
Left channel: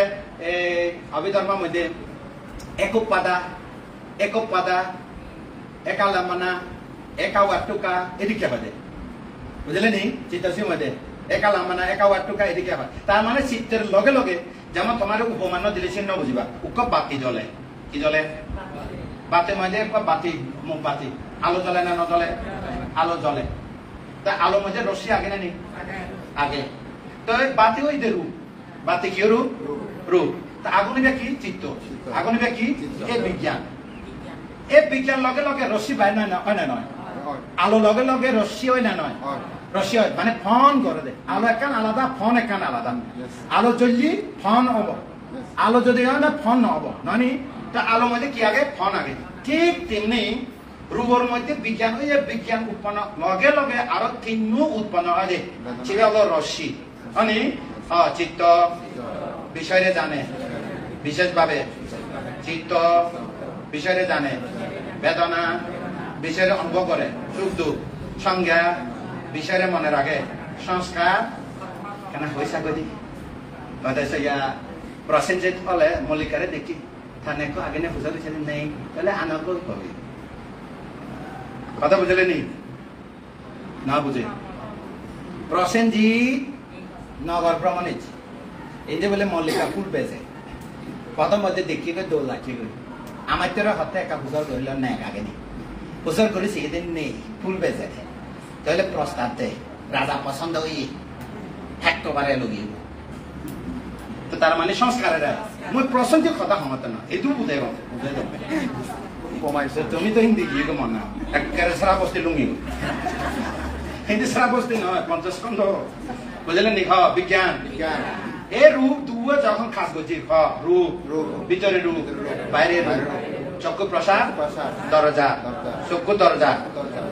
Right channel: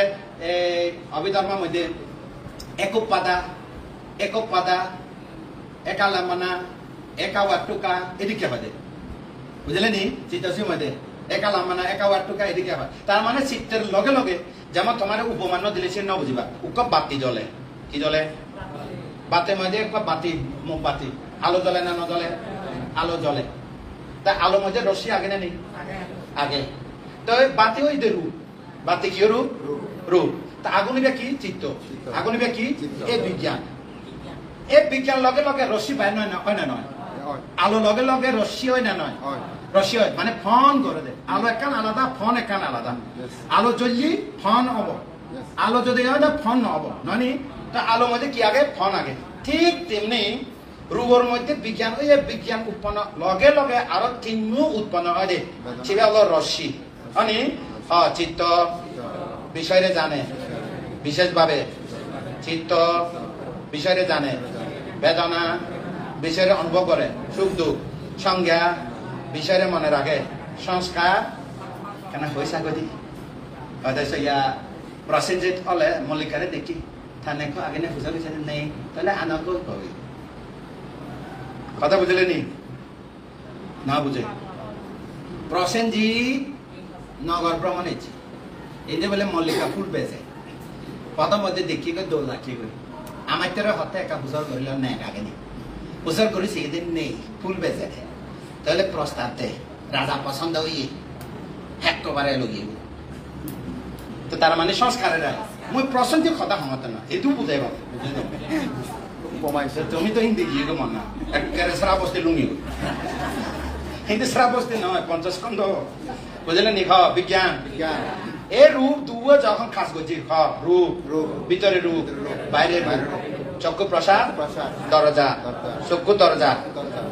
অভিধর্মের মধ্যে একক পাদা একা লামানা একা ওয়াটুকা এদিকে বাদে বুঝলে নি চিত্তসীর মধ্যে একা লামানা একা ওয়াটুকা এদিকে আবার তার মানে চিত্তের লগে লগে যেমন তোমার উপমান্য দিলে সে ন বুঝিবা উক বাতি জ্বলে কি জ্বলে বাতির মধ্যে বাতি মুখ বাতি আলো জ্বলে না নজ্বলে আলো জ্বলে তা আলো মধ্যে রশ্মি আগে না নেই আগে তো বাতি ওই দে রূপ বাতি কি রূপ রূপ তা আগুনিবে কি চিত্ত আগুনিবে কি এই বিজ্ঞান লগে লগে রশ্মি পায় না হয় না নয় আলো লগে লগে রশ্মি হয় না নয় রশ্মি হয় মানে ফোন করে দে আলো একান আলাদা ফোন একান আলাদা আলো জ্বললি ফোন হব আলো যদি হয় না ফোন নহব নয় তা আলো মধ্যে কি আগে ফোন আগে ঠিক তেমনি রূপর মধ্যে বিজ্ঞান ওই বিজ্ঞান উৎপন্ন লগে লগে আরো তিনমু উৎপন্ন হয় দে সেটা হলো রশ্মি মানে চিত্ত বিষয়ে জানে বিশেষভাবে চিত্ত বিষয়ে জানে বেদনা বিষয়ে অনুভব করে সুখ দুঃখ সংজ্ঞা বিষয়ে মনে রাখে সংস্কার কেন হয়েছে গদি প্রসেনজিৎ হলে মল্লিকারে দেখি থানে আগে বুঝা গেছে নেই তাহলে আনকো কবি কথা বুঝলে নি না বুঝে প্রসেনজিৎ নগর ভ্রমণ হয়েছে এই যে বলে মল্লিকা ফুল বেজে প্রথম মধ্যে দেখি গিয়ে দোল লাগছে আমার তোর হাতে একা বুঝার ধরল নেই আগে নেই বুঝার করি সেদিন নেই ফুল বেজে তাহলে প্রস্তাব দেয় রাজা পছন্দ হই হ্যাক কবারে লগি তো তার মানে সংস্কারের মই প্রসেনজিৎ কথা ক্ষমতা না এইটো বুঝাই তুমি তো হিন্দি গিয়ে মন না একেবারে সারা বস্তি লুঙ্গি হিন্দি সারা বস্তি নয় 50 খন্ড বুঝলেন নি বিজ্ঞান এ রূপ দুয়ে যখন খাস করছি রূপ ভিতরে রূপ বাইরে রূপ চক্ষু প্রসাদ দরজা চক্ষু দরজা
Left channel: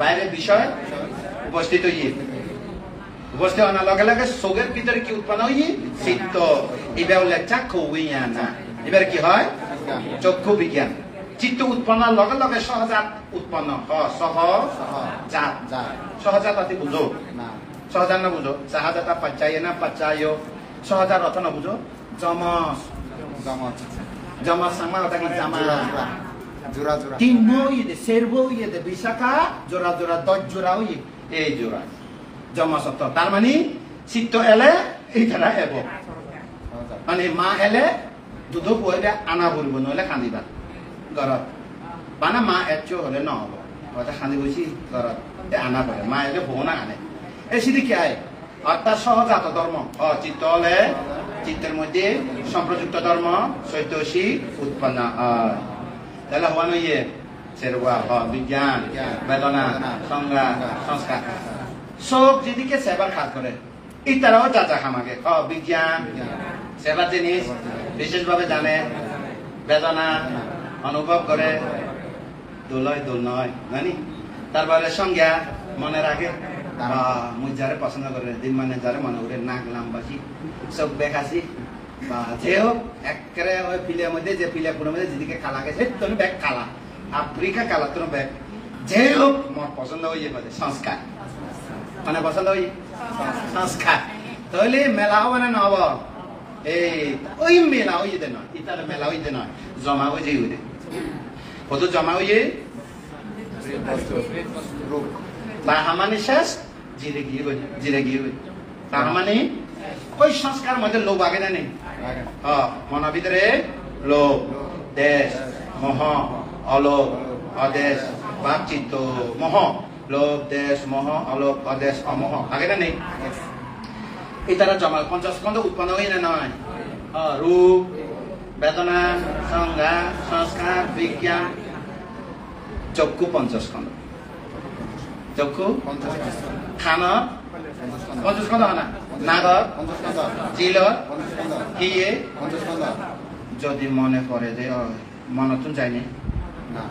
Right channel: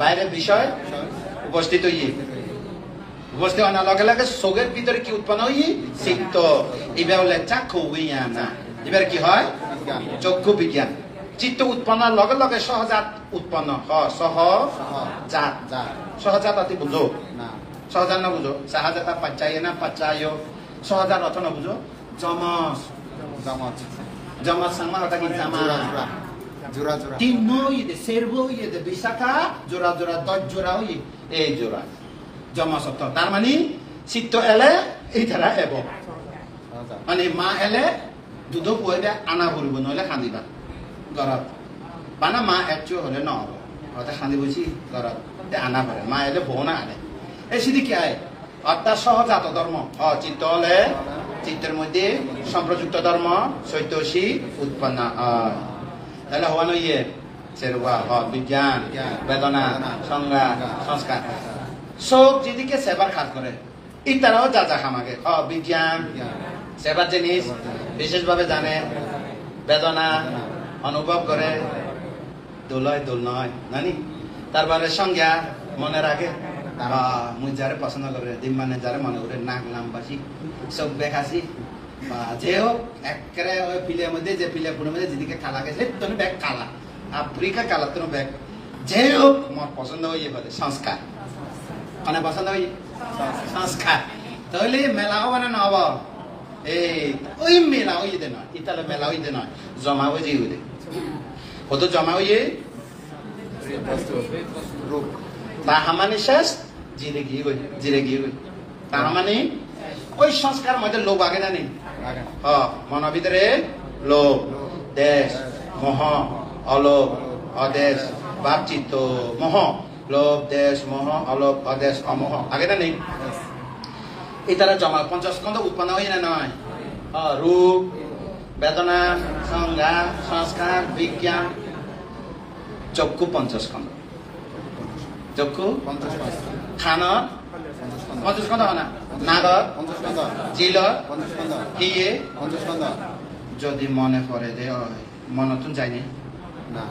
বাইরে বিষয় উপস্থিত হইয়ে উপস্থিত হওয়ার লগে লগে চোখের ভিতরে কি উৎপন্ন হইয়ে চিত্ত এবার হলে চাক্ষু বিজ্ঞান না এবার কি হয় চক্ষু বিজ্ঞান চিত্ত উৎপন্নের লগে লগে সহজাত উৎপন্ন সহজাত অতি বুঝো সহজাত না বুঝো সহজাত পাচ্চায় না পাচ্চায় সহজাত অর্থ না বুঝো জমস জমস সাংমা ওটা কি জামা জোড়া তিন ইয়ে সেরবো ইয়ে বিশাখা জোড়া জোড়া 10 জোড়া ইয়ে এই জোড়া জমস অর্থ তার মানে চিত্ত এলে এই ধারা এব মানে মা এলে দুধ পুয়াবে আনা বলব নহলে কান্দিবা ঘৰত বানা মা একচুয়াল হলে নহব কথা খান্দি বসি ঘৰত আনা পারে মা এলে বউ না আনে এই সিদ্ধি কি আয় অর্থাৎ সহজাত ধর্ম চিত্ত হলে চিত্তের মধ্যে সম্প্রযুক্ত ধর্ম চৈতসী উৎপন্ন তাহলে হওয়া নইয়ে সেরবা বিজ্ঞান বেদনা সংজ্ঞা সংস্কার সব যেদিকে সেবার কাজ করে ইতারাও যা যা খামাকে বিজ্ঞান সেবার জিনিস বিশেষভাবে জানে বেদনা অনুভব করে দোলায় দোল নয় জানি তারপরে সংজ্ঞা মনে রাখে মুই যারে পছন্দ করে দিন মানে যারে মনে করে নাক নামবাসী সব বেখাসি যে হোক একেবারে ওই পিলের মধ্যে যে পিলের মধ্যে যেদিকে কালা গেছে তোর ব্যাগ কালা আফ্রিকা কালা তোর ব্যাগ যে হোক আমার পছন্দ হয়ে বলে সংস্কার মানে পছন্দ হই সংস্কার তাহলে মেলা হবে না হব এই ওই মেলা হইতে নয় ইতার মেলা হইতে নয় জমা হয়ে যাই হইতে কত জমা হয়ে তাহামানি শেষ জিরে গিয়ে তাহামানি ওই সংস্কার মধ্যে লোভ আগে না নেই মনের ভিতরে লোভ দেশ মোহ অলোভ অদেশ ভাব চিত্ত মোহ লোভ দেশ মোহ অলোভ অদেশ অমোহ আগে না নেই এই তারা জমা 50 স্কন্ধ উৎপন্ন হয় না নয় রূপ বেদনা সংজ্ঞা সংস্কার বিজ্ঞান চক্ষু 50 স্কন্ধ চক্ষু 50 খানা 50 স্কন্ধ হয় না নাগর 50 স্কন্ধ জিল 50 স্কন্ধ হিয়ে 50 স্কন্ধ যদি মনে পড়ে যে মনে তো যায়নি না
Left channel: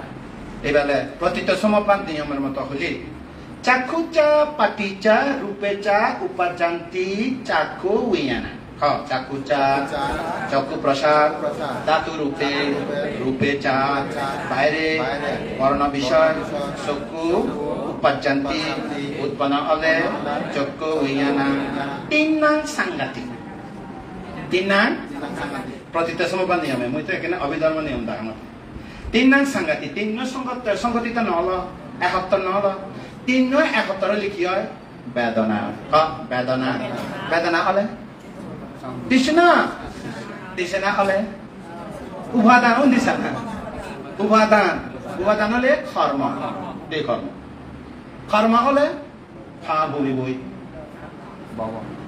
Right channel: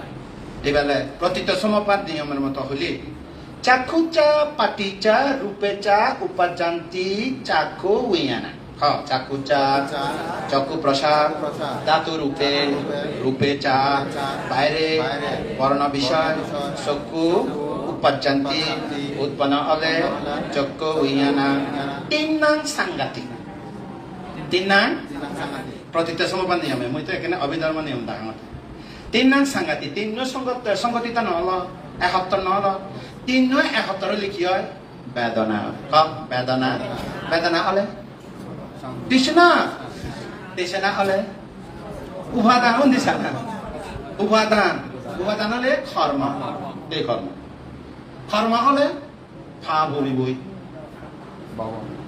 এবেলে প্রতিটা সমপাত নিয়মের মতো হলি চাক্ষুচা পাটিচা রূপেচা উপাজান্তি চাক্ষু উইয়ানা চাক্ষুচা চক্ষু প্রসাদ ধাতু রূপে রূপেচা বাইরে বর্ণ বিষয় চক্ষু উপাজান্তি উৎপন্ন হলে চক্ষু উইয়ানা তিন নাম সাংঘাতিক তিন নাম প্রতিটা সমপাত নিয়মে মই তো এখানে অভিধর্ম নিয়ম দেখা তিন নাম সাংঘাতিক তিন সংগঠিত নহল এসপ্তাহ নহল তিন এসপ্তাহ লিখি হয় বেদনা বেদনা বেদনা হলে দিশনা দিশনা হলে উপাদান দিশা উপাদান হলে কর্ম দেহ কর্ম কর্ম হলে ফা বলিবই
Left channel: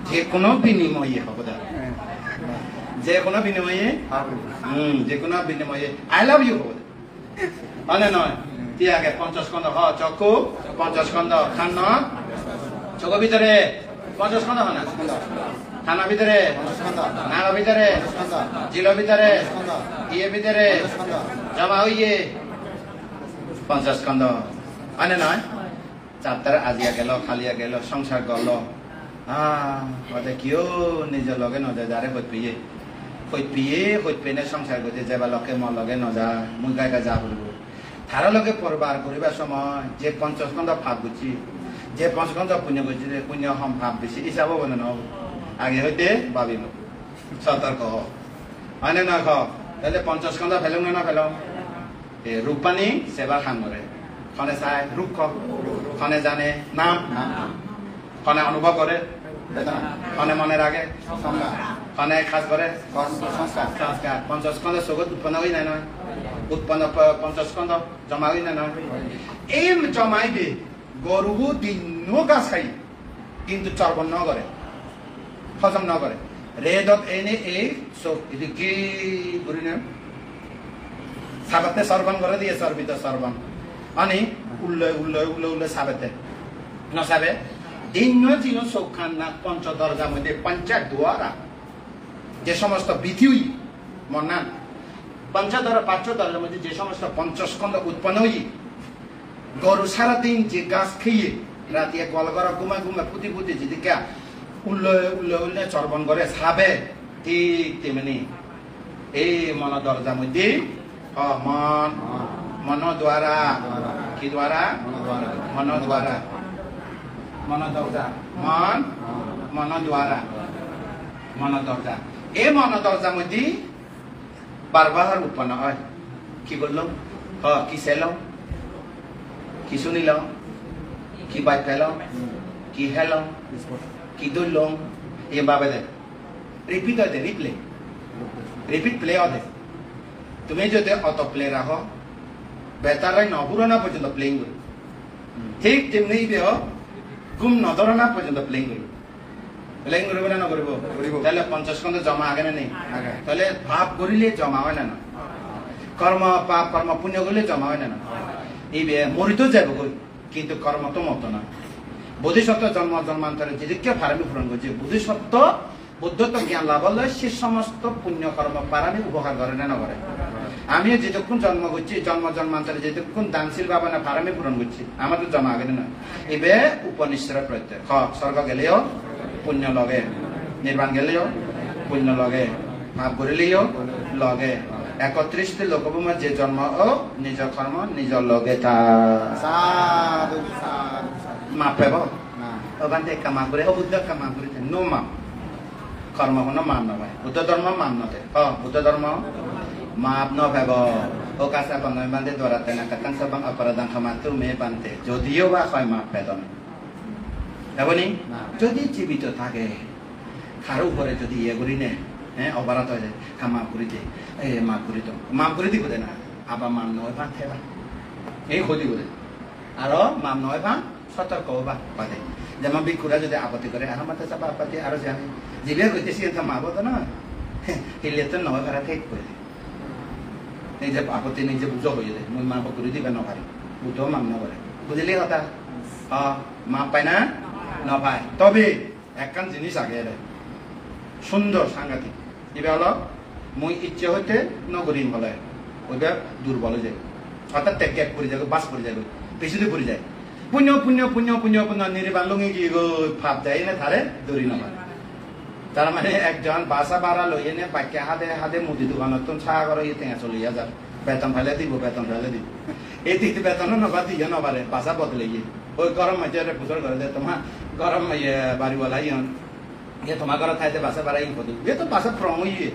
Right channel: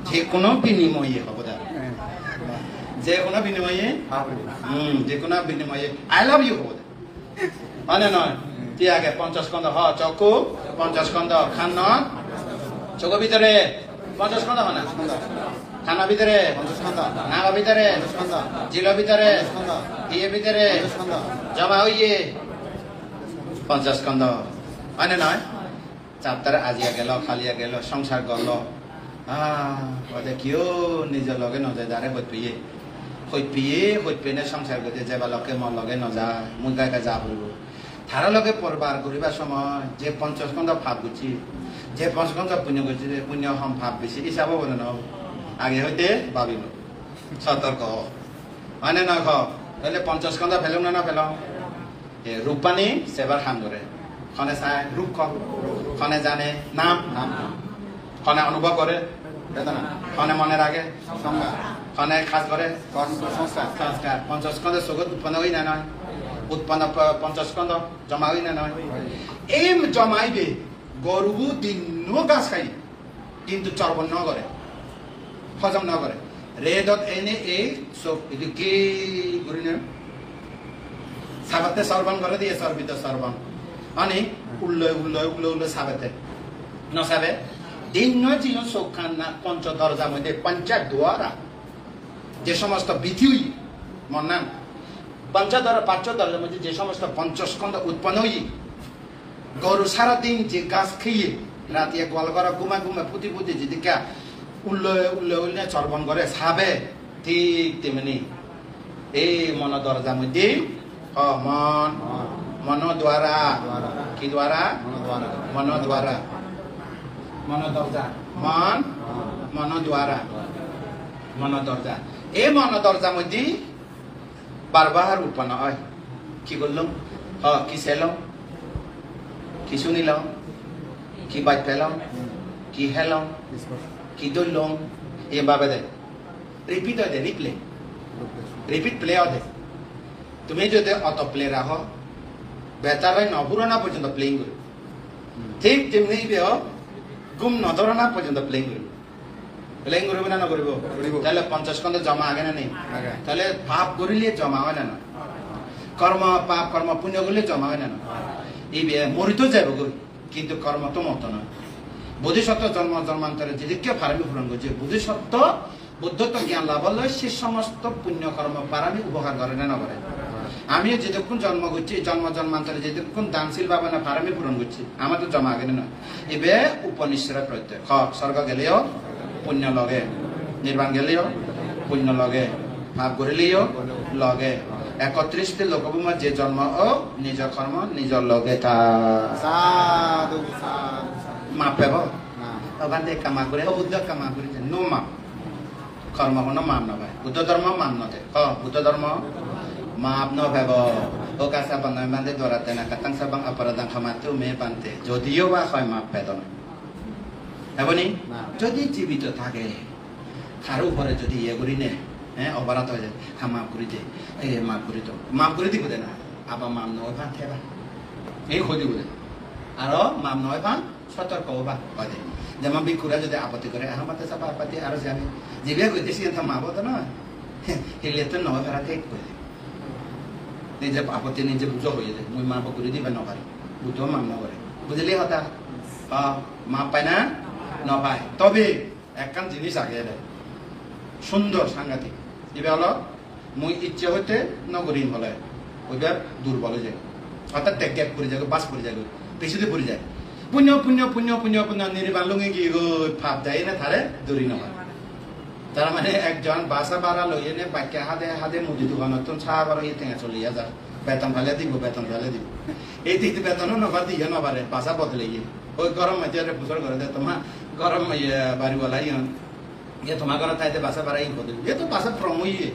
যে কোনো বিনিময়ে হব যে কোনো বিনিময়ে যে কোনো বিনিময়ে আই লাভ ইউ হব মানে নয় তিয়াগে 50 স্কন্ধ চক্ষু 50 স্কন্ধ খানা চক্ষু ভিতরে 50 স্কন্ধ হয় না খানা ভিতরে 50 স্কন্ধ নাগা ভিতরে 50 স্কন্ধ জিল ভিতরে 50 স্কন্ধ ইয়ে ভিতরে 50 স্কন্ধ জমা হইয়ে 50 স্কন্ধ মানে নয় চাপতারে আজিয়া গেল খালিয়া গেল সংসার গল বলে কিয় নিজের লগে নজায় যারে হইপিয়ে সংসার করতে যাবা লকে মন লগে নজা মুই গায়ে যা বলব তারা লগে পরবার করিবার সময় যে 50 স্কন্ধ ভাব বুঝছি যে 50 স্কন্ধ পুণ্য করছি পুণ্য হম ভাব বেশি হিসাব বলে ন আগে হইতে ভাবিল সতর্ক হ মানে না তাহলে 50 স্কন্ধ ফেলাম না ফেলাম রূপানি সেবার খান ধরে খনে চায় রূপ খনে জানে নাম খনে অনুভব করে বেদনা খনে মনে রাখে সংজ্ঞা খনে খাস করে সংস্কার 50 স্কন্ধ জগৎ উৎপন্ন হই না নয় উৎপন্ন 50 স্কন্ধ জমা হই না নয় এই জমাইবে গরু দিন গাছ খাই কিন্তু চর্বণ ন করে হজম ন করে রেদত এনে এই সব এদিকে সাবাতে সর্বণ করে দিয়ে সর্বিত সর্বণ মানে উল্লয় সাবাতে নসাবে দিন দিন চোখ খান না পঞ্চ দরজার মধ্যে পঞ্চায়েত দুয়ারা যে সমস্ত বিধি মন্নান পঞ্চদর পাঁচদরের মধ্যে যে সমস্ত পঞ্চস্কন্ধ উৎপন্ন হই গরু সারাদিন যে গাছ খেয়ে রাতে গল করা ঘুমায় ঘুমায় পুঁতি পুঁতি যেদিকে উল্লে চর্বণ করে সাবে ঠিক তেমনি এই মন দরজা মধ্যে মন দ্বারা কি দ্বারা মন দ্বারা মন দরজা মন দ্বারা মন দরজা এই মন দরজা মধ্যে বারবার উৎপন্ন হয় কি করলাম কি চাইলাম কি শুনিলাম কি বাদ পেলাম কি হেলাম কি ধরলাম এইভাবে দেয় রিপিট হয় রিপিট প্লে হয় তুমি যদি অত প্লে রাখো বেতারাই নপুরো না পর্যন্ত প্লেইং করি ঠিক তেমনি ঘুম নধরো না পর্যন্ত প্লেইং করি প্লেইং করবে না নকরিব তাহলে 50 খন্ড জমা আগে না নেই তাহলে পাপ করিলে জমা হয় না কর্ম পাপ কর্ম পুণ্য করলে জমা হয় না এই মরিত যাব কিন্তু কর্ম তো মতো না বোধিসত্ত্ব জন্ম জন্মান্তরে যেদিকে ফারামি পূরণ করছে বোধিসত্ত্ব বুদ্ধত্ব জ্ঞান লাভ হলে সে সমস্ত পুণ্য কর্ম পারামি উপকার করে না করে আমিও যেতক্ষণ জন্ম করছি জন্ম জন্মান্তরে যেতক্ষণ দানশীল বাবা না ফারামি পূরণ করছি আমার তো জমা আগে না এবে উপনিশ্বর প্রত্যয় স্বর্গ গেলেও পুণ্য লগে নির্বাণ গেলেও পুণ্য লগে ভাব করিলেও লগে 31টি লোকভূমা যে জন্ম ও নিজ কর্ম নিজ লগে তা মাপ পাব ওখান থেকে কামা করে বুদ্ধ কামা করেছে নো মাপ কর্ম কোনো মাপ নভাই বুদ্ধ ধর্ম মাপ নথে বুদ্ধ ধর্ম মাপ নভাব ও কাঁচা বনাই বান্ধে ধরাতে না কাতাং সাবাং অপরাধান ক্ষমাতেও মেয়ে বান্ধে যদিও বা হয় মাপ পেদন এমনি যদি জীবিত থাকে কারো ঘরে যদি ইয়ে করি নে অপরাধ হয়ে যায় মাপ করে দে মাপ করে দিব না আবার মাপ নয় ভান থেবা এই ক্ষতি বলে আরো মাপ নয় ভান সতর্ক হবা বাদে যেমন বিকুরা যদি আপত্তি করে আমার চাপা আপত্তি আরো জানি জিবে কইতেছি মাপ তো না হিলে তো নয় ভাড়া ঠিক করে দে নিজে আপত্তি নিজে বুঝো হয়ে যায় মুই মাপ করে দিবে নপারি বুঝো মাপ নকরে বুঝলি হতা মাপ পাই না নপায় তবে একখান জিনিস আগে সুন্দর সাংঘাতিক এবার হলো মুই ইচ্ছে হইতে নগরীন বলে ওইবার দুর্বল হয়ে যায় অর্থাৎ ত্যাগ করে যাবে বাস করে যাবে পিছনে পড়ে যায় পুণ্য পুণ্য পুণ্য পুণ্য পুণ্য নির্বাণ লুঙে গিয়ে ভাব যায় না তারে দৌড়ি নয় তার মানে একজন বাসা বাড়া লইয়ে নে বাক্যা হাতে মুদি দোকানত তো চা করে টেঙা চলিয়া যাও বেতন ফেলে দিব এই দিকে বেতন নগর দিয়ে নবারে বাসা বদলে গিয়ে ওই গরম মাঝে পুজোর করে দে তোমার গরম বাড়িওয়ালা ये तुम्हारा घर था तो बासा बारा ही खोदू ये तो बासा प्रॉम ही है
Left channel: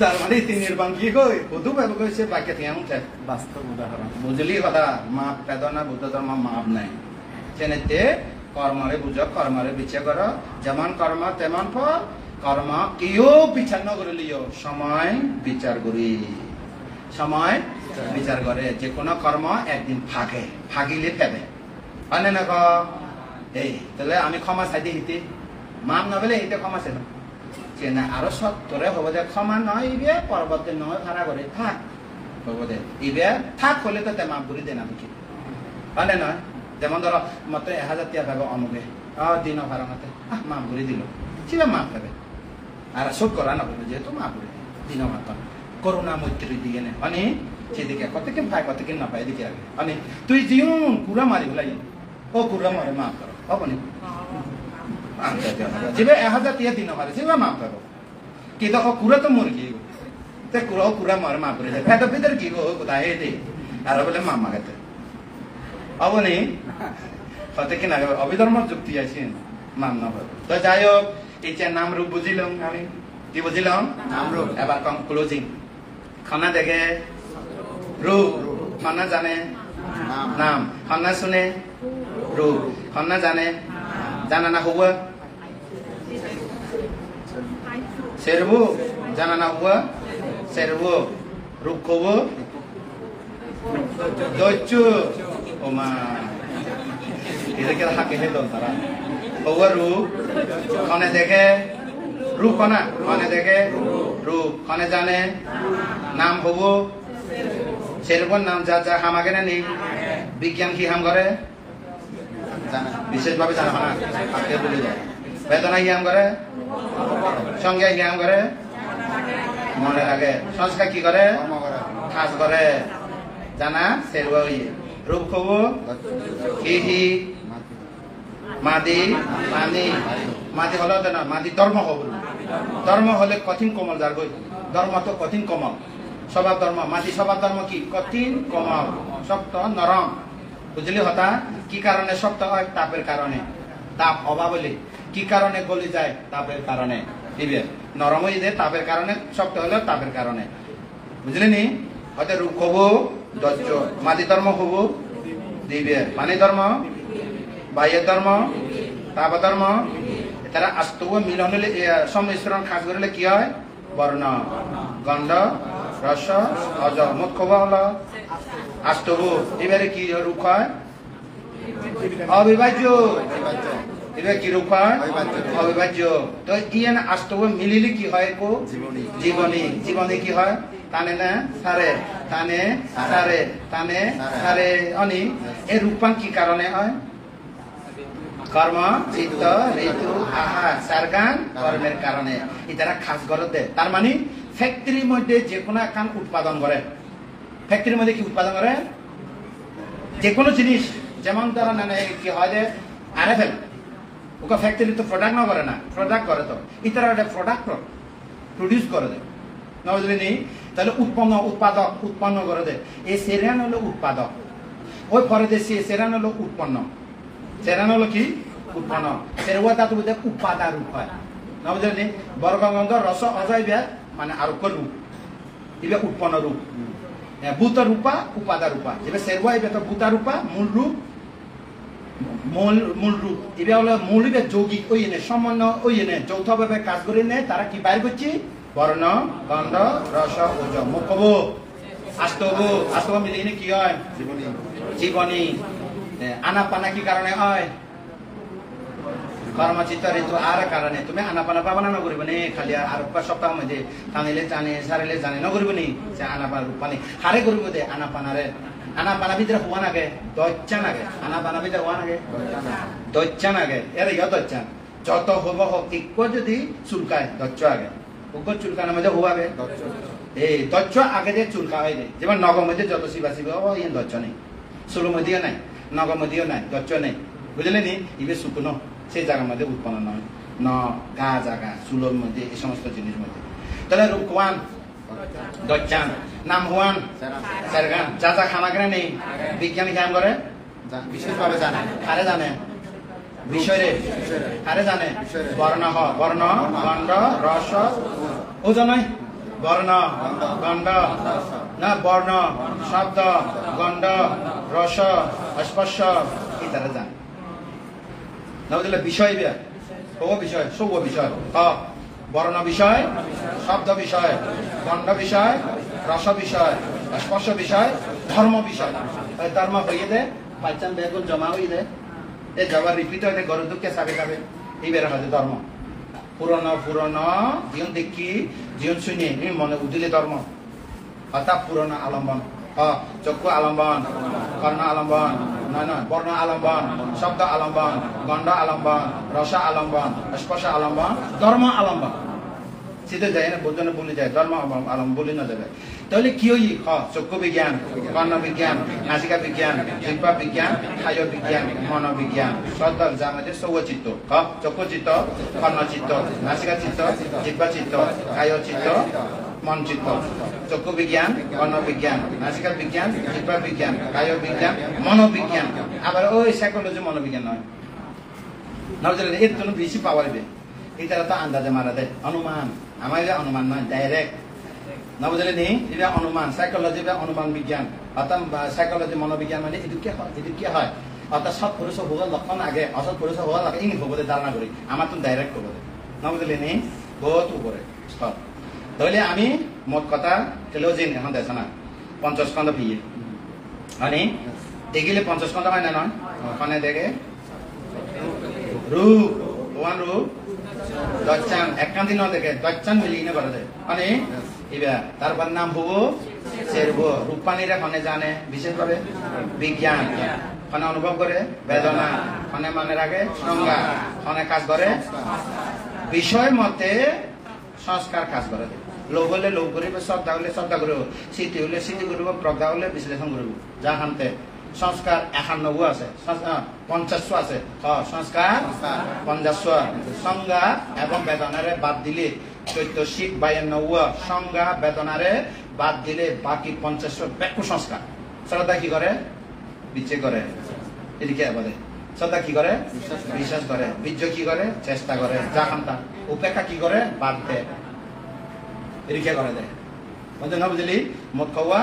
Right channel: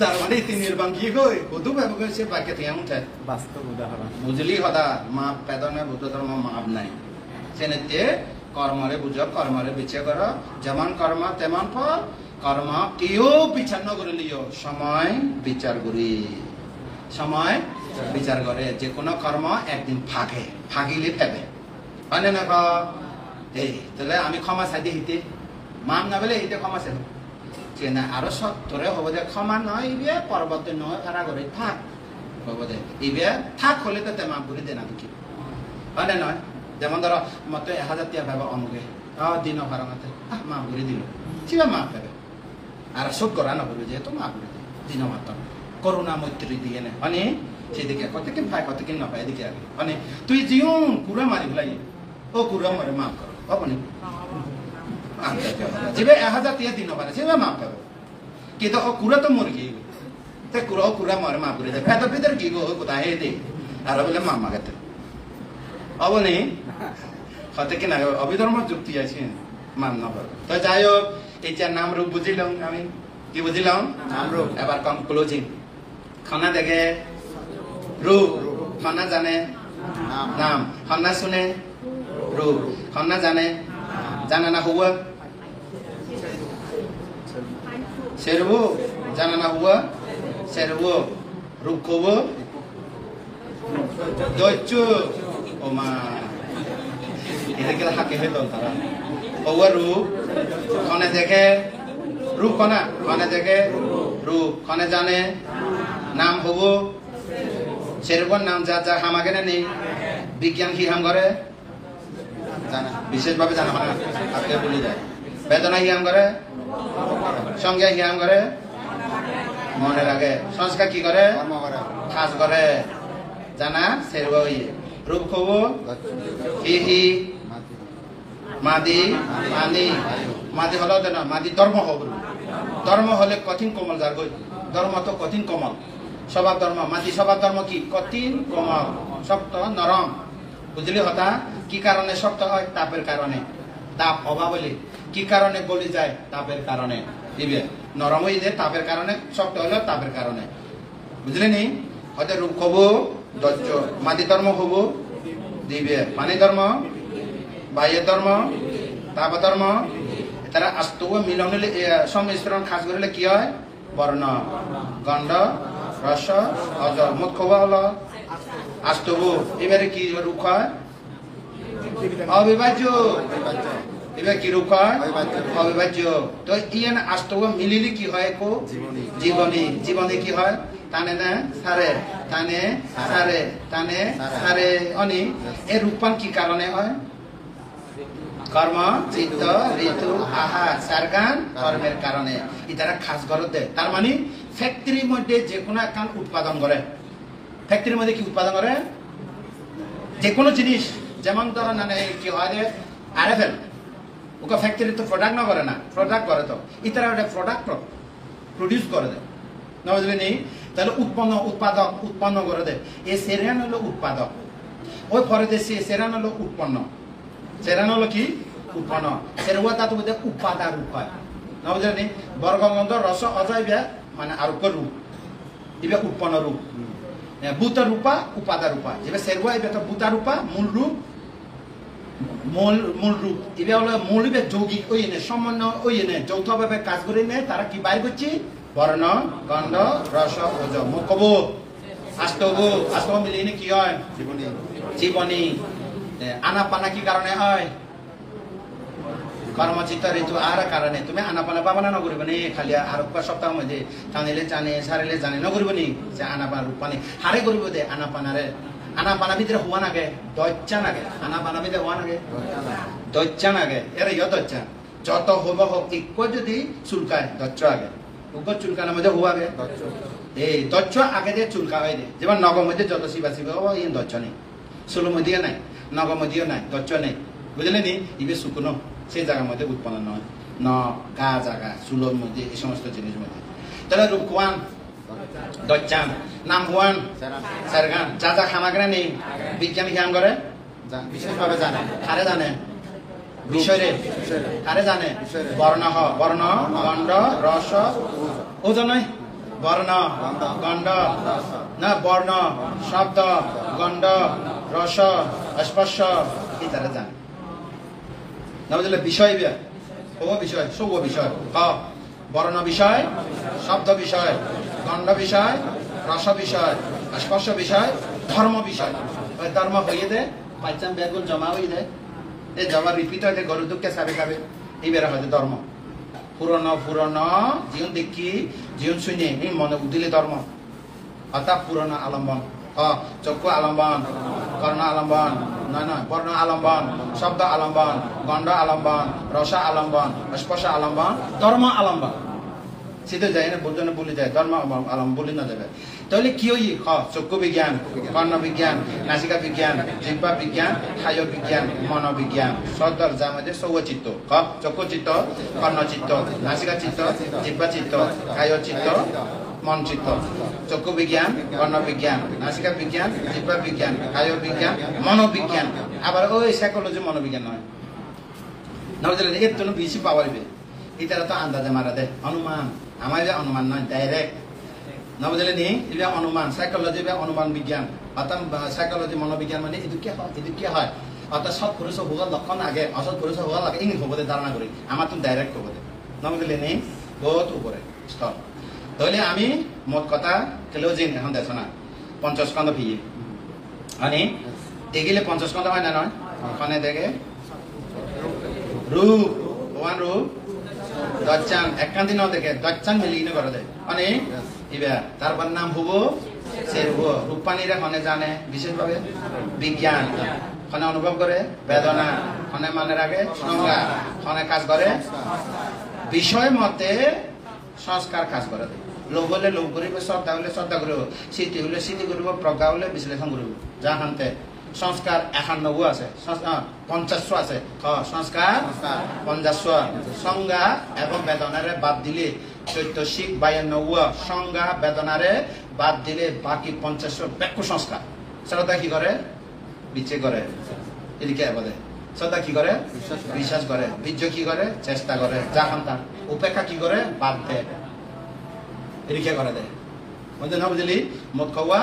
तार माने तीन निर्बांग की को खोदू बाबू को से बाकी थे हम थे वास्तव उदाहरण बुझली होता माप पैदा ना बुद्ध धर्म माप नहीं सेनेते कर्मरे बुझ कर्मरे विचार करो जमान कर्म तेमान फल कर्म कियो विचार न করে লিও সময় বিচার করি সময় বিচার করে যে কোন কর্ম একদিন ভাগিলে ফেবে মানে না এই তাহলে আমি ক্ষমা চাইতে হিতে মাম না বলে এটা ক্ষমা চাই যে না আরো সত্তরে হবো যে ক্ষমা নয় ইবে পরবর্তী নয় ভাড়া করে থাক হবো দে ইবে থাক হলে তো মাপ করে দে না দেখি মানে নয় যেমন ধরো মতো 1000 টাকা পাবো অনুগে দিন ভাড়া মাতে মাপ করে দিল চিবা মাপ পাবে আর সব করা না বলবে যেহেতু মাপ করে দিন মাত্র করোনা মৈত্রী দিয়ে নে মানে সেদিকে কতকে ভাই কতকে না পাই এদিকে আগে মানে তুই জিও কুড়া মারি বলাই ও কুড়া মারে মাপ করে হবনি যেবে 1000 টাকা দিন পারে সেবা মাপ পাবো কিন্তু ও কুড়া তো মরে গিয়ে তে কুড়া মারে মাপ করে দেয় পেট ভিতরে কি গো কোথায় হে দে আর বলে মাপ মাগাতে হবনি কতকে না অবিধর্ম যুক্তি আছে মান না তো যাই হোক এটার নাম রূপ বুঝিলাম আমি কি বুঝিলাম নাম রূপ এবার ক্লোজিং খানা দেখে रूप खाना जाने नाम खाना सुने रूप खाना जाने जाना ना हुआ शेरवो जाना ना हुआ शेरवो रूप को वो दोचु ओमा इधर क्या हाके है तो तारा हुआ रूप खाने देखे रूप खाने देखे रूप खाने जाने नाम हुआ शेरवन नाम जा हम आगे नहीं विज्ञान की हम करे जाना विशेष भाव जाना आगे बोली जाए वेदना ही हम करे সঙ্গে জ্ঞান করে মনে লাগে সংস্কার কি করে খাস করে জানা সেরবাই রূপ খবু হিহি মাদি আনি মাদি হলো না মাদি ধর্ম হব ধর্ম হলে কঠিন কোমল যার গই ধর্ম তো কঠিন কোমল স্বভাব ধর্ম মাদি স্বভাব ধর্ম কি কঠিন কোমল শক্ত নরম বুঝলি হতা কি কারণে শক্ত হয় তাপের কারণে তাপ অভাব বলে কি কারণে গলি যায় তাপের কারণে দিবে নরম হয়ে যায় তাপের কারণে শক্ত হলো তাপের কারণে বুঝলি নি হতে রূপ হবু ধৈর্য মাদি ধর্ম হবু দিবে পানি ধর্ম বাহ্যের ধর্ম তাপ ধর্ম তারা আস্তব মিলন হলে সংমিশ্রণ খাস করলে কি হয় বর্ণ গন্ধ রস অজ মুখ্য হলো আস্তব এবারে কি রূপ হয় অবিভাজ্য এবার কি রূপ হয় অবিভাজ্য তো ইয়ান আস্তব মিলিলে কি হয় জীবনী জীবনী কি হয় টানে না সারে টানে সারে টানে সারে অনি এই রূপান কি কারণে হয় কর্ম চিত্ত ঋতু আহার সারগান কর্মের কারণে এটারা খাস গরতে তার মানে ফ্যাক্টরির মধ্যে যে কোনো কাম উৎপাদন করে ফ্যাক্টরির মধ্যে কি উৎপাদন করে যে কোনো জিনিস যেমন ধরো না কি হয় যে আরএফএল ওকে ফ্যাক্টরি তো প্রোডাক্ট না করে না প্রোডাক্ট করে তো এটারা ওটা প্রোডাক্ট প্রডিউস করে দেয় না বুঝলি নেই তাহলে উৎপাদক উৎপন্ন করে দেয় এই সেরান হলো উৎপাদক ওই পরে দেশে সেরান হলো উৎপন্ন সেরান হলো কি উৎপন্ন সেরুয়া তা তো বুঝে উৎপাদা রূপ হয় না বুঝলি বর্গগন্ধ রস অজয় মানে আরোপ রূপ এবার উৎপন্ন রূপ ভূত রূপা উপাদা রূপা এবার সেরুয়া এবার তো ভূতা রূপা মূল রূপ মূল রূপ এবার হলো মূল এবার যৌগিক ওই এনে সমন্বয় ওই এনে যৌথভাবে কাজ করে নেয় তারা কি বাইর করছে বর্ণ গন্ধ রস ওজ মুখব আস্তব মিলিয়ে কি হয় জীবনী আনাপানা কি কারণে হয় কর্মচিত্ত ঋতু আর কারণে তুমি আনাপানা পাবানা নকরিব নি খালি আর সপ্তাহ মধ্যে টানিলে জানে সারিলে জানে নকরিব নি যে আনাপানা রূপানি হারে করিব দে আনাপানারে আনাপানা ভিতরে হওয়া নাগে দচ্চা নাগে আনাপানা ভিতরে হওয়া নাগে দচ্চা নাগে এর ইয় দচ্চা যত হব হোক ইক্য যদি চুলকায় দচ্চ আগে উপর চুলকানোর মধ্যে হওয়া আগে এই দচ্চ আগে যে চুলকা হয় দে যেমন নগর মধ্যে যত শিবা শিবা ও ইয়ে দচ্চ নেই সুলো মধ্যেও নাই নগর মধ্যেও নাই দচ্চ নেই বুঝলেন নি ইবে শুকনো সেই জায়গার মধ্যে উৎপন্ন নয় ন গা জায়গা চুলোর মধ্যে এই সমস্ত জিনিস মধ্যে তাহলে রূপওয়ান দচ্চান নাম হওয়ান সারগান যা যা খানা কেনা নেই বিজ্ঞানী জ্ঞান করে বিশেষভাবে জানে আরে জানে বিষয়ে আরে জানে বর্ণ বর্ণ গন্ধ রস ওজন নয় বর্ণ গন্ধ না বর্ণ শব্দ গন্ধ রস স্পর্শ ইত্যাদি জানে না বুঝলে বিষয় ও বিষয় সব বিষয় বর্ণ বিষয় শব্দ বিষয় গন্ধ বিষয় রস বিষয় স্পর্শ বিষয় ধর্ম বিষয় ধর্ম হয়ে দে পাইচান বেগুন জমা হয়ে দে এই জমা রিপিট হয়ে গরু দুঃখে চাবে খাবে এইবারে হয়তো ধর্ম পুরনো জীবন দেখি জীবন শুনে মনে বুদ্ধিলে ধর্ম অর্থাৎ পুরনো আলম্বন চক্ষু আলম্বন কর্ণ আলম্বন না বর্ণ আলম্বন শব্দ আলম্বন গন্ধ আলম্বন রস আলম্বন স্পর্শ আলম্বন ধর্ম আলম্বন সিধে যায় না বোঝানো বলে যায় ধর্ম আলম্বন বলে না যাবে তাহলে কি হই চক্ষু বিজ্ঞান কর্ণ বিজ্ঞান নাসিকা বিজ্ঞান জিহ্বা বিজ্ঞান কায় বিজ্ঞান মনোবিজ্ঞান সদর যা আমাদের সৌচিত্ত চক্ষু চিত্ত কর্ণ চিত্ত নাসিকা চিত্ত জিহ্বা চিত্ত কায় চিত্ত মন চিত্ত চক্ষু বিজ্ঞান কর্ণ বিজ্ঞান নাসিকা বিজ্ঞান জিহ্বা বিজ্ঞান কায় বিজ্ঞান মনোবিজ্ঞান আবার ওই সাইকোলজি মনোবিজ্ঞান নয় না বুঝলেন এর জন্য বেশি পাওয়া যাবে এটা তো আন্দাজে মারা দেয় অনুমান আমার অনুমান নয় ডাইরেক্ট না বুঝলেন এটা অনুমান সাইকোলজি বা অনুমান বিজ্ঞান অর্থাৎ সাইকোলজি মনোবিজ্ঞান মানে এদিকে হয় অর্থাৎ সৎ পুরুষ ভূগোল লক্ষণ আগে অসৎ পুরুষ ভূগোল আগে ইংলিশ হবো ধারণা করি আমার তো ডাইরেক্ট হবো না বুঝলেন বহুত উপরে স্তর তাহলে আমি মোট কথা কেলোজিন এখন দেশ না 50 খন্ড ফিয়ে মানে দেখিলে 50 খন্ড হয় না নয় ওখানে দেখে রূপ ওয়ান রূপ দচ্চান একখান দিন দেখে দচ্চান মিলিয়ে করে দেয় মানে এবার তারপর নাম হবো সেরব রূপানীরা মানে জানে বিশেষভাবে বিজ্ঞান মানে অনুভব করে বেদনা মানে মনে রাখে সংজ্ঞা মানে কাজ করে বিষয় মতে সংস্কাৰ কাজ কৰে লোভ হলে লোভ কৰিব শ্ৰদ্ধা হলে শ্ৰদ্ধা কৰিব স্থিতি হলে স্থিতি কৰিব প্ৰজ্ঞা হলে বিশ্লেষণ কৰিব যাহান্তে সংস্কাৰ 91 আছে 50 আছে সংস্কাৰ 50 সংজ্ঞা এবং বেদনারে বাদ দিলে চৈতসিক 92 সংজ্ঞা বেদনারে বাদ দিলে বাকি 50 ব্যাখ্য সংস্কার শ্রদ্ধা কি করে বিচ্ছেদ করে এদিকে বলে শ্রদ্ধা কি করে বিশ্বাস করে বীর্য কি করে চেষ্টা করে যাহান্তা উপেক্ষা কি করে বাদ দেয় এদিকে করে দেয় বুঝলি না বুঝলি মত খাওয়া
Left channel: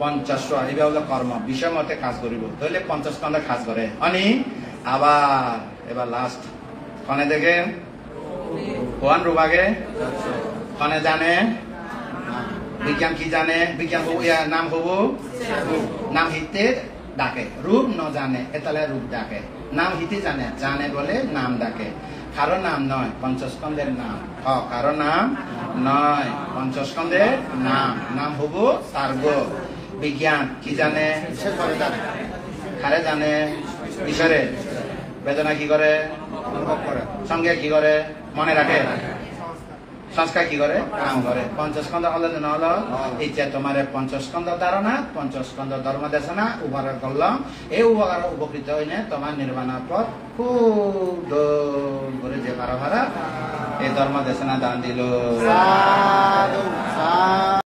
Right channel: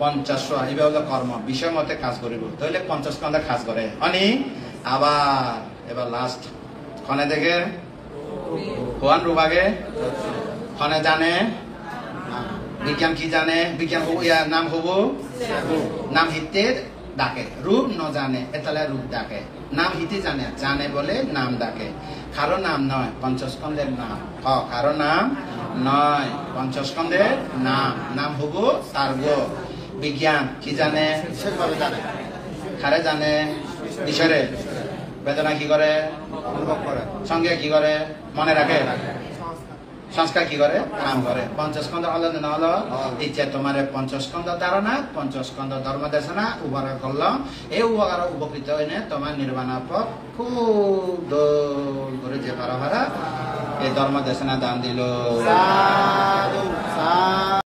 50 এইভাবে হলো কর্ম বিষয় মতে কাজ করিব তাহলে 50 স্কন্ধে কাজ করে অনি আবার এবার লাস্ট খনে দেখে কোন রূপাগে খনে জানে বিজ্ঞান কি জানে বিজ্ঞান নাম হব নাম হিতে ডাকে রূপ ন জানে এতালে রূপ ডাকে নাম হিতে জানে জানে বলে নাম ডাকে কারো নাম নয় পঞ্চস্কন্ধের নাম কারো নাম নয় পঞ্চস্কন্ধের নাম হব সার্গ বিজ্ঞান কি জানে বিশেষভাবে জানে কারে জানে ঈশ্বরে বেদনা কি করে অনুভব করে সঙ্গে কি করে মনে রাখে সংস্কার কি করে কাম করে পঞ্চস্কন্ধ হলে না হলো ইচ্ছা তোমার পঞ্চস্কন্ধ ধারণা পঞ্চস্কন্ধ ধর্ম দেশনা উপকার করলাম এই উপকার উপকৃত হইলে তোমার নির্বাণ পথ খুব করে যে পারা এই ধর্ম দেশনা দান দিল